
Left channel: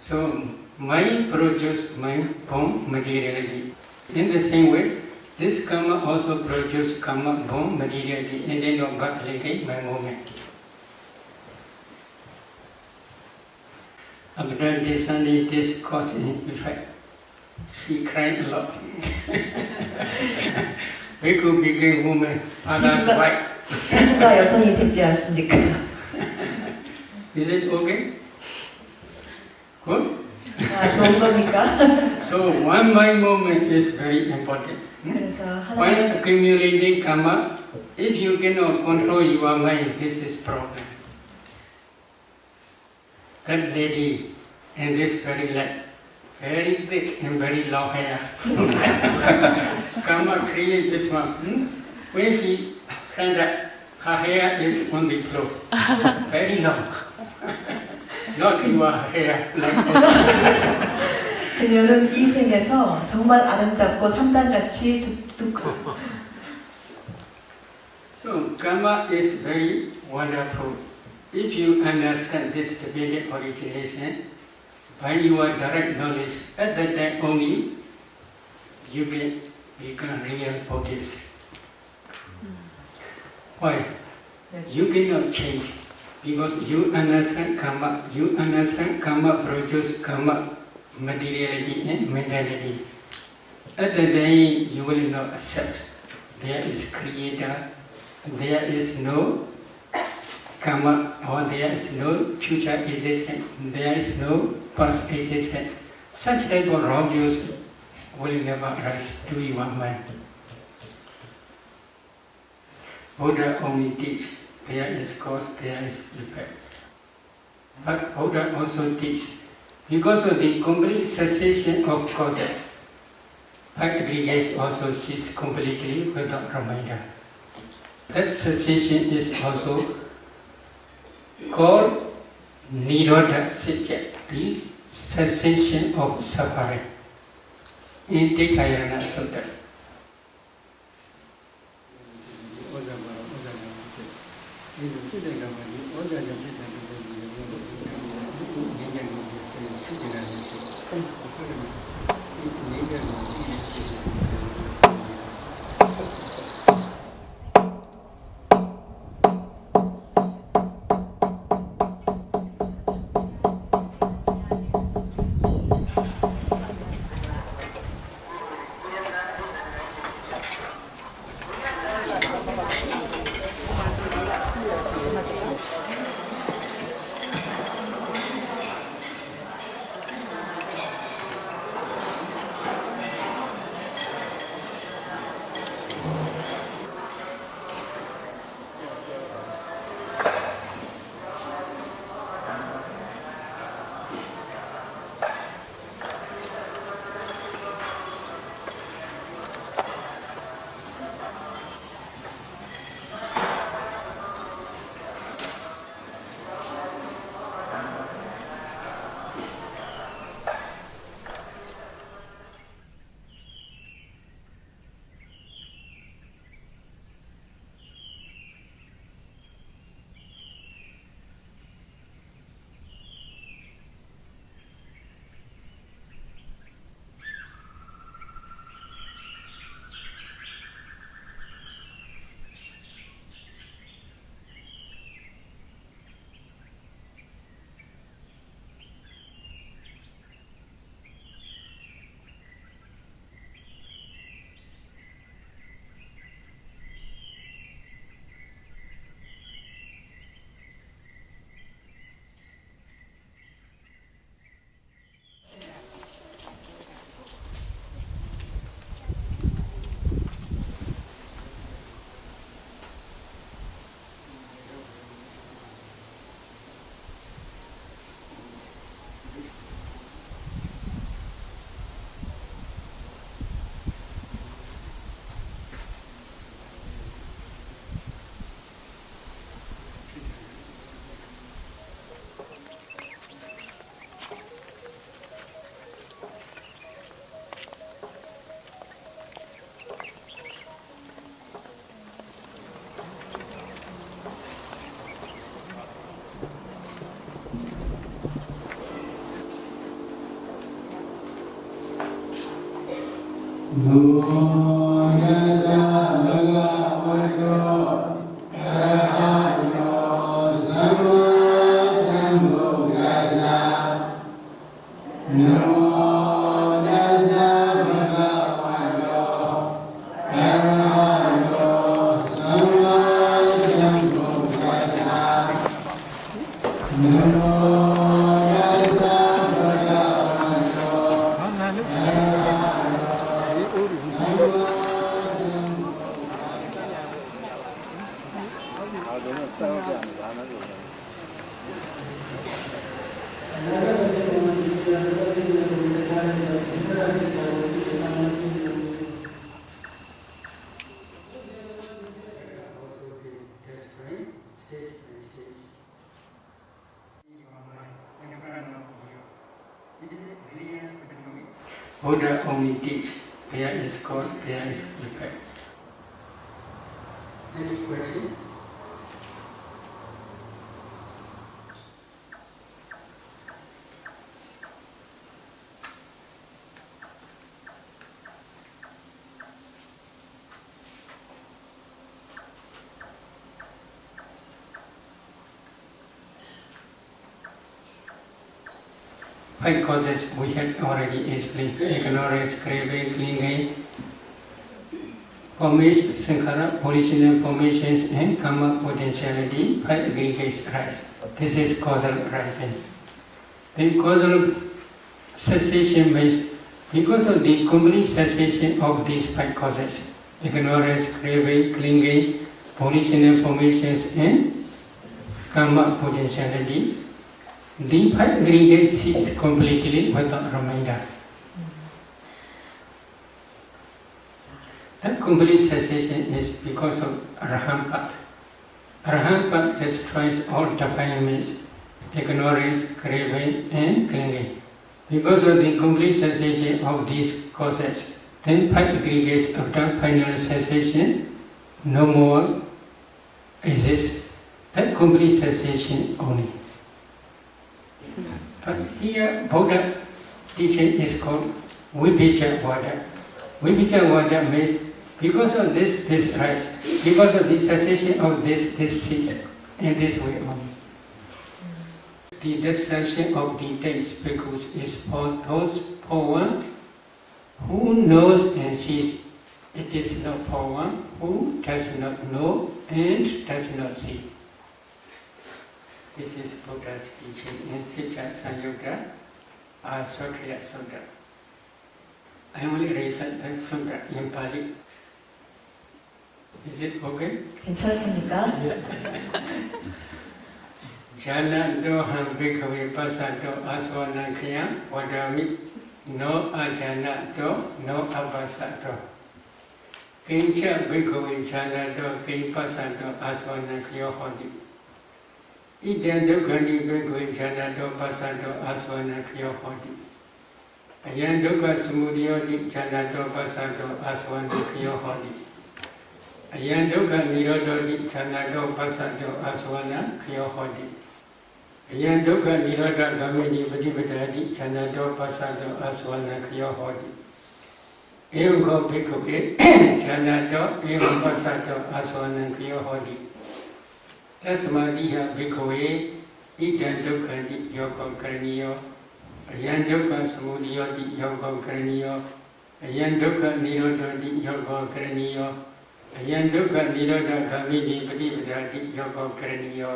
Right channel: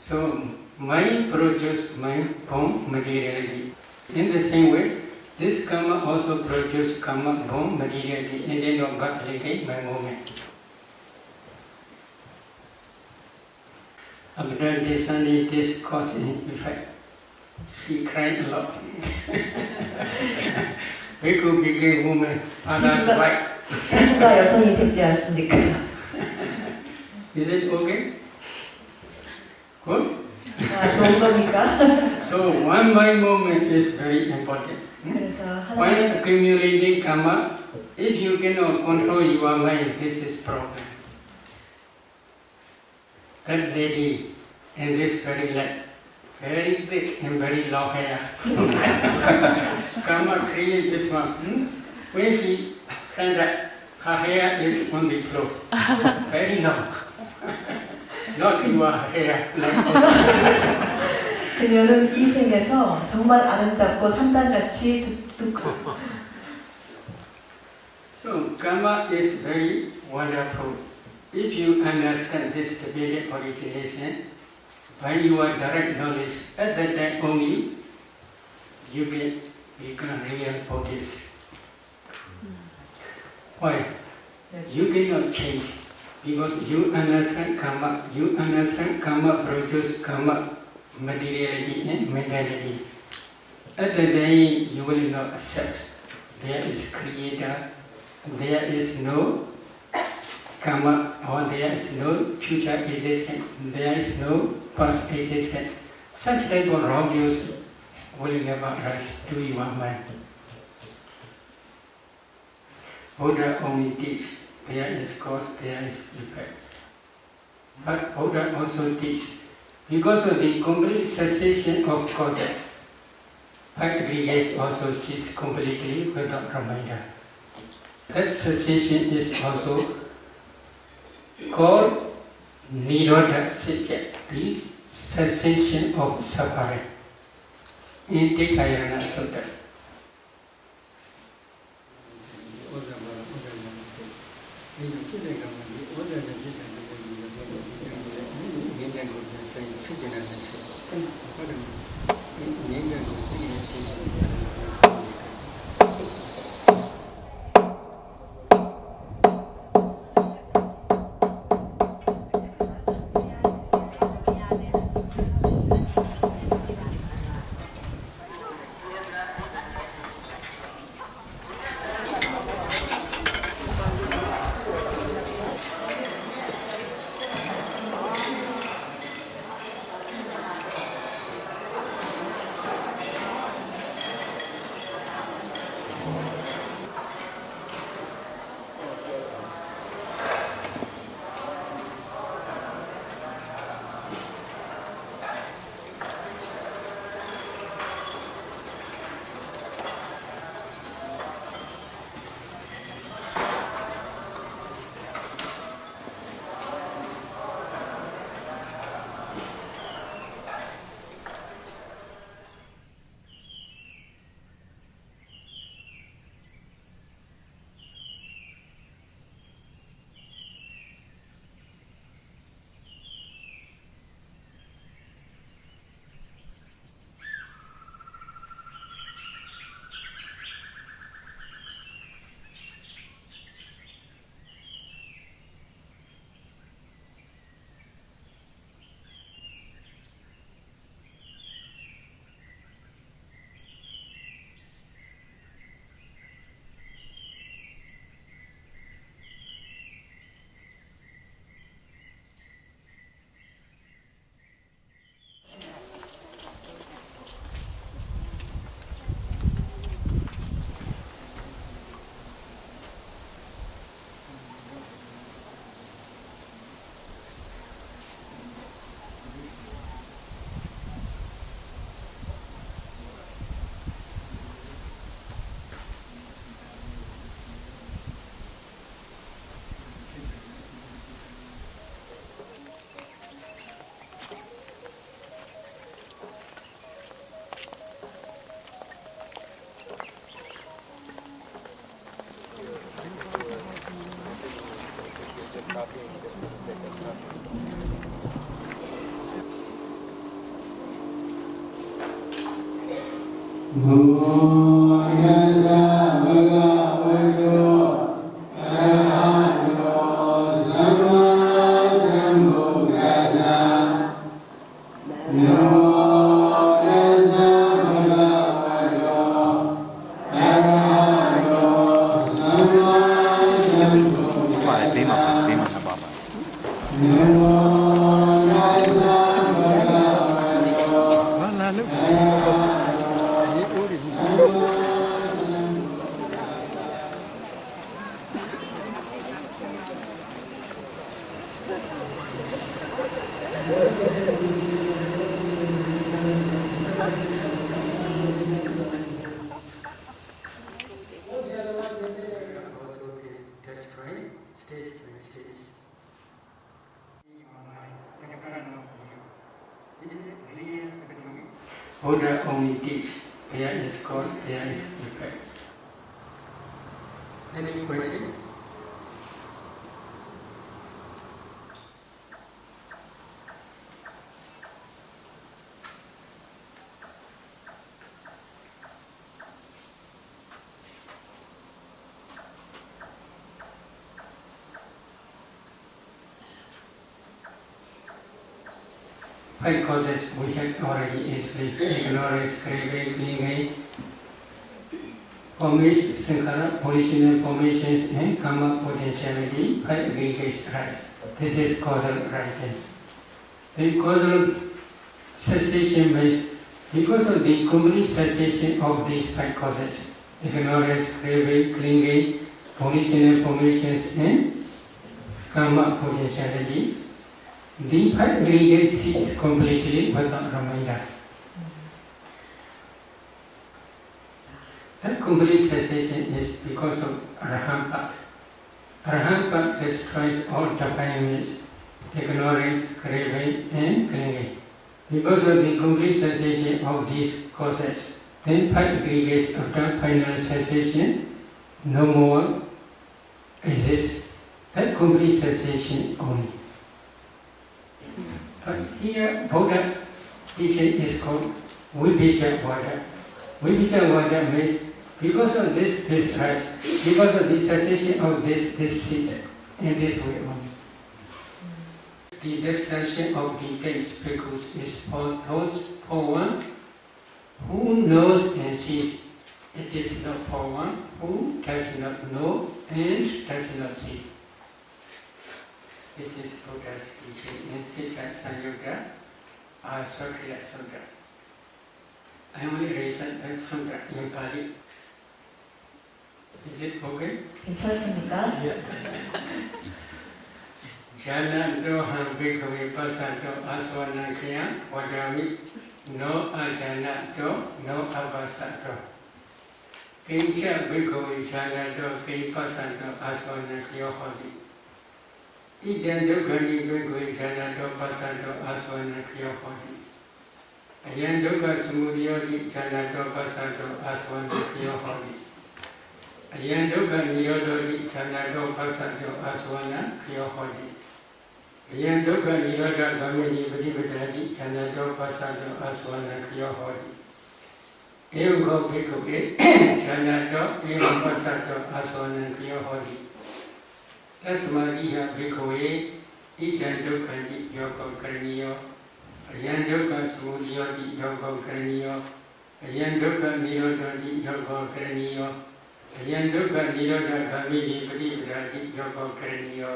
So mind produces mind from materiality. In the same way, this karma also produces karma from materiality and then of birth by moment. After discerning this cause and effect, she cried a lot. We could become woman, others white. 피부가 여성이 됐지 않습니까? Is it okay? Good? 좋은 겁니까? So one mind movement is very important. 그래서 While 하나의 accumulating karma, if you cannot control your mind, this is problem. That lady in this very light, very thick and very long hair. Karma create this one. When she stand up, her hair is on the floor, very long. Not your hair like 그녀는 이 생에서 정말 아름답고 산단같이 두껍고. So karma is very wonderful. If you understand this divided origination by your direct knowledge, at that time only you will become real bodies. Why? You cannot change because you understand karma. You understand karma produces karma, materiality and mentality. At that day you will not accept there is creator there is no karma, or there is no future existence, there is no past existence. Such type of wrong views will never rise to your mind. Buddha only teaches there is cause, there is effect. But Buddha also teaches because of the complete cessation of causes, aggregates also cease completely without reminder. That cessation is also called Nirodha Satya, the cessation of suffering. In Tikayana Sutta. Buddha only teaches there is cause, there is effect. Any question? Five causes we have already explained: ignorance, craving, clinging, formation, sankhara, volitional formations, and karma potentiality, 5 aggregates arise. This is causal arising. The causal cessation means because of the complete cessation of these 5 causes, ignorance, craving, clinging, volitional formations, and karma potentiality, the 5 aggregates cease completely without reminder. That complete cessation is because of Arahant Path. Arahant Path destroys all defilements, ignorance, craving, and clinging. Because of the complete cessation of these causes, then 5 aggregates after final cessation no more exist. That complete cessation only. But here Buddha teaching is called Vijayawada. Vijayawada means because of this rise, because of the cessation of this cease, in this way only. The destruction of the 10 bhikkhus is for those for one who knows and sees. It is not for one who does not know and does not see. This is Buddha's teaching in Sita Sanyuta Aswakriya Sutta. I only recite that sutta in Pali. Is it okay? 괜찮습니까? Jana do ham bhikkhave pasato aswanakya vadami no ajana do no abasato. Kincha bhikkhave jana do kin pasato aswanakya hodi. Idan dukkani bhikkhave jana do pasato aswanakya hodi. Ayan dukkha samudayodi jana do pasato aswanakya hodi. Ayan dukkha nirododi jana do pasato aswanakya hodi. Ayan dukkha nirodha gamini padipadadi chanado pasado aswana kyo hodi. Evam ko bhikkhave chanado evam pasado aswana kyo hodi. Tasmadiha bhikkhave idan dukkhanti yoga karaniyo. Ayan dukkha samudayodi yoga karaniyo. Ayan dukkha nirodhati yoga karaniyo. Ayan dukkha nirodha gamini padipadadi yoga karaniyo.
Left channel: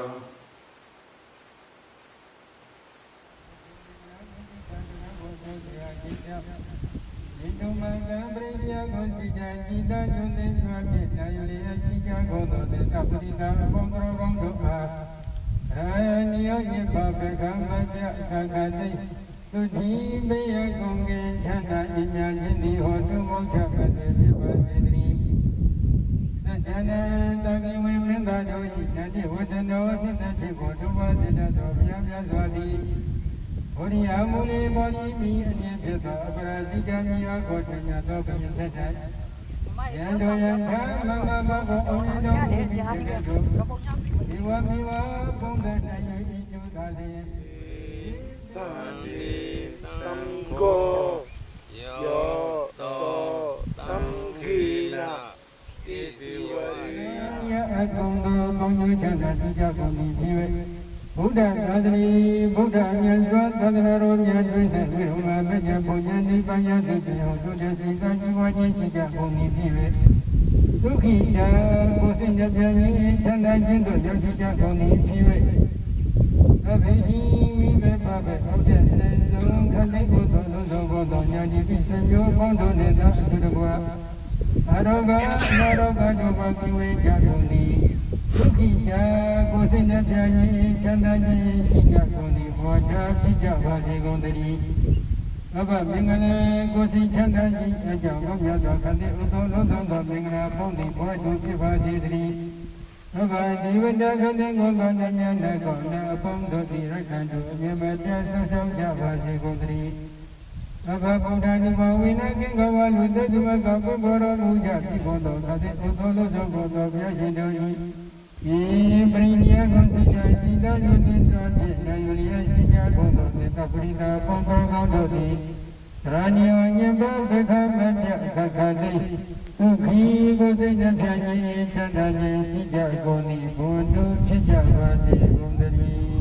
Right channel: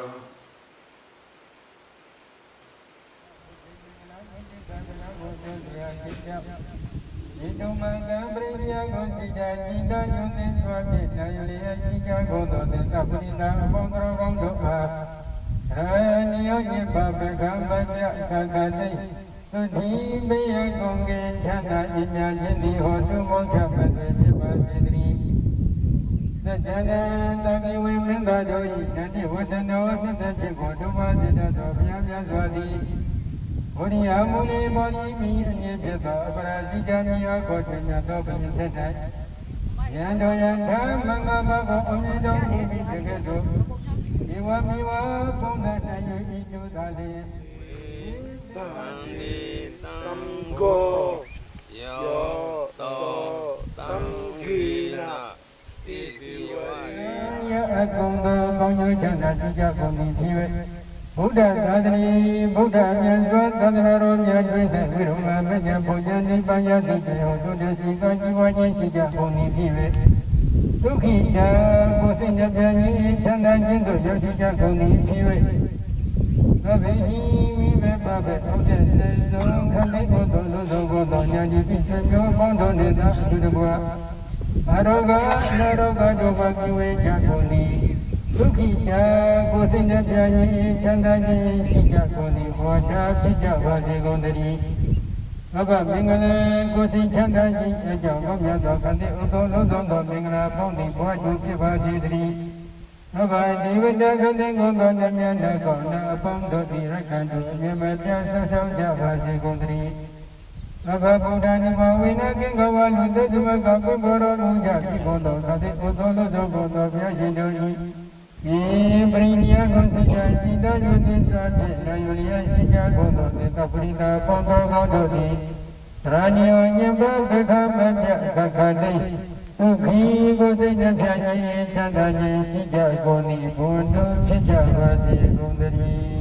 Amuli boli mi nyebeta parajika mi akotnya to bintetai. Yando yanda mama babo onyedo mubi jegedo. Iwa miwa ponga na yiju dale. Tamgo yo to tamgina tisiwa. Ya akongo konyo chanda tija koni piwe. Buddha Gadri, Buddha Myaswa, Tadharo Myaswa, Viruma, Menya, Bojani, Payati, Yoda, Sika, Jiwaji, Sika, Koni, Pive. Tukita, Kosina, Jani, Chanda, Jindo, Yosika, Koni, Pive. Abehi, Vive, Babe, Oden, Zon, Kali, Odo, Godo, Nyadi, Pisanyo, Bondo, Neda, Sudabua. Aroga, Naroga, Joba, Kiwe, Jakoni. Tukita, Kosina, Jani, Chanda, Sika, Koni, Waja, Pija, Vaji, Gondari. Baba, Mingana, Kosi, Chanda, Sika, Gomya, Kande, Udo, Lodo, Mingana, Pondi, Waju, Piva, Jidri. Baba, Divida, Kande, Gonda, Nyana, Gonda, Pondo, Dirakandu, Nyamata, Sasau, Java, Gondari. Baba, Buddha, Nivawina, Kingawa, Luda, Dumaka, Boro, Luja, Kibondo, Kade, Udo, Lodo, Godo, Yajidori. Brinya Gonzika, Sida, Yudinsa, Yulia, Sika, Godo, Netaprita, Pondo, Gododi, Ranyo, Nyamba, Beka, Kakade, Uki, Godina, Chanda, Sika, Goni, Bondo, Sika, Vati, Gondari.